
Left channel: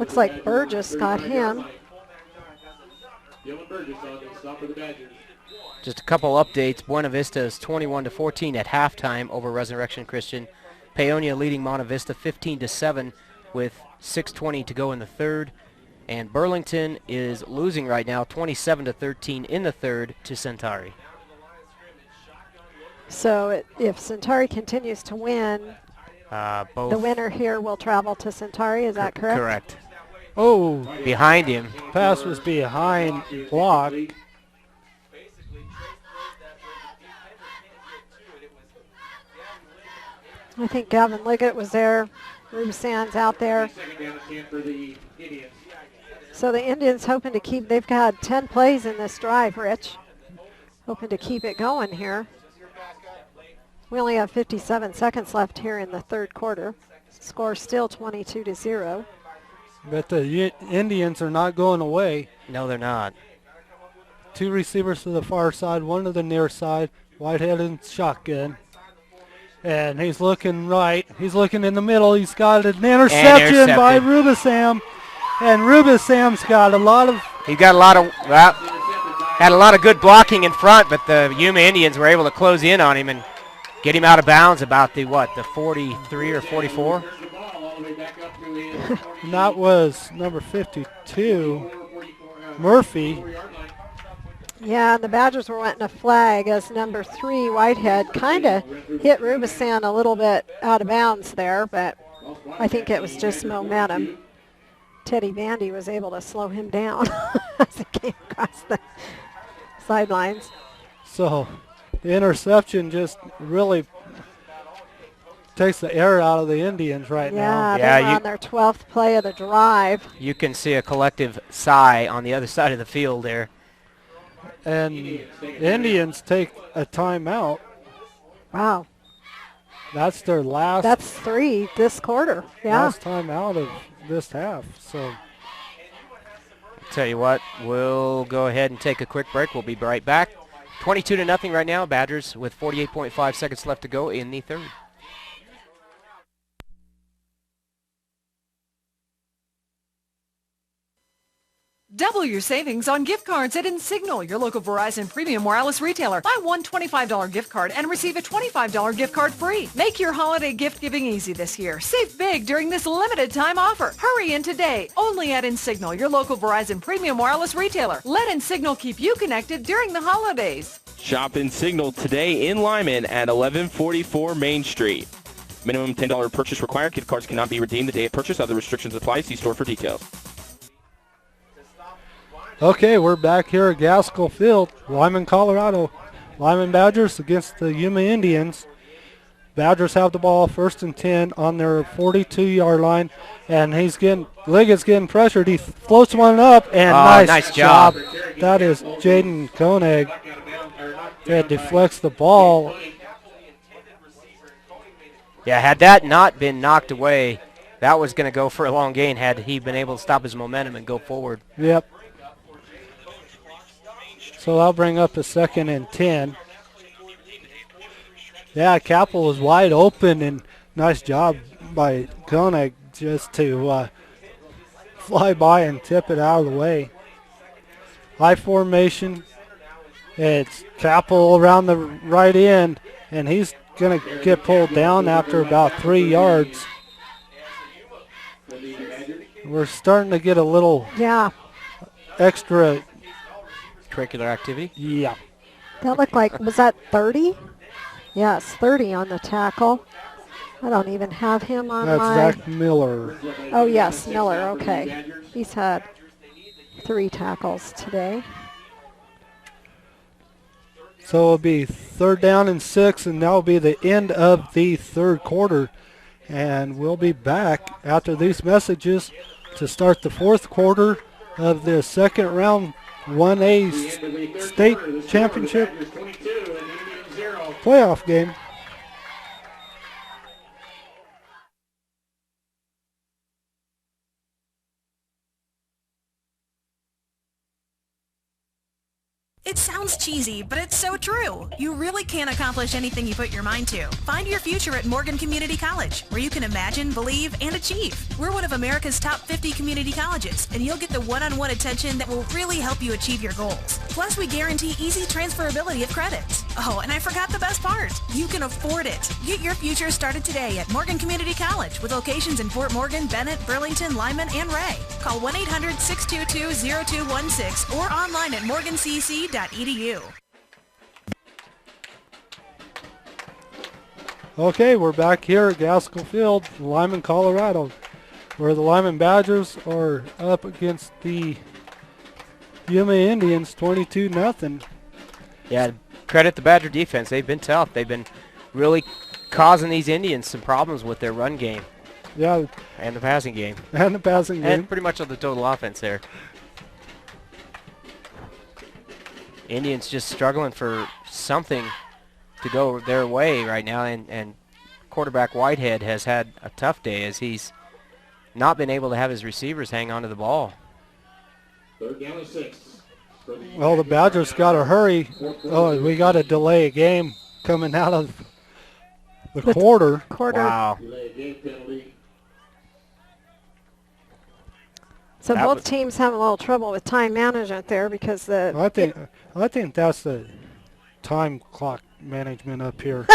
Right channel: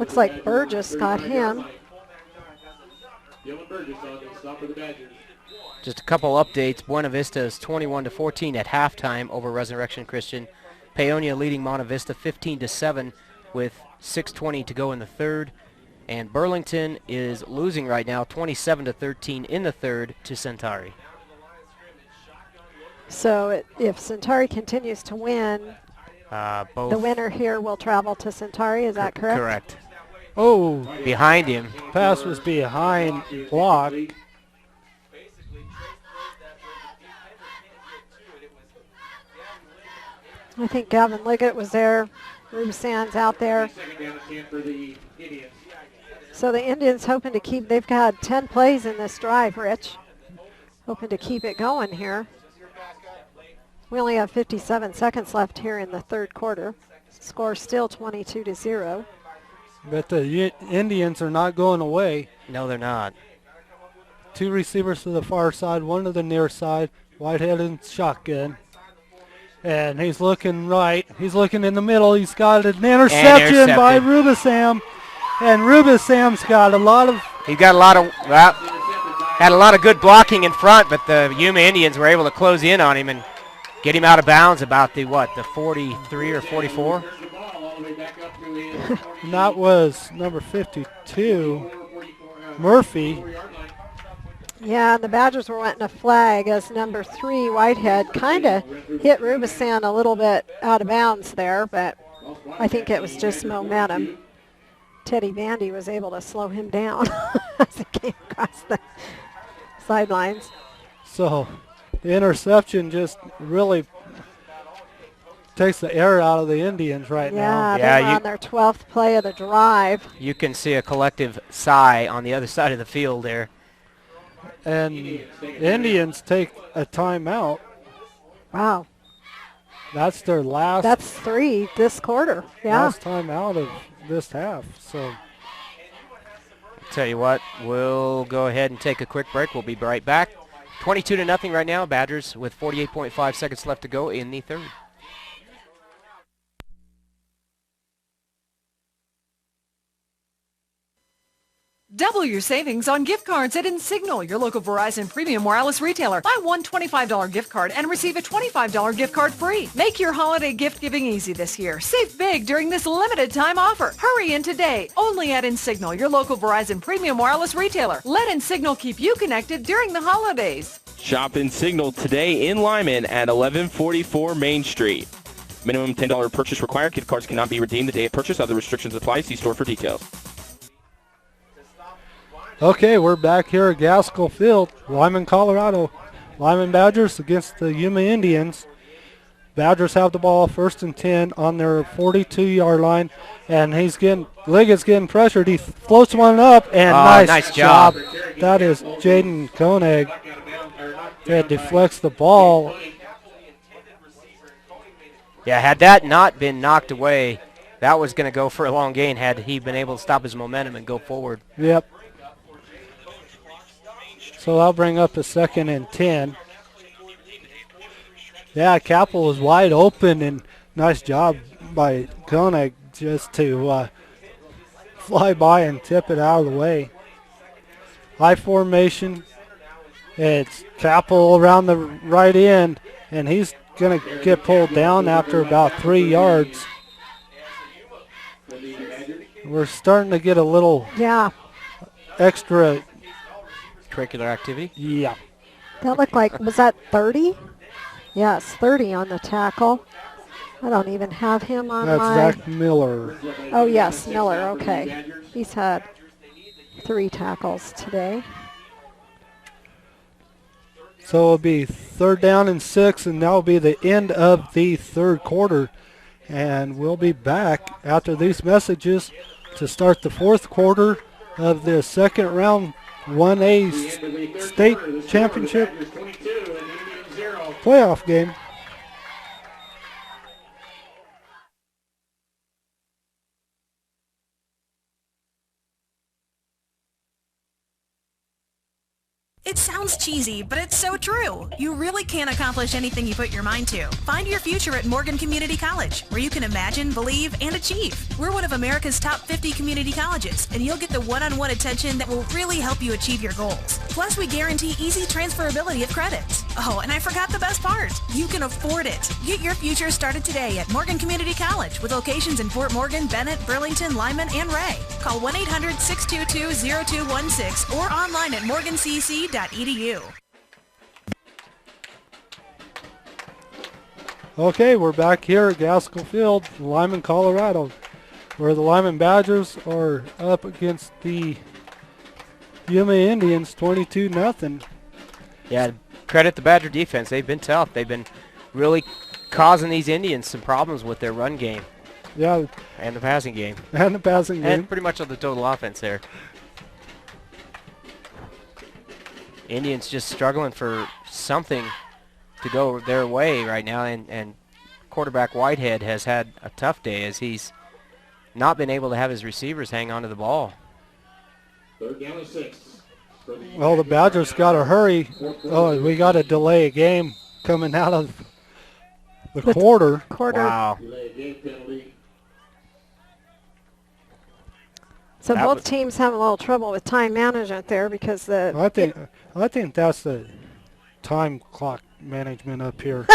Looks like Burgess got him. Just a couple updates. Buena Vista is 21-14 at halftime over Resurrection Christian. Paonia leading Monte Vista 15-7 with 6:20 to go in the third. And Burlington is losing right now 27-13 in the third to Centauri. So if Centauri continues to win, both the winner here will travel to Centauri. Is that correct? Correct. Oh. Behind him. Pass was behind block. I think Gavin Liggett was there. Rube Sands out there. So the Indians hoping to keep, they've got 10 plays in this drive, Rich. Hoping to keep it going here. We only have 57 seconds left here in the third quarter. Score still 22-0. But the Indians are not going away. No, they're not. 2 receivers to the far side, 1 to the near side. Whitehead in shotgun. And he's looking right. He's looking in the middle. He's got an interception by Rubisam. And Rubisam's got a lot of... He got a lot of... Well, had a lot of good blocking in front, but the Yuma Indians were able to close in on him and get him out of bounds about the 43 or 44? And that was number 52, Murphy. Yeah, and the Badgers were wanting a flag as number 3, Whitehead, kind of hit Rubisan a little bit out of bounds there, but I think it was just momentum. Teddy Vandy was able to slow him down as he came across the sidelines. So the interception just really takes the air out of the Indians right now. Yeah, they're on their 12th play of the drive. You can see a collective sigh on the other side of the field there. And the Indians take a timeout. Wow. That's their last. That's 3 this quarter. Yeah. Last timeout of this half. So tell you what, we'll go ahead and take a quick break. We'll be right back. 22-0 right now. Badgers with 48.5 seconds left to go in the third. Double your savings on gift cards at Insignal, your local Verizon premium wireless retailer. Buy one $25 gift card and receive a $25 gift card free. Make your holiday gift giving easy this year. Save big during this limited time offer. Hurry in today, only at Insignal, your local Verizon premium wireless retailer. Let Insignal keep you connected during the holidays. Shop Insignal today in Limon at 1144 Main Street. Minimum $10 purchase required. Gift cards cannot be redeemed the day of purchase. Other restrictions apply. See store for details. Okay, we're back here at Gaskell Field, Limon, Colorado. Limon Badgers against the Yuma Indians. Badgers have the ball 1st and 10 on their 42-yard line, and Liggett's getting pressured. He floats one up, and nice job. That is Jaden Koenig. that deflects the ball. Yeah, had that not been knocked away, that was going to go for a long gain had he been able to stop his momentum and go forward. Yep. So I'll bring up a 2nd and 10. Yeah, Capel was wide open, and nice job by Koenig just to fly by and tip it out of the way. High formation. It's Capel around the right end, and he's going to get pulled down after about 3 yards. We're starting to get a little extra curricular activity. Yeah. That looked like, was that 30? Yes, 30 on the tackle. I don't even have him on That's my... Zach Miller. Oh, yes, Miller, okay. He's had 3 tackles today. So it'll be 3rd down and 6, and that'll be the end of the 3rd quarter. And we'll be back after these messages to start the 4th quarter of the 2nd round 1A state championship playoff game. It sounds cheesy, but it's so true. You really can accomplish anything you put your mind to. Find your future at Morgan Community College, where you can imagine, believe, and achieve. We're one of America's top 50 community colleges, and you'll get the one-on-one attention that will really help you achieve your goals. Plus, we guarantee easy transferability of credits. Oh, and I forgot the best part. You can afford it. Get your future started today at Morgan Community College, with locations in Fort Morgan, Bennett, Burlington, Limon, and Ray. Call 1-800-622-0216 or online at morgancc.edu. Okay, we're back here at Gaskell Field, Limon, Colorado, where the Limon Badgers are up against the Yuma Indians 22-0. Yeah, credit the Badger defense. They've been tough. They've been really causing these Indians some problems with their run game. Yeah. And the passing game. And the passing game. And pretty much on the total offense there. Indians just struggling for something to go their way right now, and quarterback Whitehead has had a tough day as he's not been able to have his receivers hang on to the ball. 3rd down and 6. Well, the Badgers got to hurry. Oh, we got to delay a game coming out of the quarter. Wow. So both teams have a little trouble with time management there because the... I think that's the time clock management up here.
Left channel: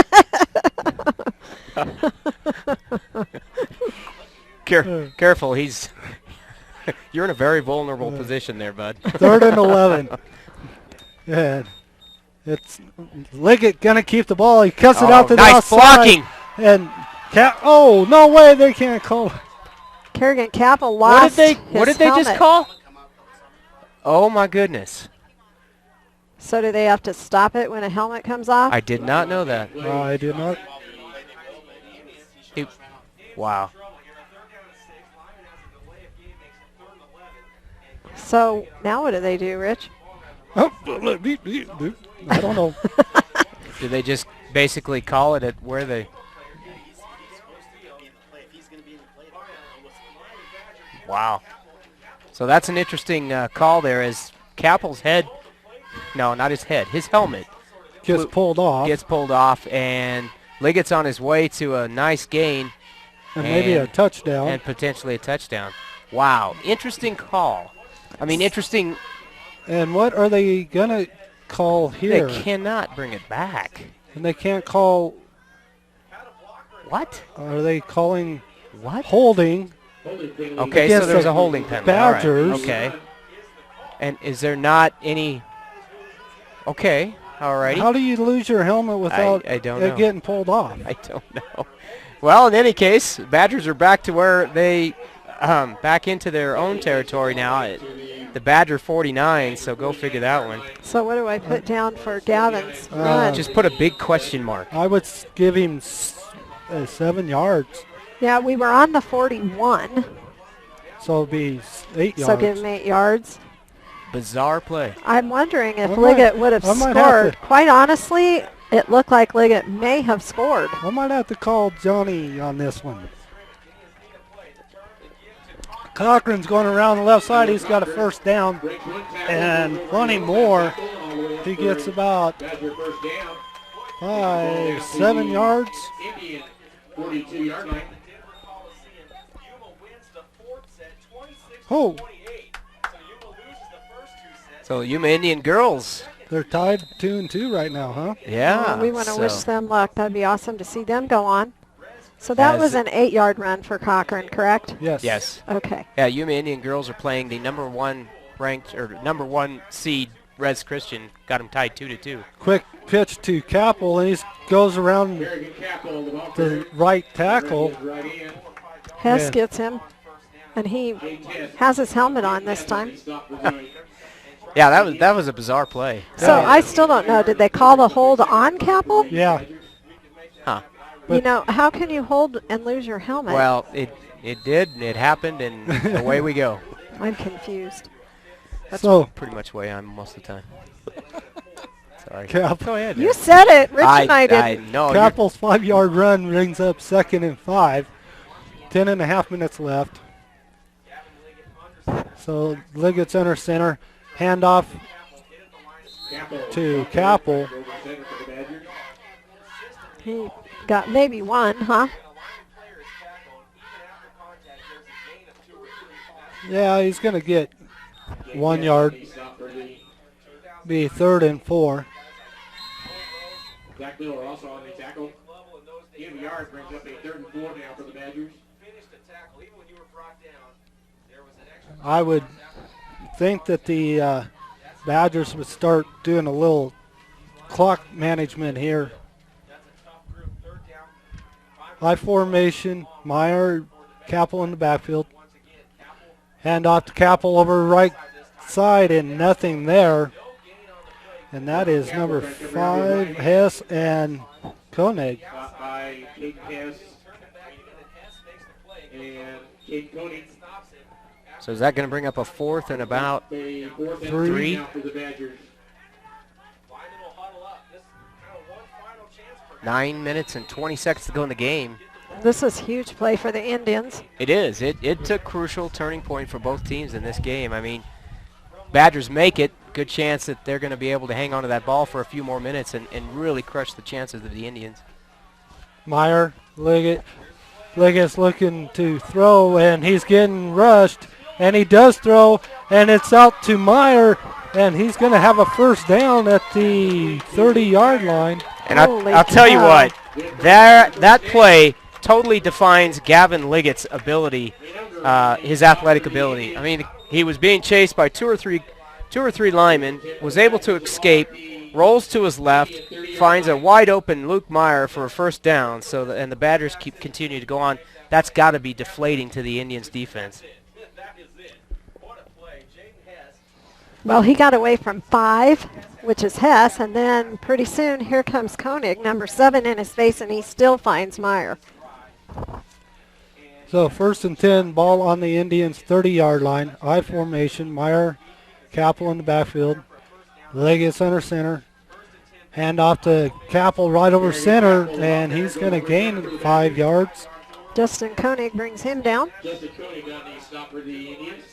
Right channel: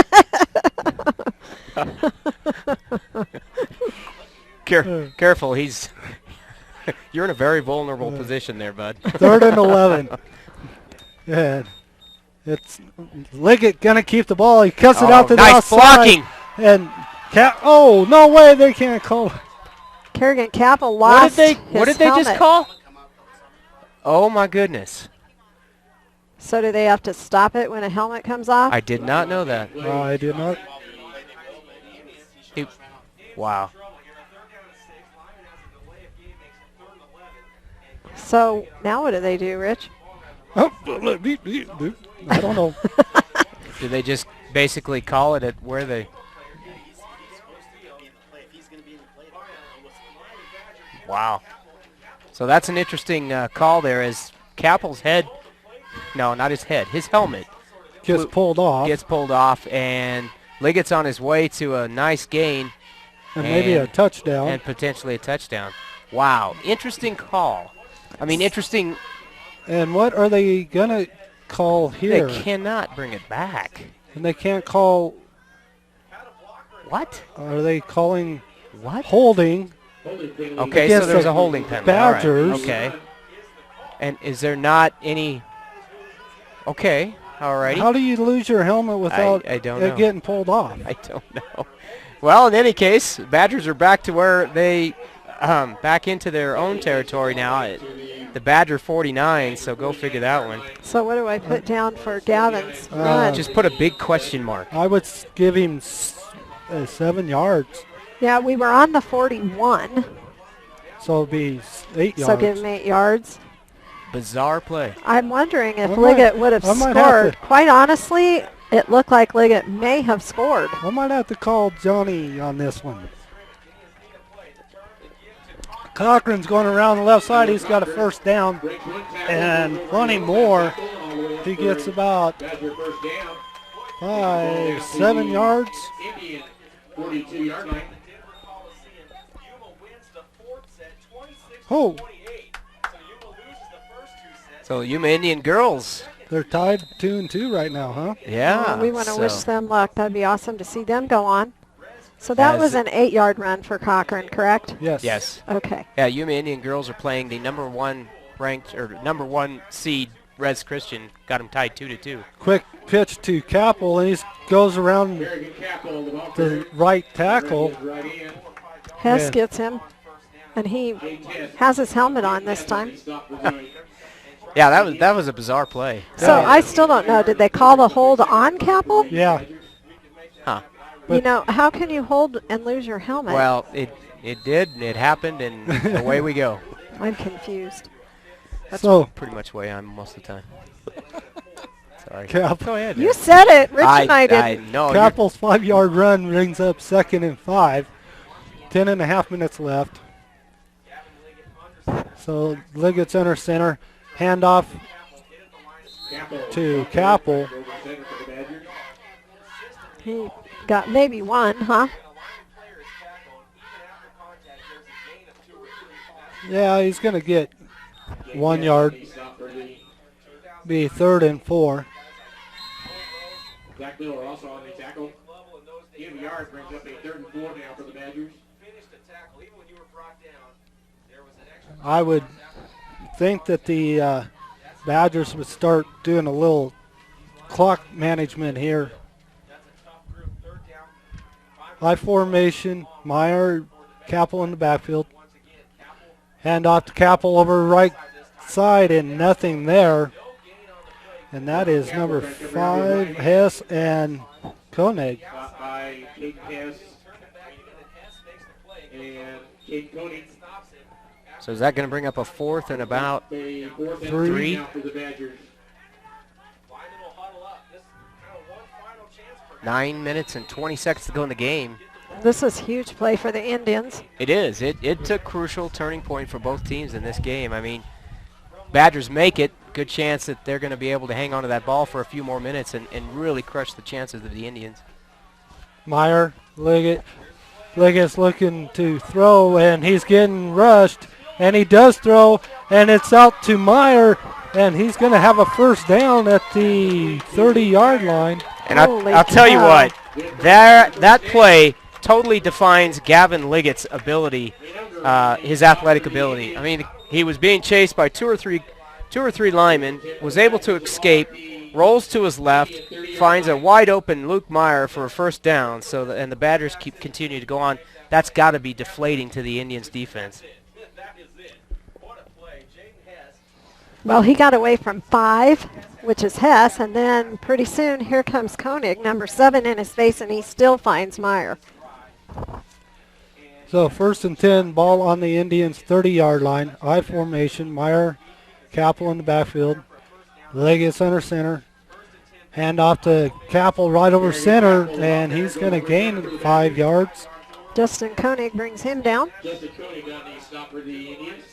Careful, he's... You're in a very vulnerable position there, bud. 3rd and 11. And it's Liggett going to keep the ball. He cuts it out to the outside. Nice blocking. And oh, no way, they can't call. Kerrigan Capel lost What did they just call? Oh, my goodness. So do they have to stop it when a helmet comes off? I did not know that. I did not. Wow. So now what do they do, Rich? I don't know. Do they just basically call it at where they... Wow. So that's an interesting call there as Capel's head, no, not his head, his helmet gets pulled off, and Liggett's on his way to a nice gain. And maybe a touchdown. And potentially a touchdown. Wow. Interesting call. I mean, interesting. And what are they going to call here? They cannot bring it back. And they can't call. What? Are they calling what? Holding. Okay, so there's a holding penalty. Badgers. All right. Okay. And is there not any? Okay. All righty. How do you lose your helmet without I don't it know. getting pulled off? I don't know. Well, in any case, Badgers are back to where they back into their own territory now at the Badger 49, so go figure that one. So what do I put down for Gavin's run? Just put a big question mark. I would give him 7 yards. Yeah, we were on the 41. So it'll be 8 yards. So give him 8 yards. Bizarre play. I'm wondering if I Liggett might- would have I might have scored. to- Quite honestly, it looked like Liggett may have scored. I might have to call Johnny on this one. Cochran's going around the left side. He's got a first down and plenty more. He gets about 7 yards. Indian 42-yard line. Oh, So Yuma Indian girls. they're tied 2-2 right now, huh? Yeah. We want to so wish them luck. That'd be awesome to see them go on. So that As- was an 8-yard run for Cochran, correct? Yes. Yes. Okay. Yeah, Yuma Indian girls are playing the number 1 ranked or number 1 seed Res Christian. Got them tied 2-2. Quick pitch to Capel, and he goes around Very good tackle. the right tackle. Right in. Hess Yeah. gets him, and he has his helmet on this time. Yeah, that was a bizarre play. So I still don't know. Did they call the hold on Capel? Yeah. Huh. You know, how can you hold and lose your helmet? Well, it did, and it happened, and away we go. I'm confused. That's So- pretty much the way I'm most of the time. Sorry. Cap- Go ahead. You said it. Rich and I I didn't. know. Capel's 5-yard run brings up 2nd and 5. 10.5 minutes left. So Liggett's under center. Handoff to Capel. He got maybe one, huh? Yeah, he's going to get 1 yard. Be 3rd and 4. Zach Miller also on the tackle. Give yard brings up a 3rd and 4 now for the Badgers. I would think that the Badgers would start doing a little clock management here. High formation, Meyer, Capel in the backfield. Hand off to Capel over right side and nothing there. And that is number 5, Hess and Koenig. Caught by Kate Hess and Kate Koenig. So is that going to bring up a 4th and about A 4th and 3? 3 now for the Badgers. 9 minutes and 20 seconds to go in the game. This is huge play for the Indians. It is. It took crucial turning point for both teams in this game. I mean, Badgers make it. Good chance that they're going to be able to hang on to that ball for a few more minutes and really crush the chances of the Indians. Meyer, Liggett's looking to throw, and he's getting rushed, and he does throw, and it's out to Meyer, and he's going to have a first down at the 30-yard line. And I'll tell you what, that play totally defines Gavin Liggett's ability, his athletic ability. I mean, he was being chased by two or three linemen, was able to escape, rolls to his left, finds a wide open Luke Meyer for a first down. So and the Badgers continue to go on. That's got to be deflating to the Indians' defense. Well, he got away from 5, which is Hess, and then pretty soon here comes Koenig, number 7 in his face, and he still finds Meyer. So 1st and 10, ball on the Indians' 30-yard line. I formation, Meyer, Capel in the backfield. Liggett's under center. Hand off to Capel right over center, and he's going to gain 5 yards. Justin Koenig brings him down. Justin Koenig on the stop for the Indians.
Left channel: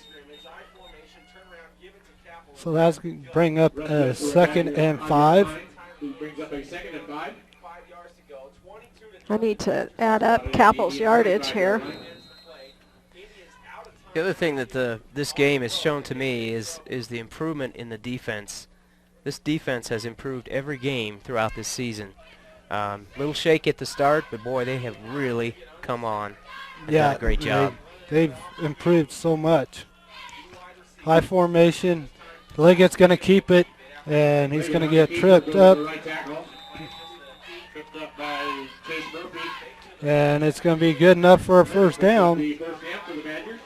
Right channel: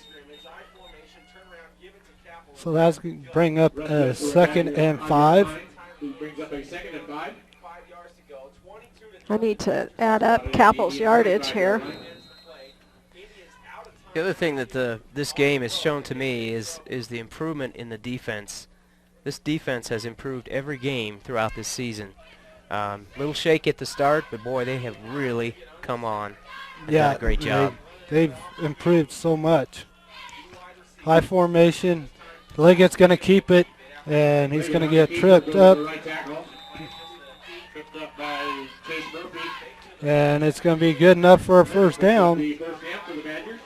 So that's going to bring up a 2nd and 5. Who brings up a 2nd and 5. I need to add up Capel's yardage here. The other thing that this game has shown to me is the improvement in the defense. This defense has improved every game throughout this season. Little shake at the start, but boy, they have really come on and done a great job. They've improved so much. High formation. Liggett's going to keep it, and he's going to get tripped up. Tripped up by Chase Murphy. And it's going to be good enough for a first down. The first down for the Badgers.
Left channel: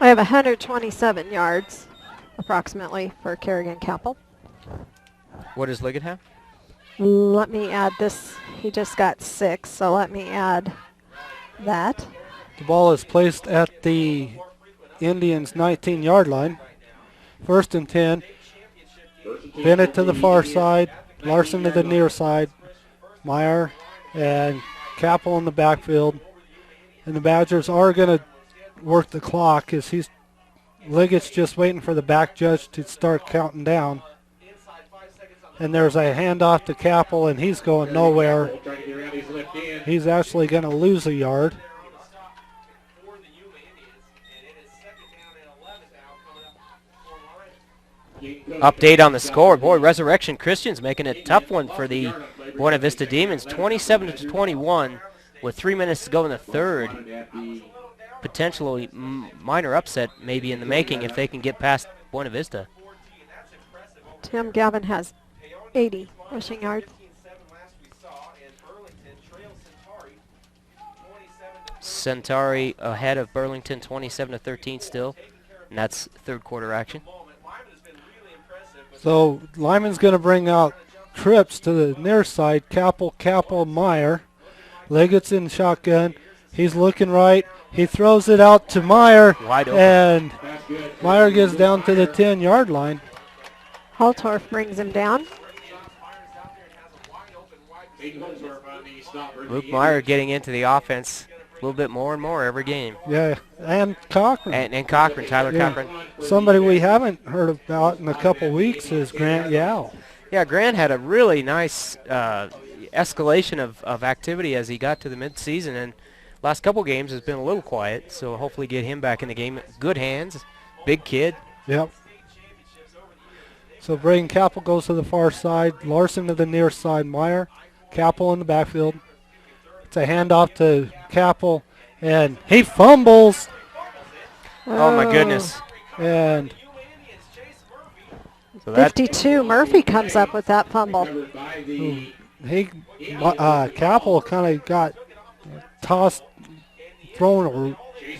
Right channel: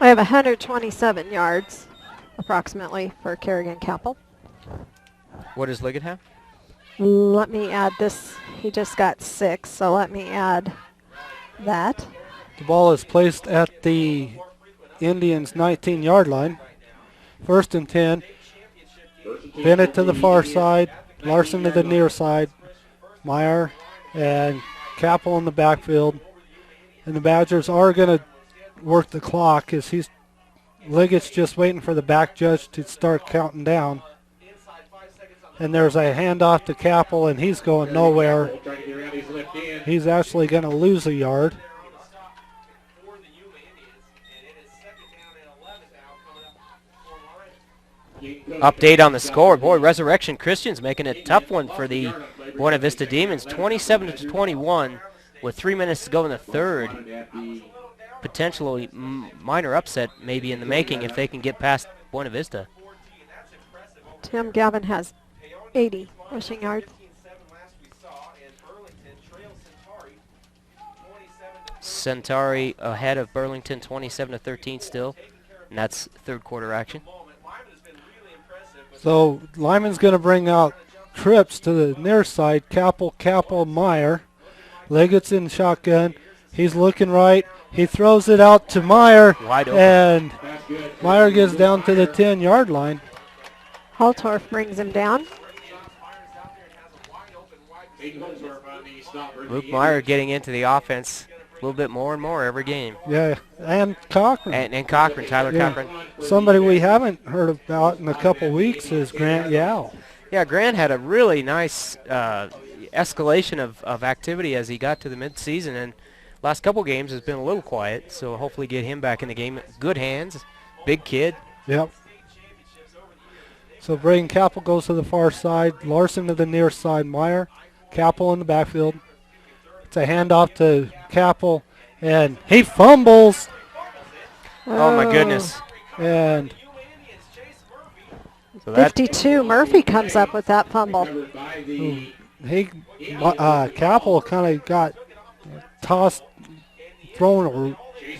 I have 127 yards, approximately, for Kerrigan Capel. What does Liggett have? Let me add this. He just got 6, so let me add that. The ball is placed at the Indians' 19-yard line. First and 10. Bennett to the far side. Larson to the near side. Meyer and Capel in the backfield. And the Badgers are going to work the clock as Liggett's just waiting for the back judge to start counting down. And there's a handoff to Capel, and he's going nowhere. He's actually going to lose a yard. Update on the score. Boy, Resurrection Christian's making it a tough one for the Buena Vista Demons. 27-21 with 3 minutes to go in the third. Potentially minor upset maybe in the making if they can get past Buena Vista. Tim Gavin has 80 rushing yards. Centauri ahead of Burlington 27-13 still. And that's third quarter action. So Lyman's going to bring out trips to the near side. Capel, Meyer. Liggett's in shotgun. He's looking right. He throws it out to Meyer. Wide open. And Meyer gets down to the 10-yard line. Haltorf brings him down. Luke Meyer getting into the offense a little bit more and more every game. Yeah, and Cochran. And Cochran, Tyler Cochran. Somebody we haven't heard about in a couple weeks is Grant Yao. Yeah, Grant had a really nice escalation of activity as he got to the midseason, and last couple games has been a little quiet, so hopefully get him back in the game. Good hands, big kid. Yep. So Braden Capel goes to the far side, Larson to the near side, Meyer, Capel in the backfield. It's a handoff to Capel, and he fumbles. Oh my goodness. And so 52, Murphy comes up with that fumble. Capel kind of got tossed, thrown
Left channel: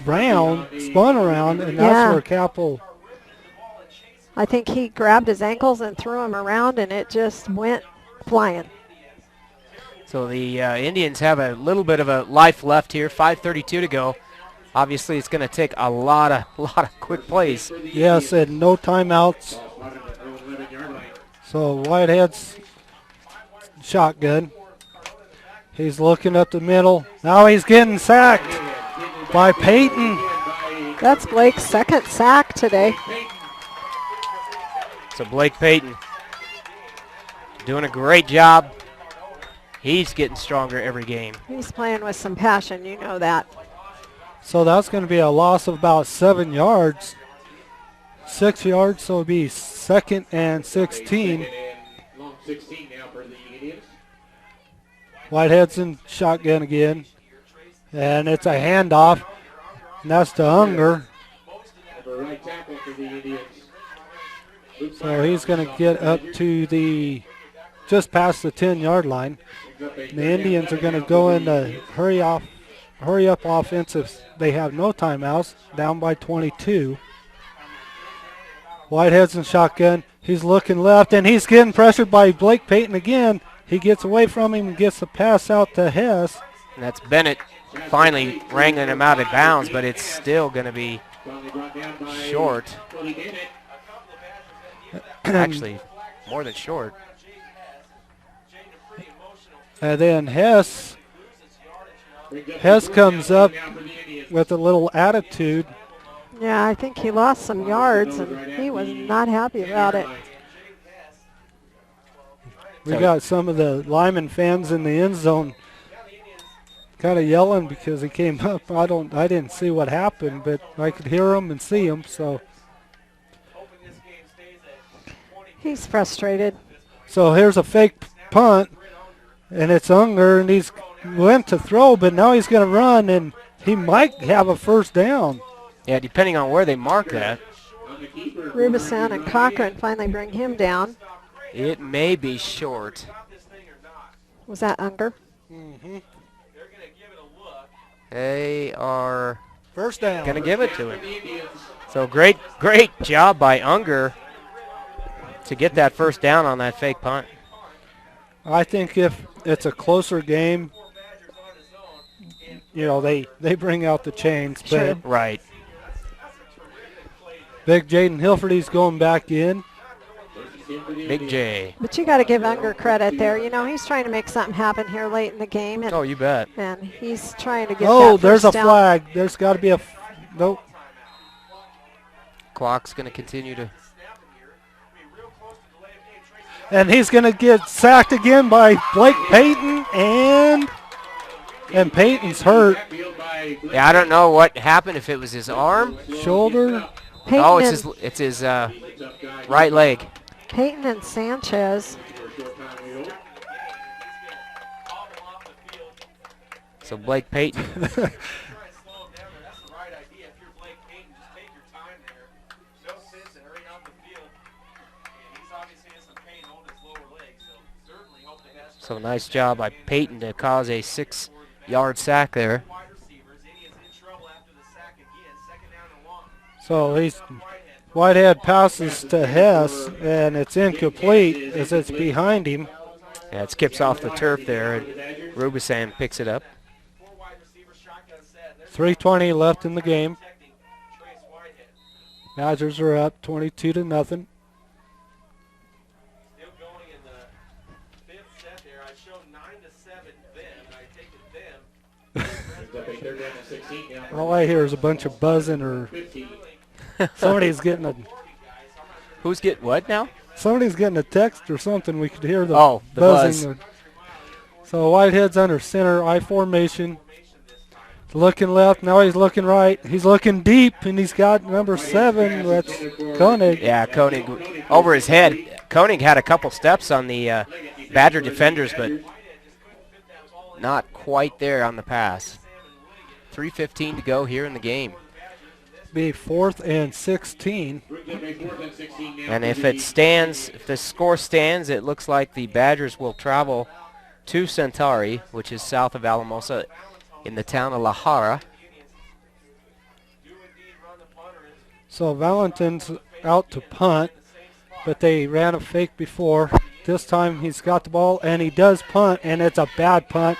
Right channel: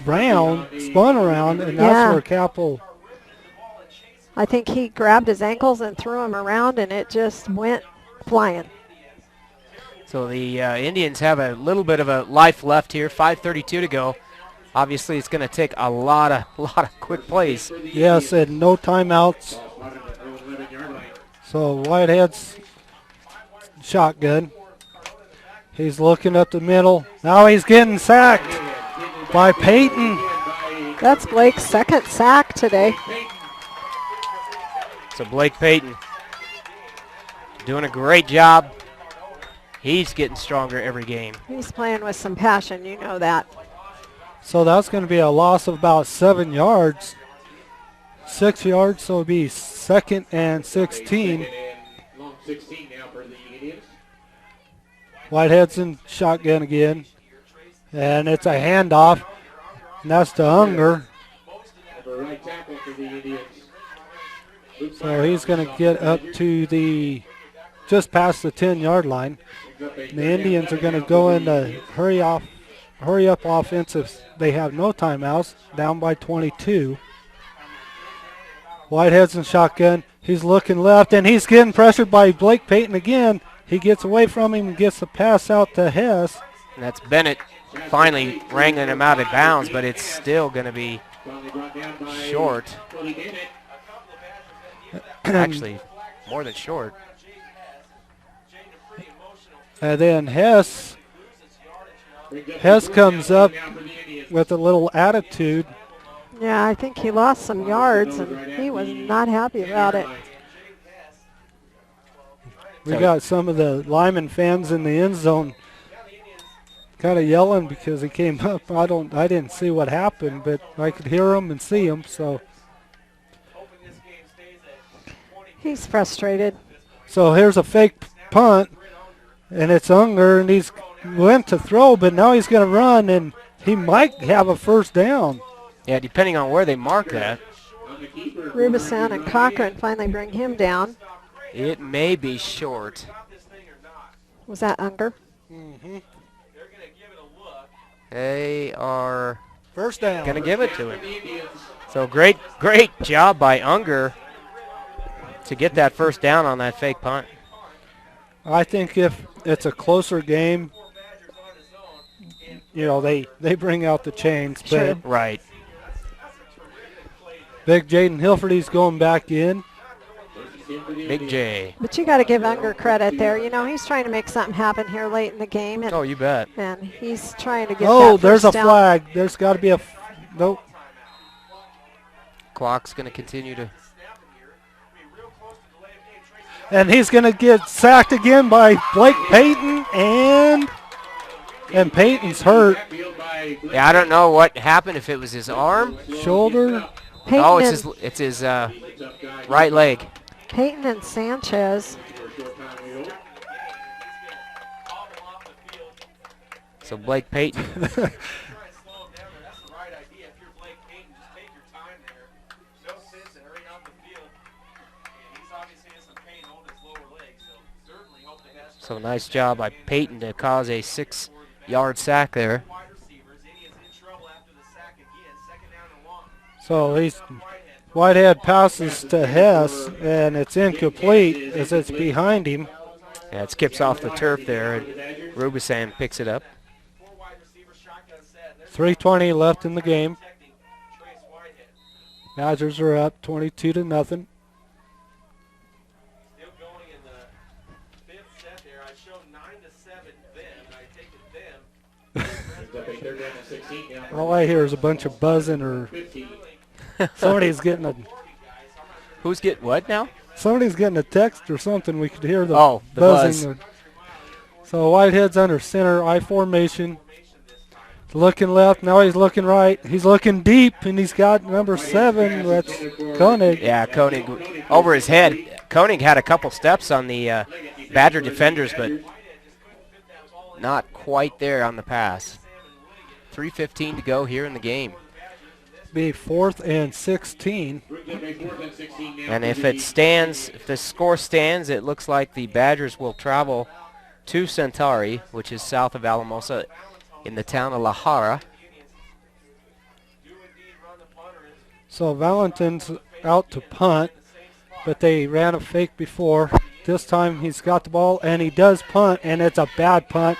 around, spun around, and that's where Capel. I think he grabbed his ankles and threw him around, and it just went flying. So the Indians have a little bit of a life left here. 5:32 to go. Obviously, it's going to take a lot of quick plays. Yes, and no timeouts. So Whitehead's shotgun. He's looking up the middle. Now he's getting sacked by Peyton. That's Blake's second sack today. So Blake Payton doing a great job. He's getting stronger every game. He's playing with some passion, you know that. So that's going to be a loss of about 7 yards. 6 yards, so it'll be 2nd and 16. Whitehead's in shotgun again. And it's a handoff. And that's to Unger. So he's going to get up to just past the 10-yard line. The Indians are going to go into hurry up offensive. They have no timeouts, down by 22. Whitehead's in shotgun. He's looking left, and he's getting pressured by Blake Payton again. He gets away from him and gets the pass out to Hess. And that's Bennett finally wrangling him out of bounds, but it's still going to be short. Actually, more than short. And then Hess comes up with a little attitude. Yeah, I think he lost some yards, and he was not happy about it. We got some of the Limon fans in the end zone kind of yelling because he came up. I didn't see what happened, but I could hear him and see him. So he's frustrated. So here's a fake punt, and it's Unger, and he's went to throw, but now he's going to run, and he might have a first down. Yeah, depending on where they mark that. Rubison and Cochran finally bring him down. It may be short. Was that Unger? Mm-hmm. They are first down. Going to give it to him. So great job by Unger to get that first down on that fake punt. I think if it's a closer game, they bring out the chains. Sure. Right. Big Jaden Hilferty's going back in. Big J. But you got to give Unger credit there. You know, he's trying to make something happen here late in the game. And, Oh, you bet. And he's trying to get Oh, that there's a first down. flag. There's got to be a nope. Clock's going to continue to. And he's going to get sacked again by Blake Payton, and Payton's hurt. Yeah, I don't know what happened, if it was his arm. Shoulder. Payton Oh, it's his right leg. Payton and Sanchez. So Blake Payton. So nice job by Payton to cause a 6-yard sack there. So Whitehead passes to Hess, and it's incomplete as it's behind him. Yeah, it skips off the turf there, and Rubisan picks it up. 3:20 left in the game. Badgers are up 22-0. All I hear is a bunch of buzzing, or somebody's getting a. Who's getting what now? Somebody's getting a text or something. We could hear the buzz. buzzing. So Whitehead's under center, I formation. Looking left, now he's looking right. He's looking deep, and he's got number 7. That's Koenig. Yeah, Koenig over his head. Koenig had a couple steps on the Badger defenders, but not quite there on the pass. 3:15 to go here in the game. Be 4th and 16. And if it stands, if the score stands, it looks like the Badgers will travel to Centauri, which is south of Alamosa in the town of La Jara. So Valentin's out to punt, but they ran a fake before. This time he's got the ball, and he does punt, and it's a bad punt.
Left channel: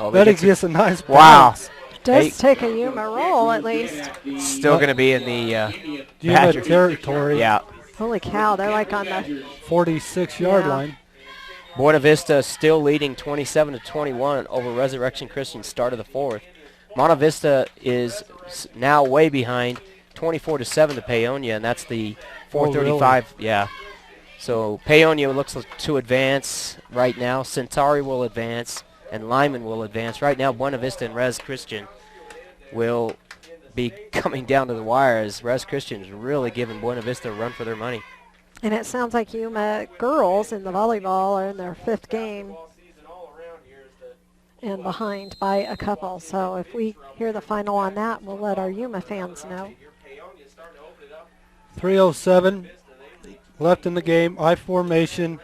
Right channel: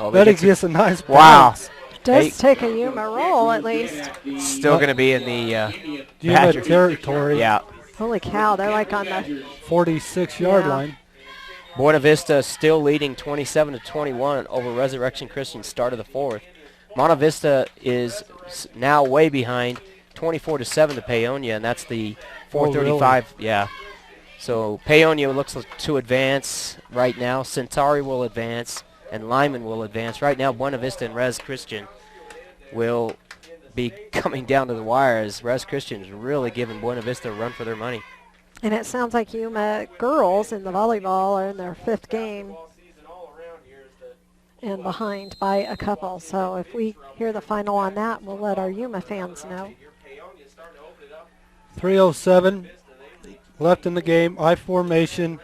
Oh, but he gets a nice Wow. bounce. Does take a Yuma roll at least. Still going to be in the Yuma territory. Yeah. Holy cow, they're like on the 46-yard line. Buena Vista still leading 27-21 over Resurrection Christian start of the 4th. Monte Vista is now way behind 24-7 to Paonia, and that's the 4:35. Really? Yeah. So Paonia looks to advance right now. Centauri will advance, and Limon will advance. Right now, Buena Vista and Res Christian will be coming down to the wire, as Res Christian is really giving Buena Vista a run for their money. And it sounds like Yuma girls in the volleyball are in their 5th game and behind by a couple. So if we hear the final on that, we'll let our Yuma fans know. 3:07 left in the game, I formation.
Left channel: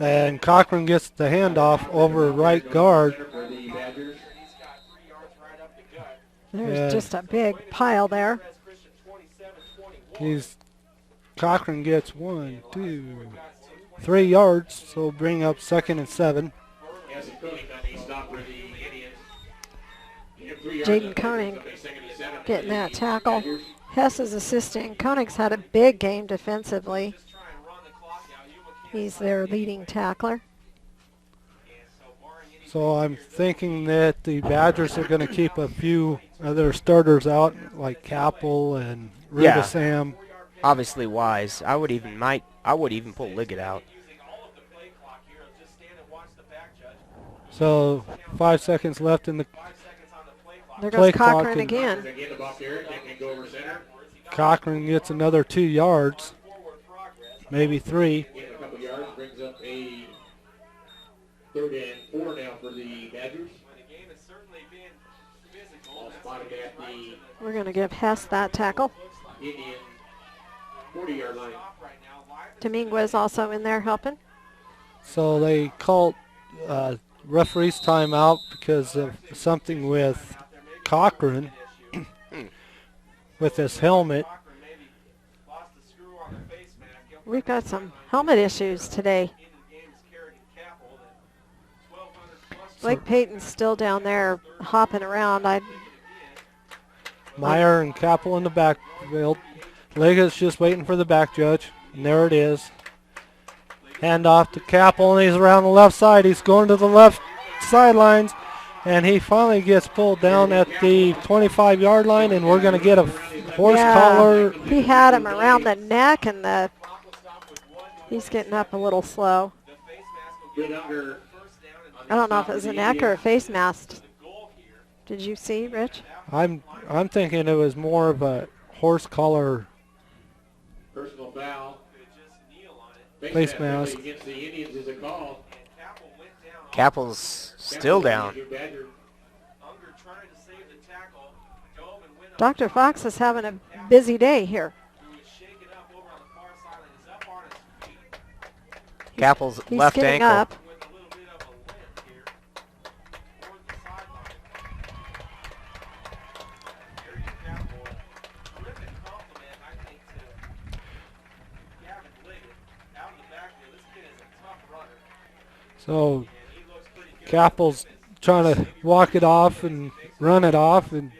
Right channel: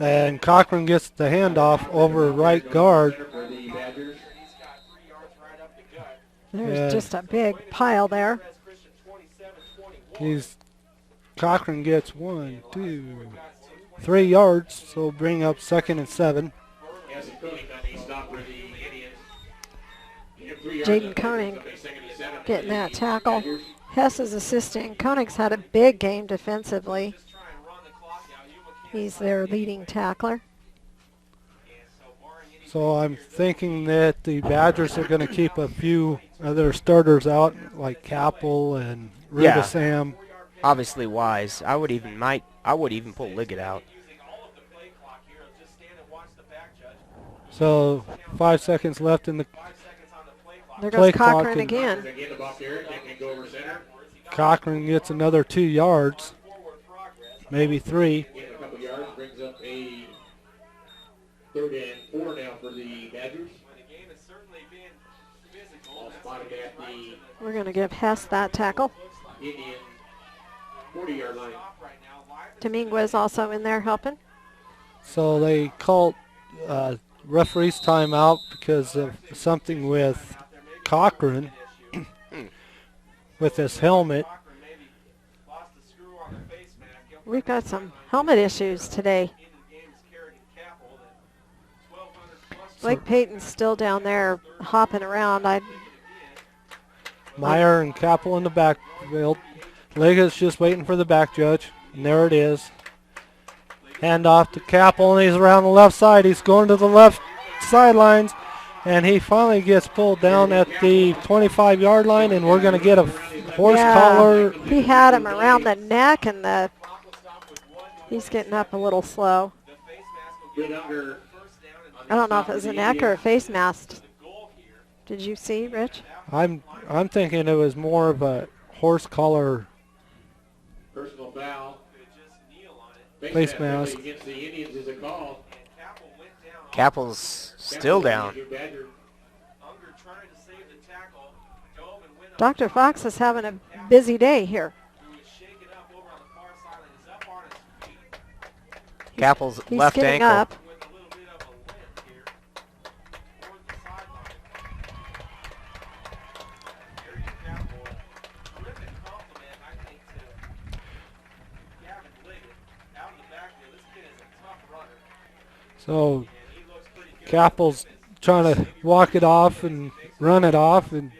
And Cochran gets the handoff over right guard. There's just a big pile there. Cochran gets 1, 2, 3 yards, so bring up 2nd and 7. Jaden Koenig getting that tackle. Hess is assisting. Koenig's had a big game defensively. He's their leading tackler. So I'm thinking that the Badgers are going to keep a few of their starters out, like Capel and Rubasam. Obviously wise. I would even pull Liggett out. So 5 seconds left in the there play goes clock. Cochran again. Cochran gets another 2 yards, maybe 3. Brings up a 3rd and 4 now for the Badgers. We're going to give Hess that tackle. Indian 40-yard line. Dominguez also in there helping. So they called referee's timeout because of something with Cochran with his helmet. We've got some helmet issues today. Blake Payton's still down there hopping around. Meyer and Capel in the backfield. Liggett's just waiting for the back judge, and there it is. Hand off to Capel, and he's around the left side. He's going to the left sidelines, and he finally gets pulled down at the 25-yard line, and we're going to get a horse collar. He had him around the neck, and he's getting up a little slow. I don't know if it was a neck or a face mask. Did you see, Rich? I'm thinking it was more of a horse collar Personal foul. face mask. Against the Indians is a call. Capel's still down. Dr. Fox is having a busy day here. Capel's He's left getting ankle. up. So Capel's trying to walk it off and run it off, and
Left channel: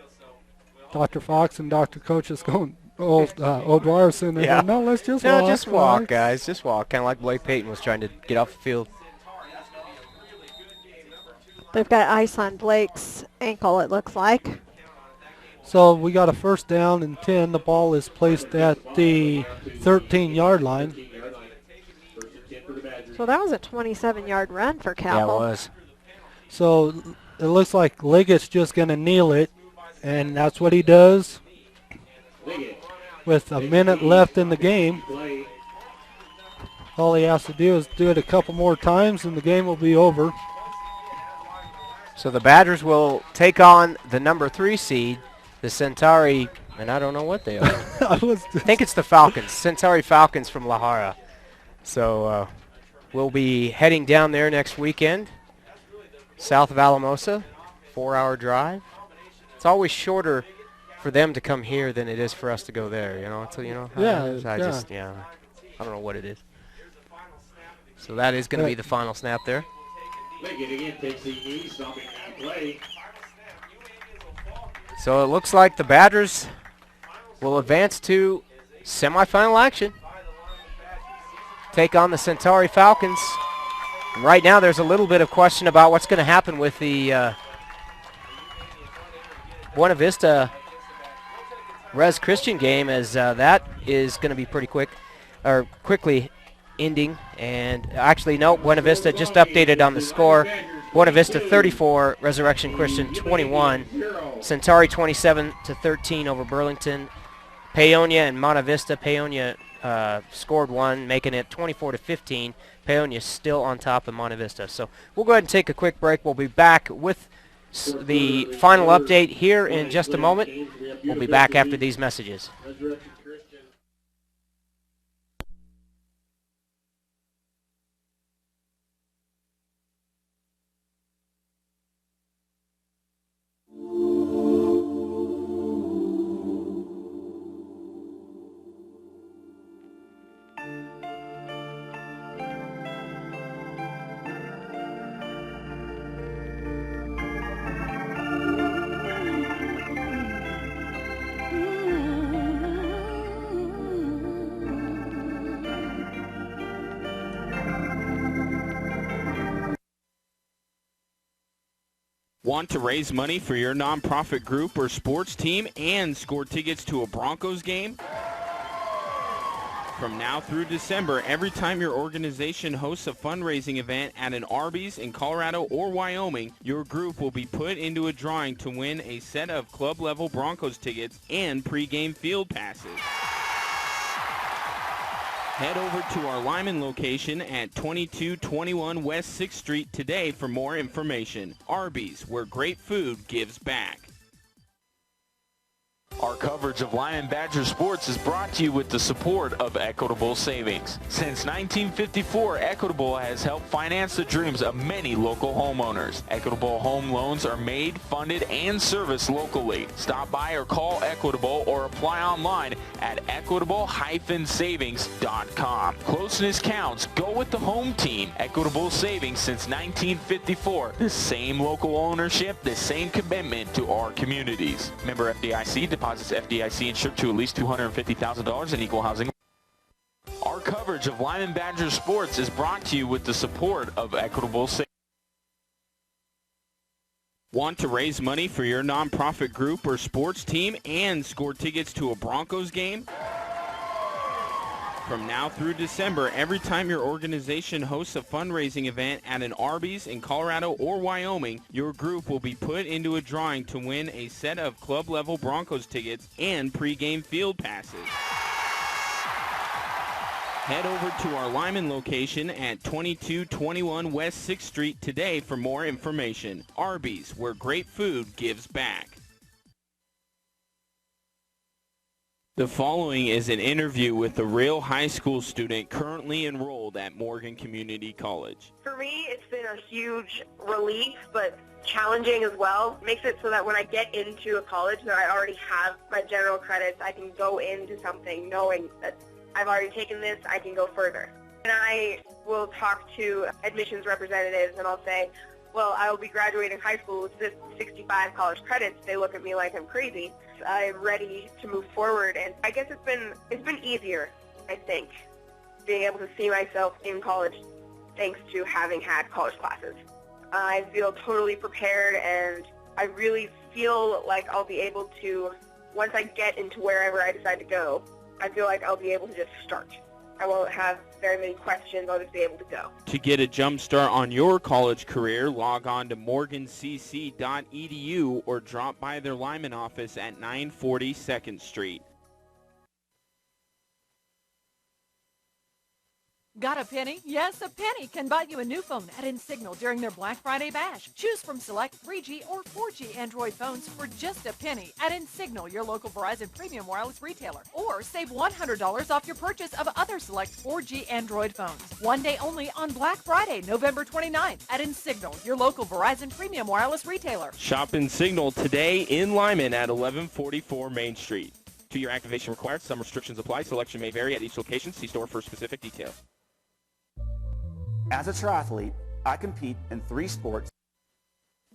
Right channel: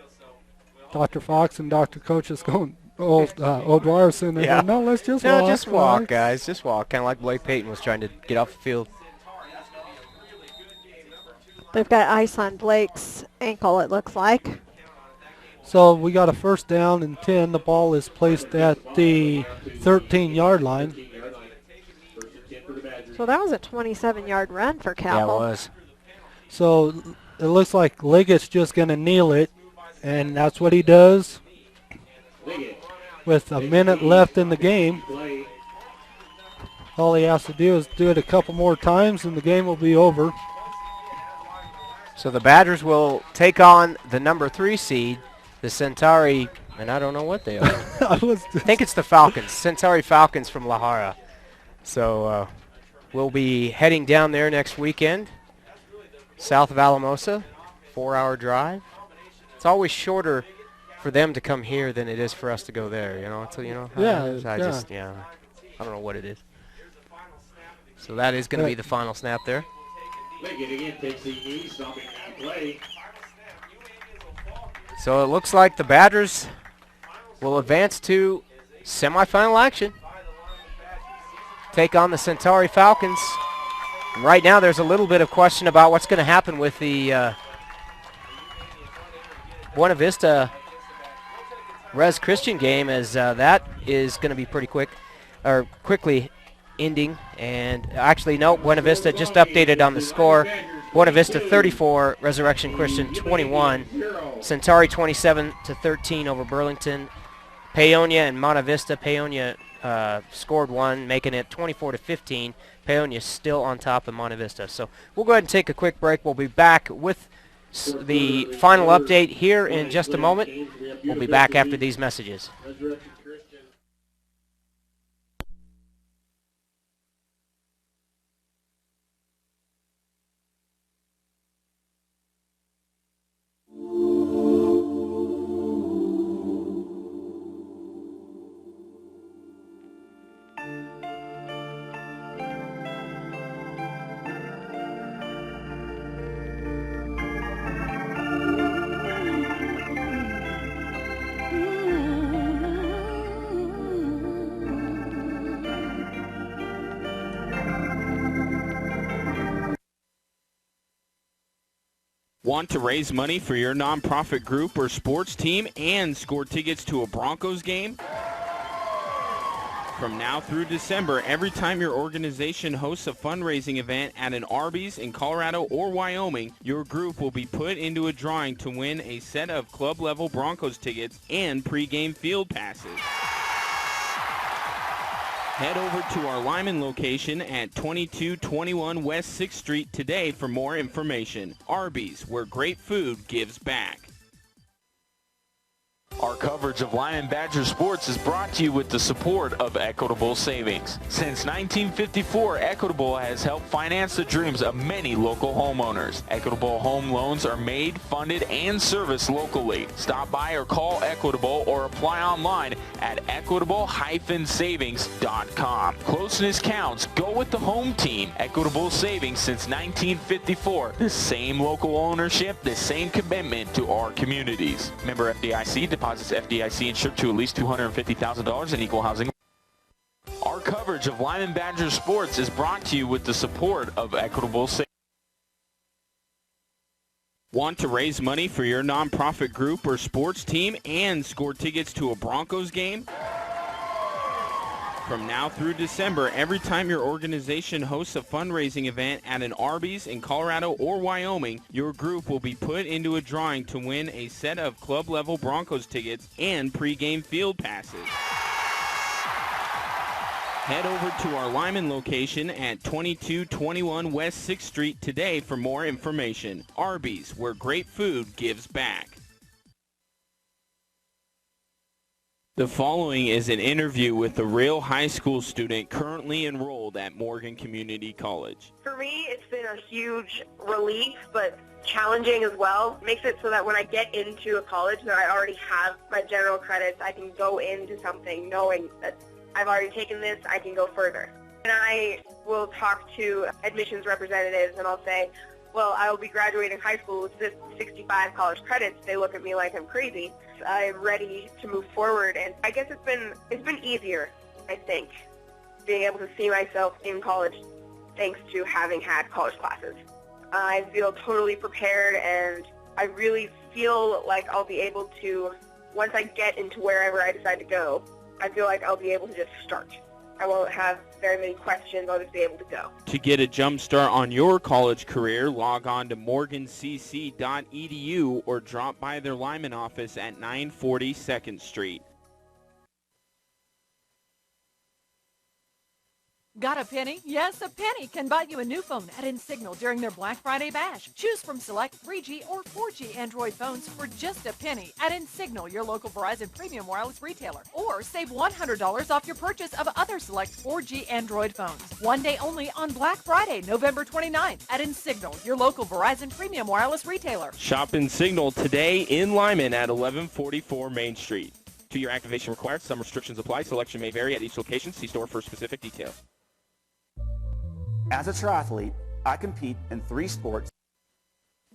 Dr. Fox and Dr. Coach is going, O'Dwyerson, Yeah. no, let's just No, walk. just walk, guys. Just walk. Kind of like Blake Payton was trying to get off the field. They've got ice on Blake's ankle, it looks like. So we got a first down and 10. The ball is placed at the 13-yard line. So that was a 27-yard run for Capel. Yeah, it was. So it looks like Liggett's just going to kneel it, and that's what he does. With a minute left in the game, all he has to do is do it a couple more times, and the game will be over. So the Badgers will take on the number 3 seed, the Centauri, and I don't know what they are. I think it's the Falcons, Centauri Falcons from La Jara. So we'll be heading down there next weekend, south of Alamosa, 4-hour drive. It's always shorter for them to come here than it is for us to go there, you know. So, you know, I don't know what it is. So that is going to be the final snap there. Again takes the knee, stopping that play. So it looks like the Badgers will advance to semifinal action. Take on the Centauri Falcons. Right now there's a little bit of question about what's going to happen with the Buena Vista Res Christian game, as that is going to be pretty quickly ending. And actually, no, Buena Vista just updated on the score. Buena Vista 34, Resurrection Christian 21. Centauri 27-13 over Burlington. Paonia and Monte Vista. Paonia scored one, making it 24-15. Paonia still on top of Monte Vista. So we'll go ahead and take a quick break. We'll be back with the final update here in just a moment. We'll be back after these messages. Want to raise money for your nonprofit group or sports team and score tickets to a Broncos game? From now through December, every time your organization hosts a fundraising event at an Arby's in Colorado or Wyoming, your group will be put into a drawing to win a set of club-level Broncos tickets and pregame field passes. Head over to our Limon location at 2221 West 6th Street today for more information. Arby's, where great food gives back. Our coverage of Limon Badger sports is brought to you with the support of Equitable Savings. Since 1954, Equitable has helped finance the dreams of many local homeowners. Equitable home loans are made, funded, and serviced locally. Stop by or call Equitable or apply online at equitable-savings.com. Closeness counts. Go with the home team. Equitable Savings since 1954. The same local ownership, the same commitment to our communities. Member FDIC, deposit deposits FDIC insured to at least $250,000 in equal housing. Our coverage of Limon Badgers sports is brought to you with the support of Equitable Savings. Want to raise money for your nonprofit group or sports team and score tickets to a Broncos game? From now through December, every time your organization hosts a fundraising event at an Arby's in Colorado or Wyoming, your group will be put into a drawing to win a set of club-level Broncos tickets and pregame field passes. Head over to our Limon location at 2221 West 6th Street today for more information. Arby's, where great food gives back. The following is an interview with a real high school student currently enrolled at Morgan Community College. For me, it's been a huge relief, but challenging as well. Makes it so that when I get into a college that I already have my general credits, I can go into something knowing that I've already taken this, I can go further. And I will talk to admissions representatives and I'll say, well, I will be graduating high school with 65 college credits. They look at me like I'm crazy. I'm ready to move forward, and I guess it's been easier, I think, being able to see myself in college thanks to having had college classes. I feel totally prepared, and I really feel like I'll be able to, once I get into wherever I decide to go, I feel like I'll be able to just start. I won't have very many questions. I'll just be able to go. To get a jump start on your college career, log on to morgancc.edu or drop by their Limon office at 940 2nd Street. Got a penny? Yes, a penny can buy you a new phone at InSignal during their Black Friday bash. Choose from select 3G or 4G Android phones for just a penny at InSignal, your local Verizon premium wireless retailer. Or save $100 off your purchase of other select 4G Android phones. One day only on Black Friday, November 29th at InSignal, your local Verizon premium wireless retailer. Shop InSignal today in Limon at 1144 Main Street. 2-year activation required. Some restrictions apply. Selection may vary at each location. See store for specific details. As a triathlete, I compete in 3 sports.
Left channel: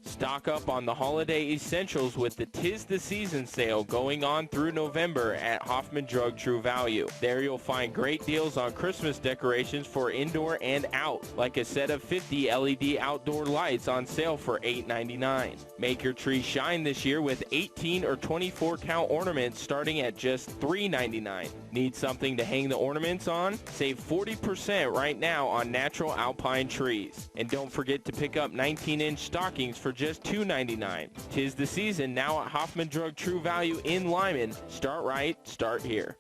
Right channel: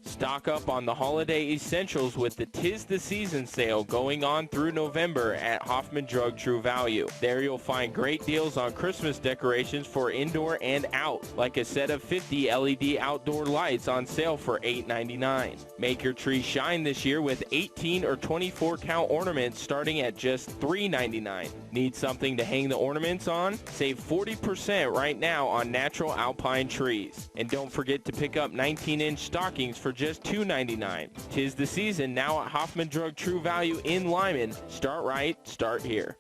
Stock up on the holiday essentials with the 'Tis the Season sale going on through November at Hoffman Drug True Value. There you'll find great deals on Christmas decorations for indoor and out, like a set of 50 LED outdoor lights on sale for $8.99. Make your tree shine this year with 18 or 24 count ornaments starting at just $3.99. Need something to hang the ornaments on? Save 40% right now on natural alpine trees. And don't forget to pick up 19-inch stockings for just $2.99. 'Tis the season now at Hoffman Drug True Value in Limon. Start right, start here.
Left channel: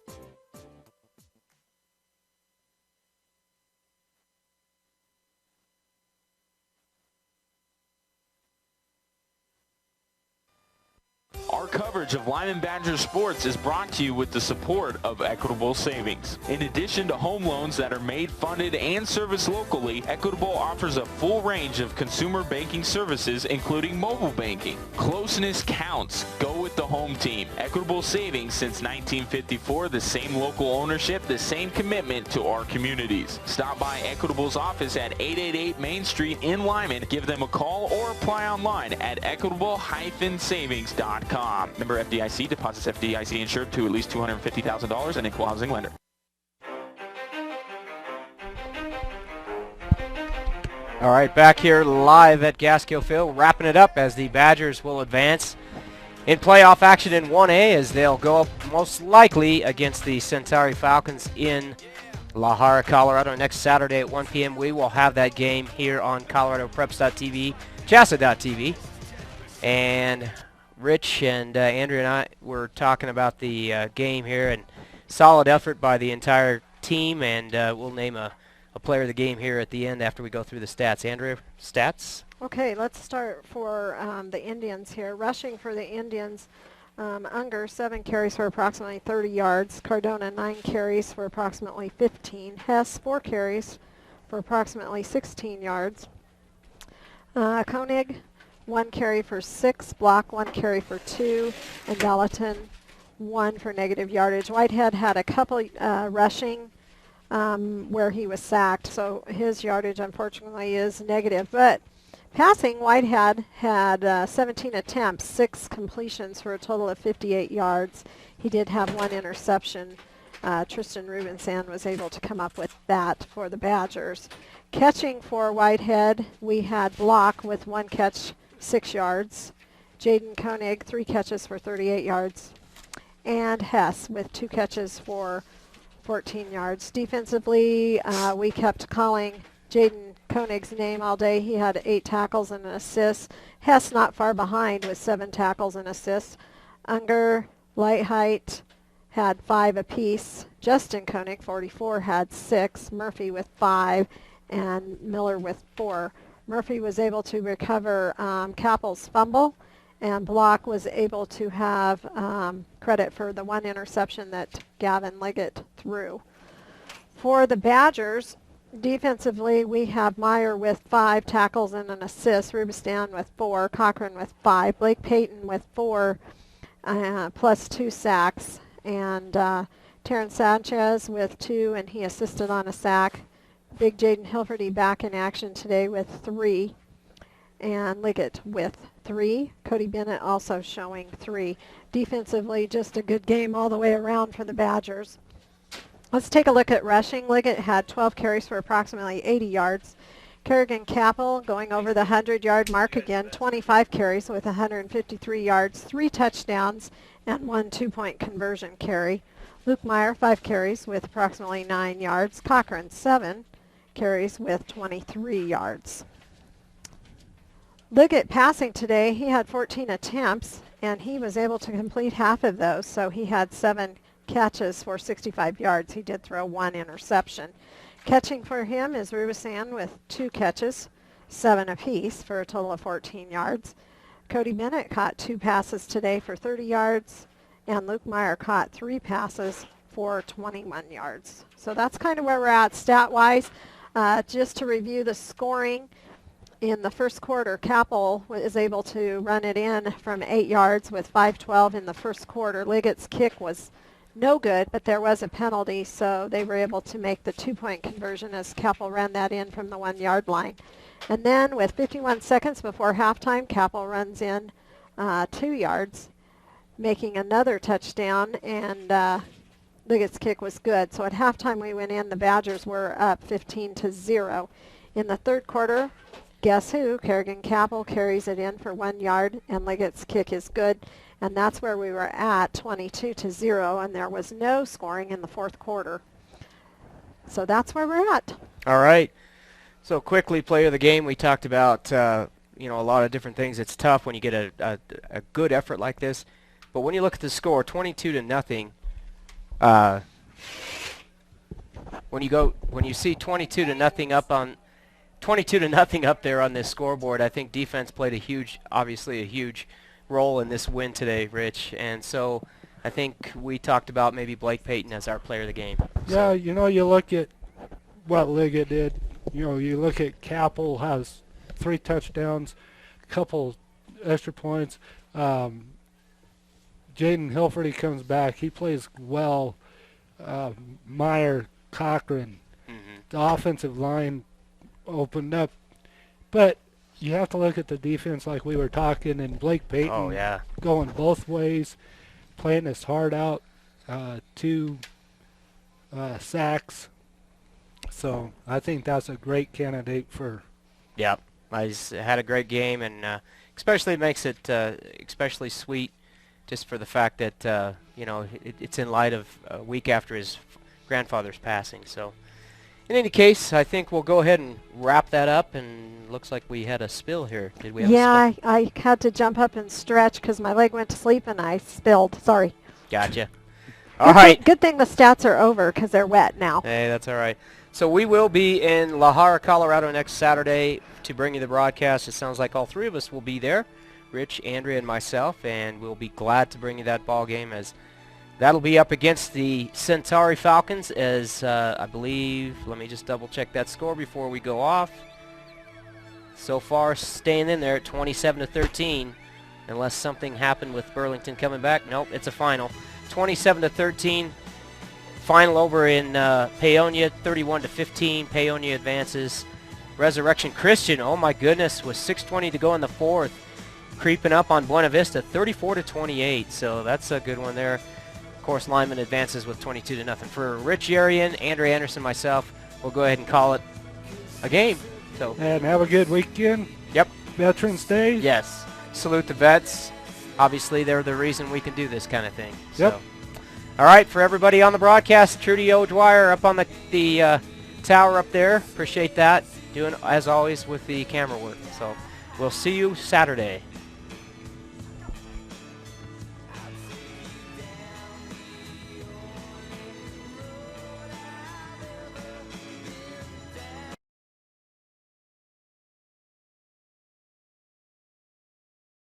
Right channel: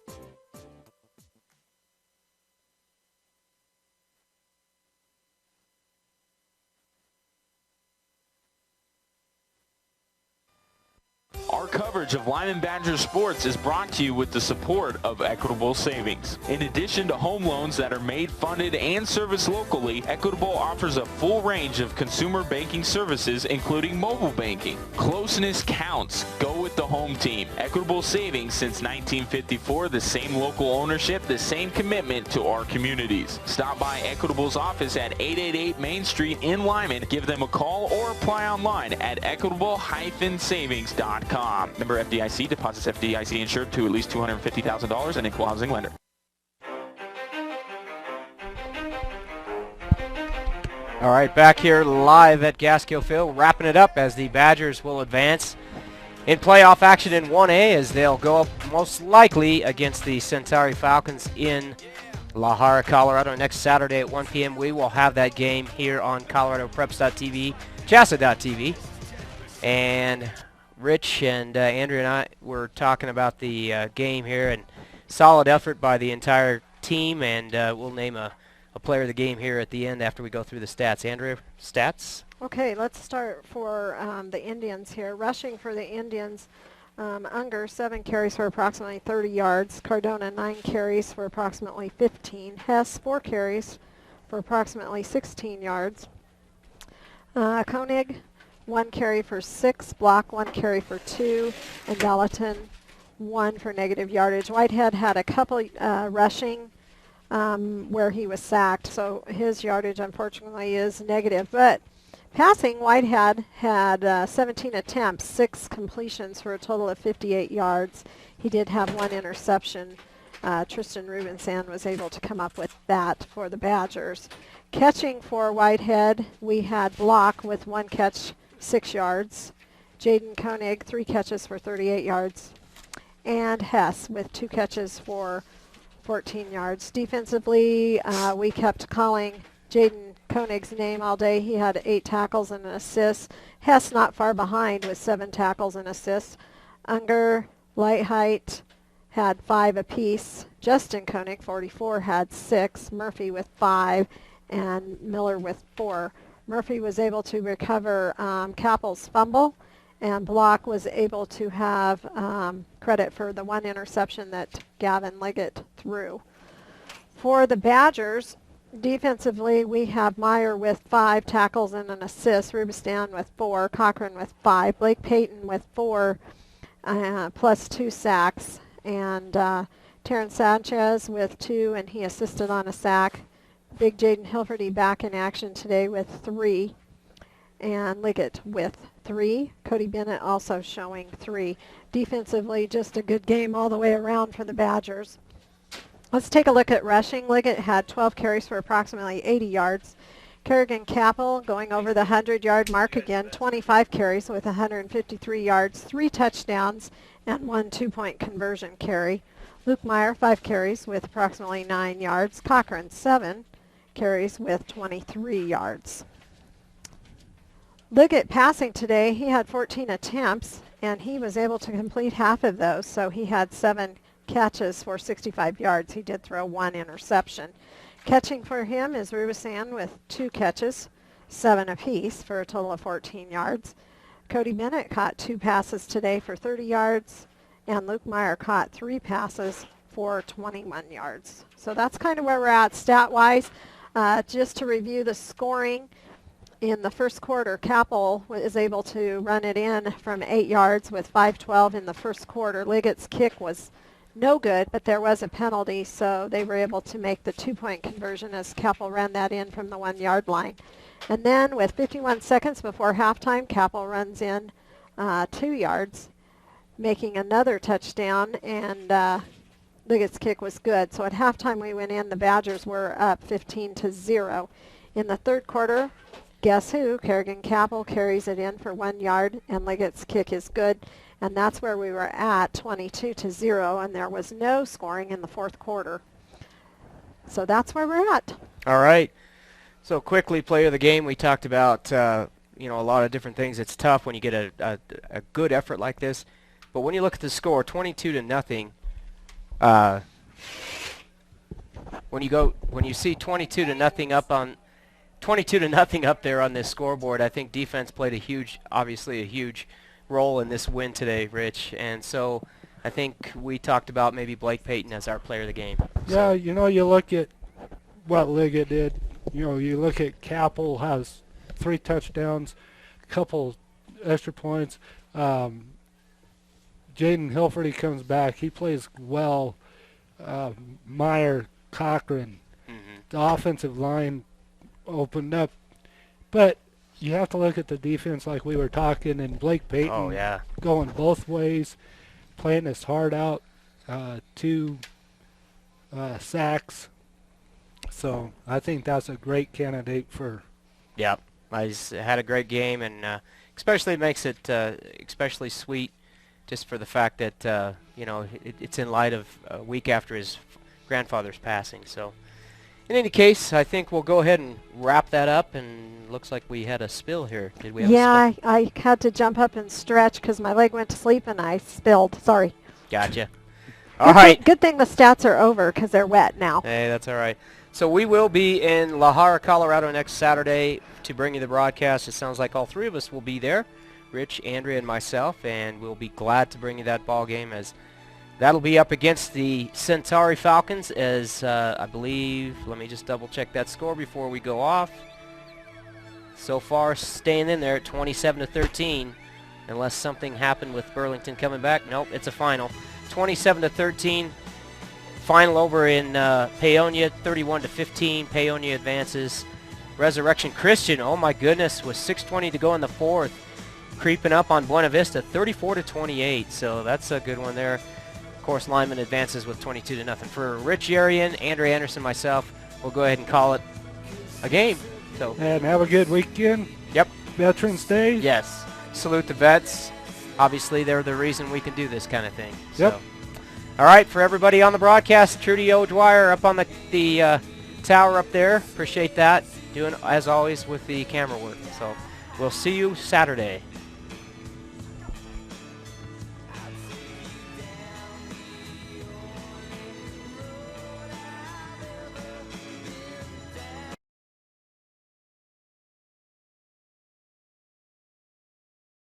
Our coverage of Limon Badgers sports is brought to you with the support of Equitable Savings. In addition to home loans that are made, funded, and serviced locally, Equitable offers a full range of consumer banking services, including mobile banking. Closeness counts. Go with the home team. Equitable Savings since 1954, the same local ownership, the same commitment to our communities. Stop by Equitable's office at 888 Main Street in Limon. Give them a call or apply online at equitable-savings.com. Member FDIC, deposits FDIC insured to at least $250,000 and equal housing lender. All right, back here live at Gaskill Field, wrapping it up as the Badgers will advance in playoff action in 1A as they'll go up most likely against the Centauri Falcons in La Jara, Colorado. Next Saturday at 1 p.m. we will have that game here on ColoradoPreps.tv, Chassa.tv. And Rich and Andrea and I were talking about the game here, and solid effort by the entire team, and we'll name a player of the game here at the end after we go through the stats. Andrea, stats? Okay, let's start for the Indians here. Rushing for the Indians, Unger, 7 carries for approximately 30 yards. Cardona, 9 carries for approximately 15. Hess, 4 carries for approximately 16 yards. Koenig, 1 carry for 6, Block 1 carry for 2, and Gallatin 1 for negative yardage. Whitehead had a couple rushing where he was sacked, so his yardage unfortunately is negative. But Passing, Whitehead had 17 attempts, 6 completions for a total of 58 yards. He did have 1 interception. Tristan Rubensan was able to come up with that for the Badgers. Catching for Whitehead, we had Block with 1 catch, 6 yards. Jaden Koenig, 3 catches for 38 yards. And Hess with 2 catches for 14 yards. Defensively, we kept calling Jaden Koenig's name all day. He had 8 tackles and an assist. Hess not far behind with 7 tackles and assists. Unger, Lightheight had 5 apiece. Justin Koenig, 44, had 6. Murphy with 5 and Miller with 4. Murphy was able to recover Kappel's fumble, and Block was able to have credit for the 1 interception that Gavin Liggett threw. For the Badgers, defensively, we have Meyer with 5 tackles and an assist, Rubistan with 4, Cochran with 5, Blake Payton with 4, plus 2 sacks, and Terrence Sanchez with 2, and he assisted on a sack. Big Jaden Hilferty back in action today with 3, and Liggett with 3. Cody Bennett also showing 3. Defensively, just a good game all the way around for the Badgers. Let's take a look at rushing. Liggett had 12 carries for approximately 80 yards. Kerrigan Kappel going over the 100-yard mark again, 25 carries with 153 yards, 3 touchdowns, and 1 2-point conversion carry. Luke Meyer, 5 carries with approximately 9 yards. Cochran, 7 carries with 23 yards. Liggett passing today, he had 14 attempts, and he was able to complete half of those, so he had 7 catches for 65 yards. He did throw 1 interception. Catching for him is Rubisan with 2 catches, 7 apiece for a total of 14 yards. Cody Bennett caught 2 passes today for 30 yards, and Luke Meyer caught 3 passes for 21 yards. So that's kind of where we're at stat-wise. Just to review the scoring, in the first quarter, Kappel is able to run it in from 8 yards with 5:12 in the first quarter. Liggett's kick was no good, but there was a penalty, so they were able to make the 2-point conversion as Kappel ran that in from the 1-yard line. And then with 51 seconds before halftime, Kappel runs in 2 yards, making another touchdown, and Liggett's kick was good. So at halftime we went in, the Badgers were up 15-0. In the third quarter, guess who? Kerrigan Kappel carries it in for 1 yard, and Liggett's kick is good. And that's where we were at, 22-0, and there was no scoring in the fourth quarter. So that's where we're at. All right. So quickly, player of the game, we talked about a lot of different things. It's tough when you get a good effort like this. But when you look at the score, 22-0, when you see 22-0 up on 22-0 up there on this scoreboard, I think defense played obviously a huge role in this win today, Rich. And so I think we talked about maybe Blake Payton as our player of the game. Yeah, you look at what Liggett did. You look at Kappel has 3 touchdowns, a couple extra points. Jaden Hilferty comes back. He plays well. Meyer, Cochran, the offensive line opened up. But you have to look at the defense like we were talking, and Blake Payton going both ways, playing his heart out, 2 sacks. So I think that's a great candidate for. Yep, he's had a great game, and especially makes it especially sweet just for the fact that it's in light of a week after his grandfather's passing. So in any case, I think we'll go ahead and wrap that up, and looks like we had a spill here. Did we have a spill? I had to jump up and stretch because my leg went to sleep and I spilled. Sorry. Gotcha. All right. Good thing the stats are over because they're wet now. Hey, that's all right. So we will be in La Jara, Colorado next Saturday to bring you the broadcast. It sounds like all 3 of us will be there, Rich, Andrea, and myself, and we'll be glad to bring you that ball game, as that'll be up against the Centauri Falcons, as I believe, let me just double check that score before we go off. So far, staying in there at 27-13, unless something happened with Burlington coming back. Nope, it's a final. 27-13, final over in Paonia, 31-15. Paonia advances. Resurrection Christian, oh my goodness, with 6:20 to go in the fourth, creeping up on Buena Vista, 34-28. So that's a good one there. Of course, Limon advances with 22-0. For Rich Yarian, Andre Anderson, myself, we'll go ahead and call it a game. So and have a good weekend. Yep. Veterans Day. Yes. Salute the vets. Obviously, they're the reason we can do this kind of thing. Yep. So. All right, for everybody on the broadcast, Trudy O'Dwyer up on the tower up there. Appreciate that. Doing, as always, with the camera work. So we'll see you Saturday.